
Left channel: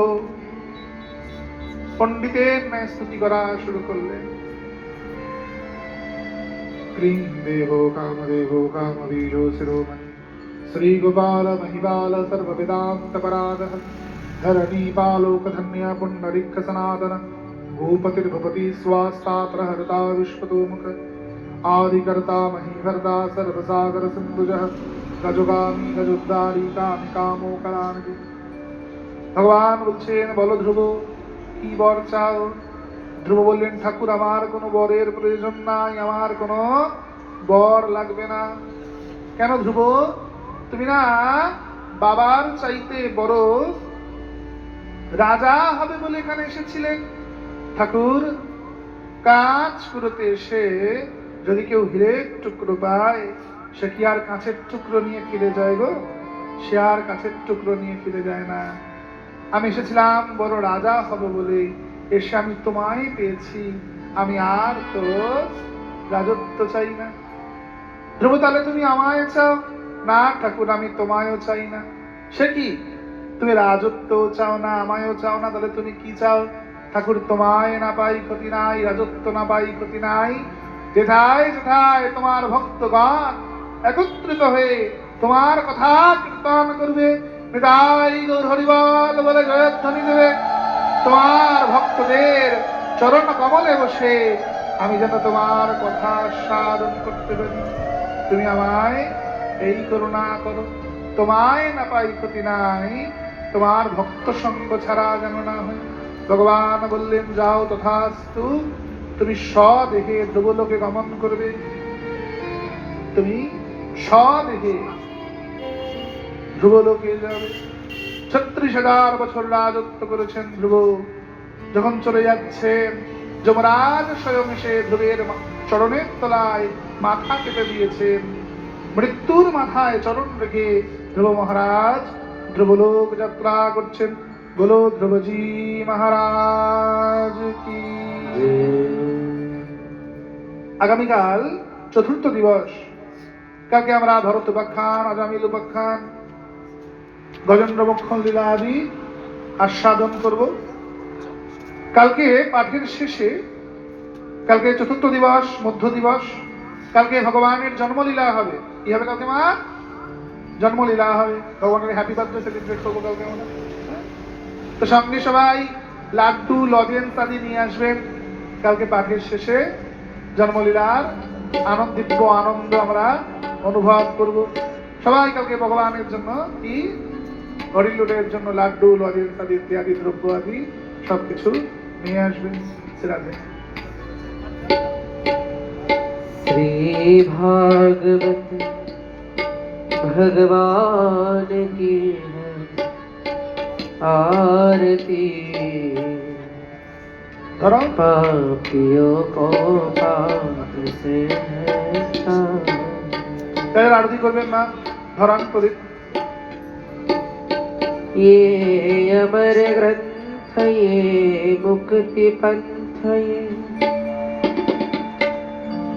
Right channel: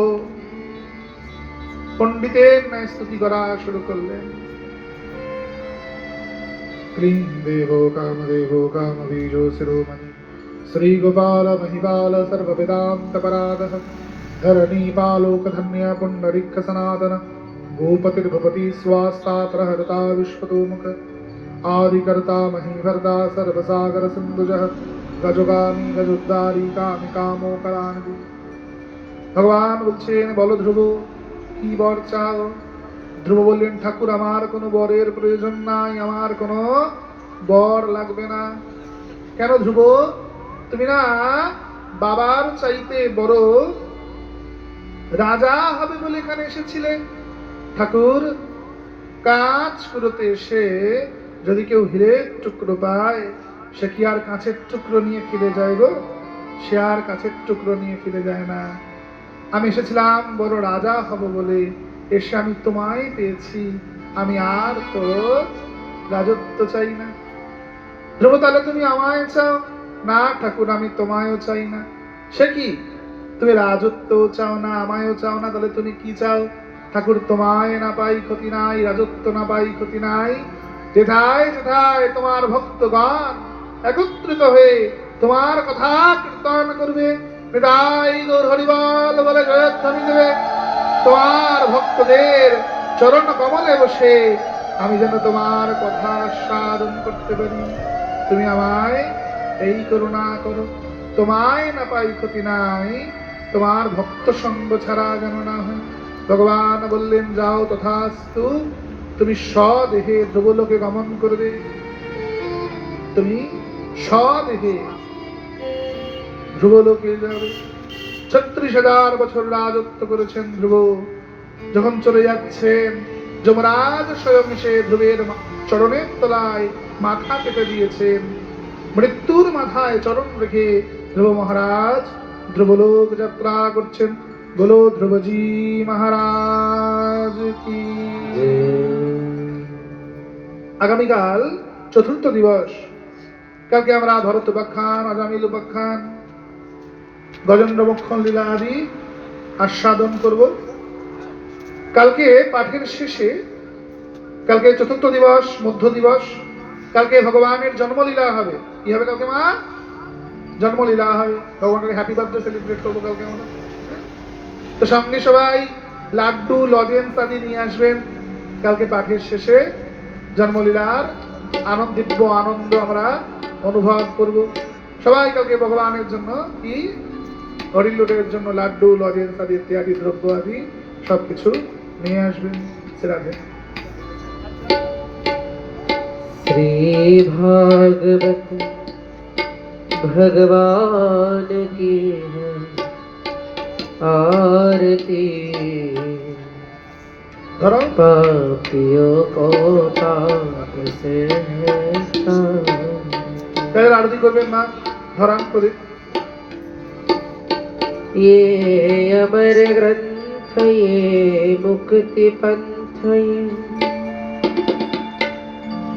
পণ্ডিতের ন্যায় স্তুতি করা শুরু করলেন। ক্লীং দেবো কামদেবো কামবীজো শিরোমণি শ্রী গোপাল মহিপাল সর্ববেদান্ত পরাগঃ ধরণী পালোক ধন্য পুণ্ডরিক সনাতন गोपतिर्भवति स्वास्ता प्रहरता विश्वतोमुख आदिकर्ता महीभर्ता सर्वसागर सिंधुजः गजगामी गजोद्धारी कामी कामो करानबी। ভগবান বলছেন, বলো ধ্রুব, কি বর চাও? ধ্রুব বললেন, ঠাকুর আমার কোনো বরের প্রয়োজন নাই, আমার কোনো বর লাগবে না। কেন ধ্রুব? তুমি না বাবার চাইতে বড় রাজা হবে বলে এখানে এসেছিলেন। ঠাকুর, কাঁচ কুড়োতে এসে যদি কেউ হীরের টুকরো পায়, সে কি আর কাঁচের টুকরো নিয়ে ফিরে যায় গো? সে আর কাঁচের টুকরো নিয়ে ফিরে যায় না। আমি এসেছিলাম বড় রাজা হব বলে, এসে আমি তোমায় পেয়েছি, আমি আর তো রাজত্ব চাই না। ধ্রুব, তাহলে তুমি আমায় চাও? না ঠাকুর, আমি তোমায়ও চাই না। সে কি, তুমি রাজত্ব চাও না, আমায়ও চাও না, তাহলে তুমি কি চাও? ঠাকুর, তোমায় না পাই ক্ষতি নাই, রাজত্ব না পাই ক্ষতি নাই, যেথায় যেথায় তোমার ভক্তগণ একত্রিত হয়ে তোমার কথা কীর্তন করবে, নিতাই গৌর হরিবল বলে জয়ধ্বনি দেবে, তোমার ভক্তদের চরণ কমলে বসে আমি যেন তোমার কথা সাধন করতে পারি। তুমি আমায় এই করুণা করো, তোমায় না পাই ক্ষতি নাই, তোমার ভক্ত সঙ্গ ছাড়া যেন না হয়। ভগবান বললেন, যাও তথাস্তু, তুমি স্বদেহে ধ্রুবলোকে গমন করবে। তুমি স্বদেহে ধ্রুবলোকে যাবে। 36,000 বছর রাজত্ব করেছেন ধ্রুব। যখন চলে যাচ্ছেন, যমরাজ স্বয়ং এসে ধ্রুবের চরণের তলায় মাথা কেটে দিয়েছেন। মৃত্যুর মাথায় চরণ রেখে ধ্রুব মহারাজ ধ্রুবলোক যাত্রা করছেন। বলো ধ্রুবজি মহারাজ কি। আগামীকাল চতুর্থ দিবস। কালকে আমরা ভরত উপাখ্যান, অজামিল উপাখ্যান, গজেন্দ্র বক্ষণ লীলা আদি আস্বাদন করব। কালকে পাঠের শেষে, কালকে চতুর্থ দিবস, মধ্য দিবস, কালকে ভগবানের জন্মলীলা হবে। কি হবে কালকে মা? জন্মলীলা হবে। ভগবানের হ্যাপি বার্থডে সেলিব্রেট করবো কালকে আমরা। তো সঙ্গে সবাই লাড্ডু, লজেন্স আদি নিয়ে আসবেন। কালকে পাঠের শেষে জন্মলীলার দিব্য আনন্দ আমরা অনুভব করব। সবাই কালকে ভগবানের জন্য কি, হরিলুটের জন্য লাড্ডু, লজেন্স আদি ইত্যাদি দ্রব্য আদি সবকিছু নিয়ে আসবেন। রাধে। श्री भागवत भगवान की है आरती, धरो पापियों को पाप से है তাহলে আরতি করবেন মা, ধরান করে। ये अमर ग्रंथ, ये मुक्ति पंथ, ये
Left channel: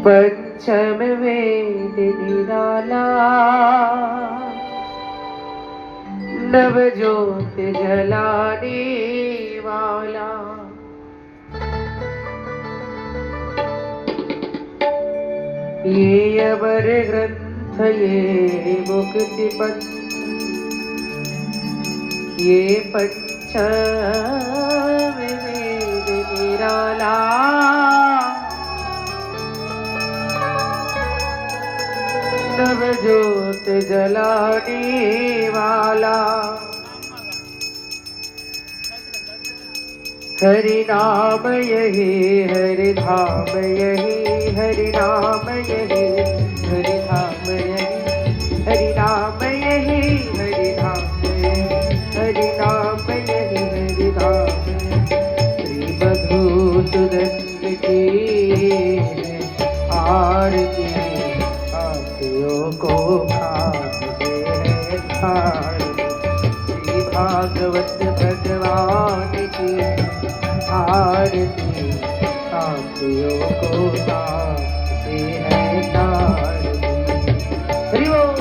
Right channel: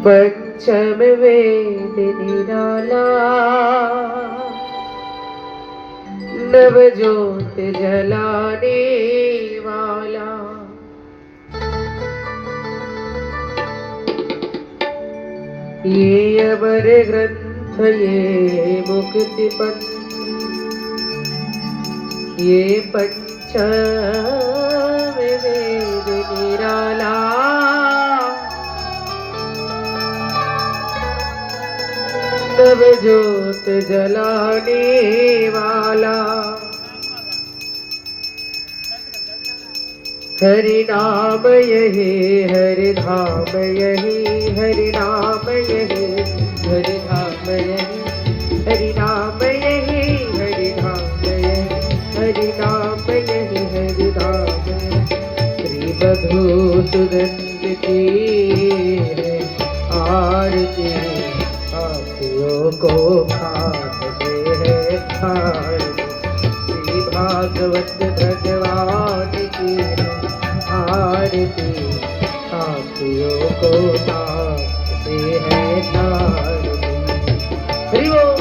पंचम वेद निराला, नव ज्योत जलाने वाला, ये अमर ग्रंथ, ये मुक्ति पंथ, ये पंचम वेद निराला, नव ज्योत जलाने वाला, हरि नाम यही, हरि धाम यही, हरि नाम यही, हरि धाम यही, हरि नाम यही, हरि धाम यही, हरि नाम यही, हरि धाम यही। श्री मधुसूदन की आरती, पापियों को पाप से है ठार। श्री भागवत भगवान की आरती, पापियों को पाप से है ठार। हरि बोल।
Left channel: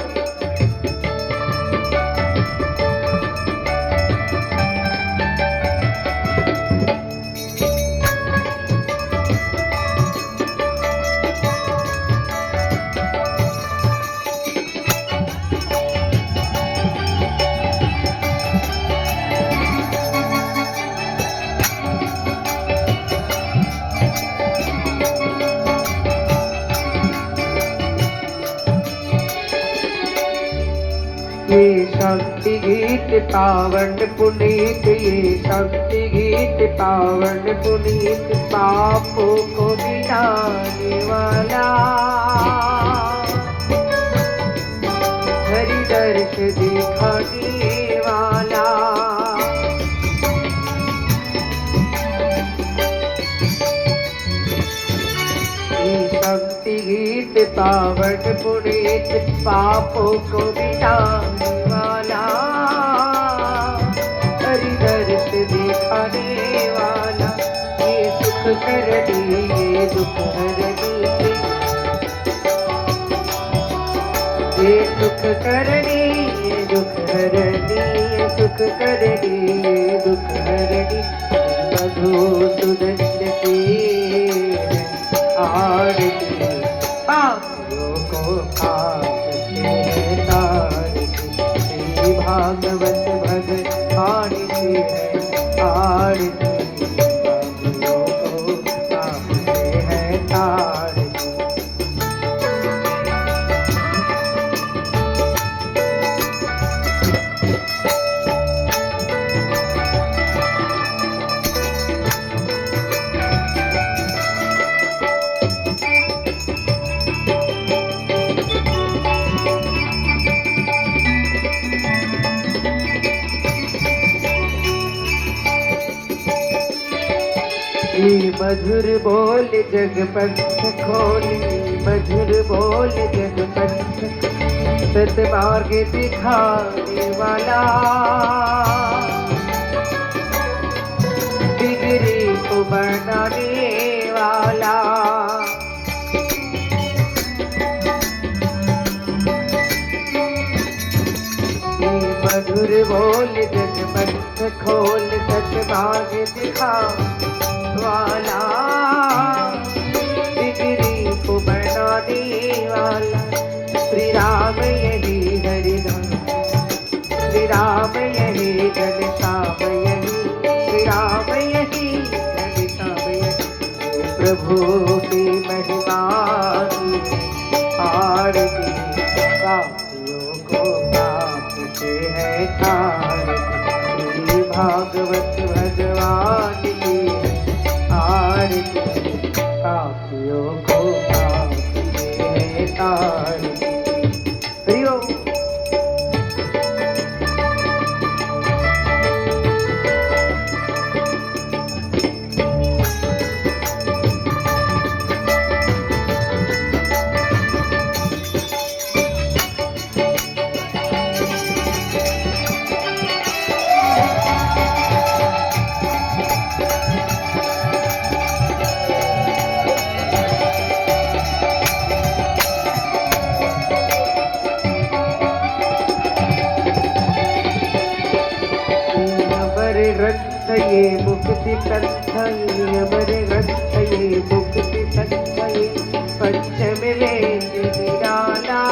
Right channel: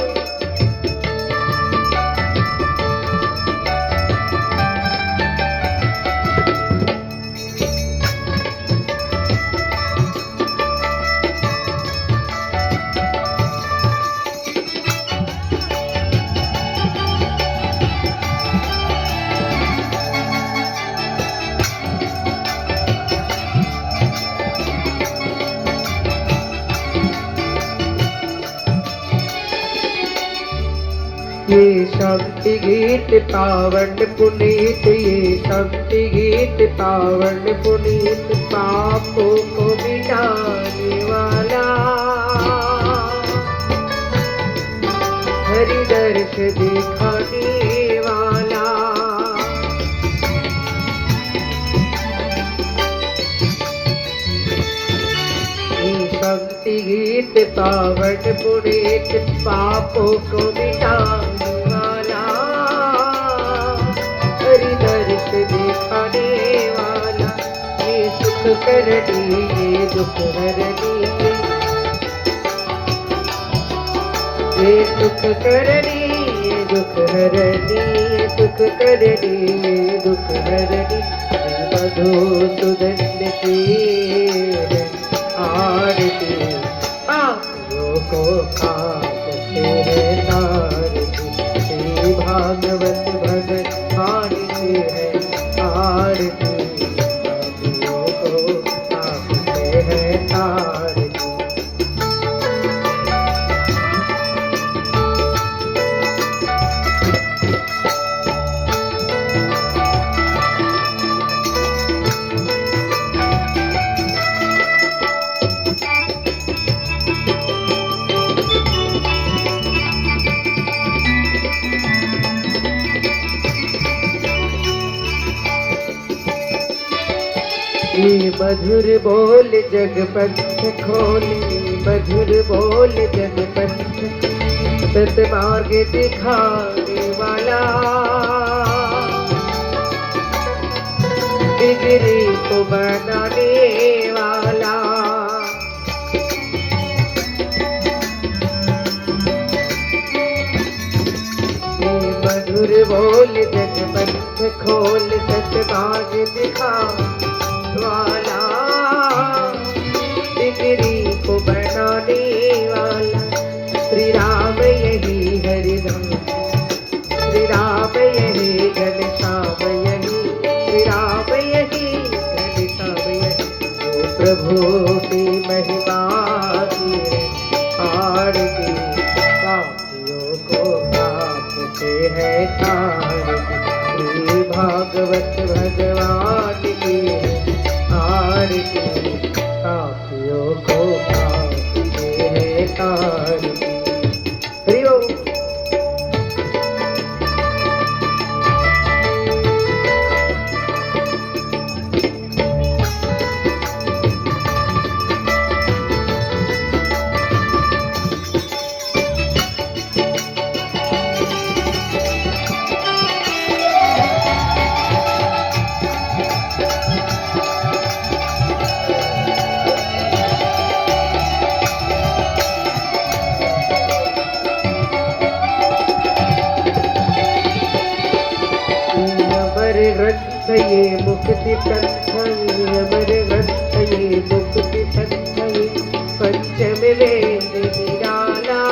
ये शांति गीत पावन पुनीत, ये शांति गीत पावन पुनीत, पापों को मिटाने वाला, हरि दर्श दिखाने वाला, भक्ति गीत पावन पुनीत पापों को मिटाने वाला हरि दर्श दिखाने वाला ये सुख करनी ये दुख हरनी ये सुख करनी ये दुख हरनी ये सुख करनी ये दुख हरनी मधुसूदन की आरती पापियों को पाप से है तारती श्री भागवत भगवान की है आरती पापियों को पाप से है तारती मधुर बोल जगपथ खोली मधुर बोल जगपथ सतमार्ग दिखाने वाला बिगड़ी को बनाने वाला मधुर बोल जगपथ खोल सतमार्ग दिखाने वाला बिगड़ी को बनाने वाला श्री राम यही हरिधाम श्री राम यही घनश्याम यही श्री राम यही घनश्याम यही प्रभु की महिमा की आरती पापियों को पाप से है तारती श्री भागवत भगवान की आरती पापियों को पाप से है तारती हरि ओम ये मुक्ति कंठ अमर ग्रंथ ये मुक्ति कंठ ये पंचम वेद निराला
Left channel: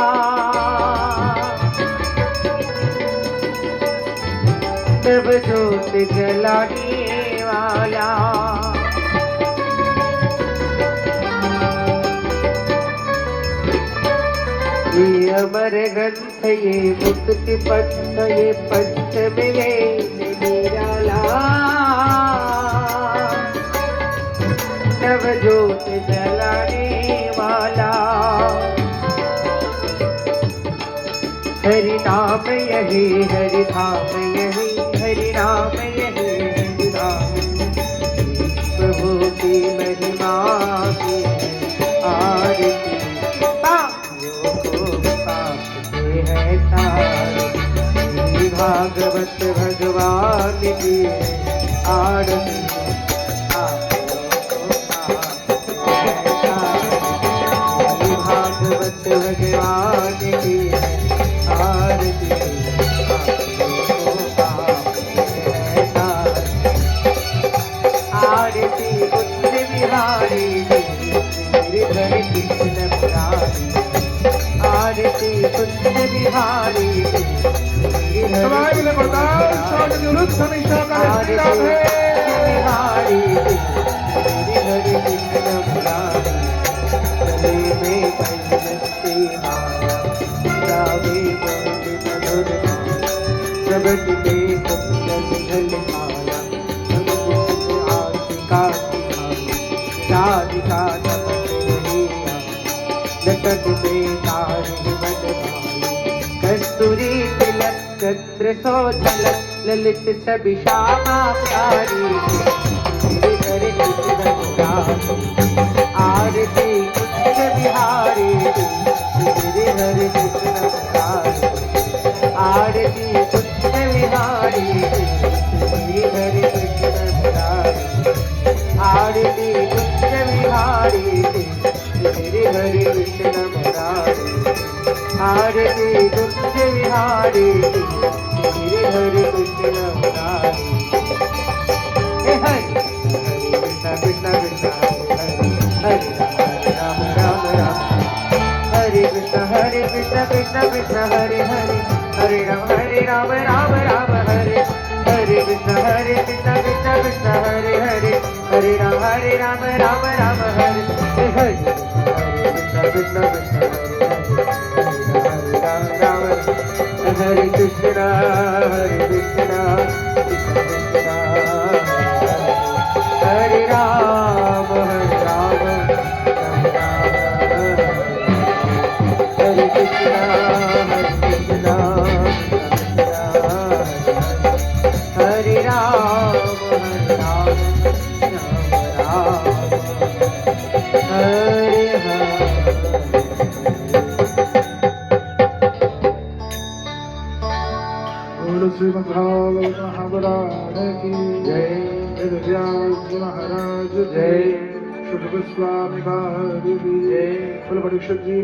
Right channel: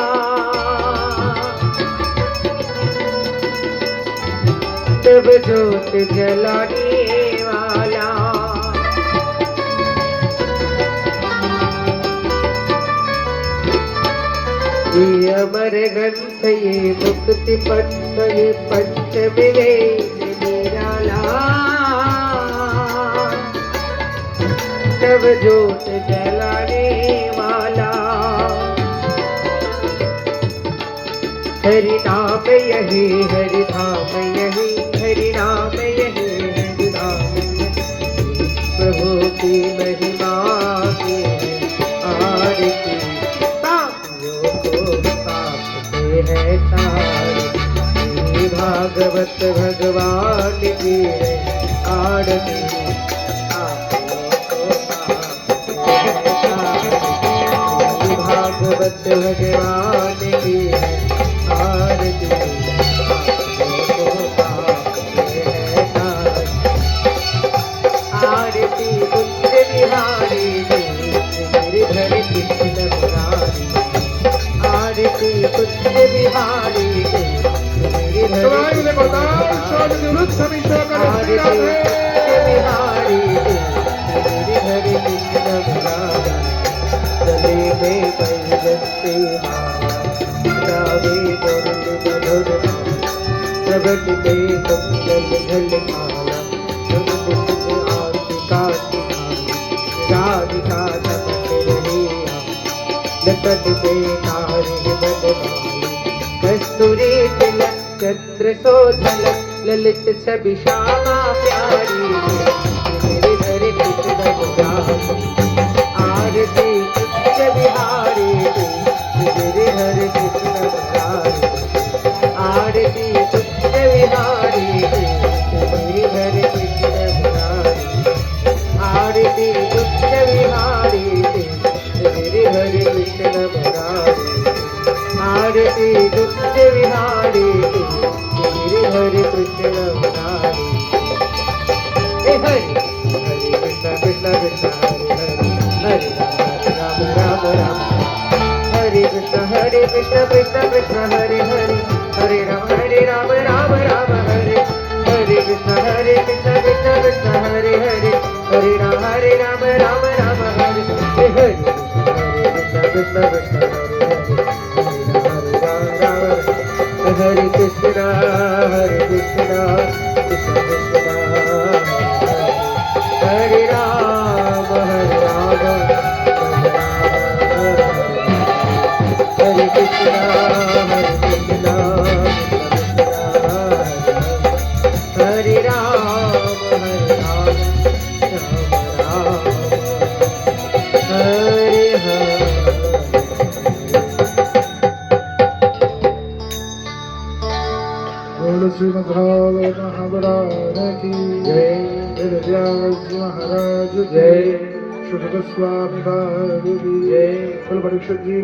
तब ज्योत जलाने वाला ये अमर ग्रंथ ये मुक्ति पंथ ये पंचम वेद निराला तब ज्योत जलाने वाला हरि नाम यही हरि धाम यही हरि नाम यही हरि धाम प्रभु की महिमा की आरती पापियों को पाप से है तारती भागवत भगवान की आरती भागवत भगवान की आरती आरती कुंज बिहारी गिरिधर कृष्ण मुरारी आरती कुंज बिहारी गिरिधर कृष्ण मुरारी गले में कैलस्ती माला गावे गरुड़ मधुर प्रगट में कुंडल झल माला प्रगट सुख आरती काटी राधिका चमक रही लटक पे तारी बनवाई कस्तूरी तिलक चंद्र सोझल ललित छवि श्यामा प्यारी गिरिधर कृष्ण मुरारी आरती कृष्ण बिहारी गिरि हरे कृष्ण मुरारी आरती कृष्ण बिहारी गिरि हरे कृष्ण मुरारी आरती कृष्ण बिहारी गिरि हरे कृष्ण मुरारी आरती कृष्ण बिहारी गिरि हरे कृष्ण मुरारी हे हरे कृष्ण कृष्ण कृष्ण हरे राम राम राम हरे कृष्ण कृष्ण कृष्ण हरे हरे हरे राम राम राम हरे हरे कृष्ण कृष्ण कृष्ण हरे हरे हरे राम राम राम हरे हे हरे कृष्ण कृष्ण कृष्ण हरे हरे हरे राम हरे कृष्ण कृष्ण कृष्ण हरे राम हरे राम हरे कृष्ण हरे राम राम राम हरे हरे बोलो श्रीमद्भागवत महापुराण की जय वेद व्यास जी महाराज की जय शुभ गोस्वामी महाराज की जय बोलो परीक्षित जी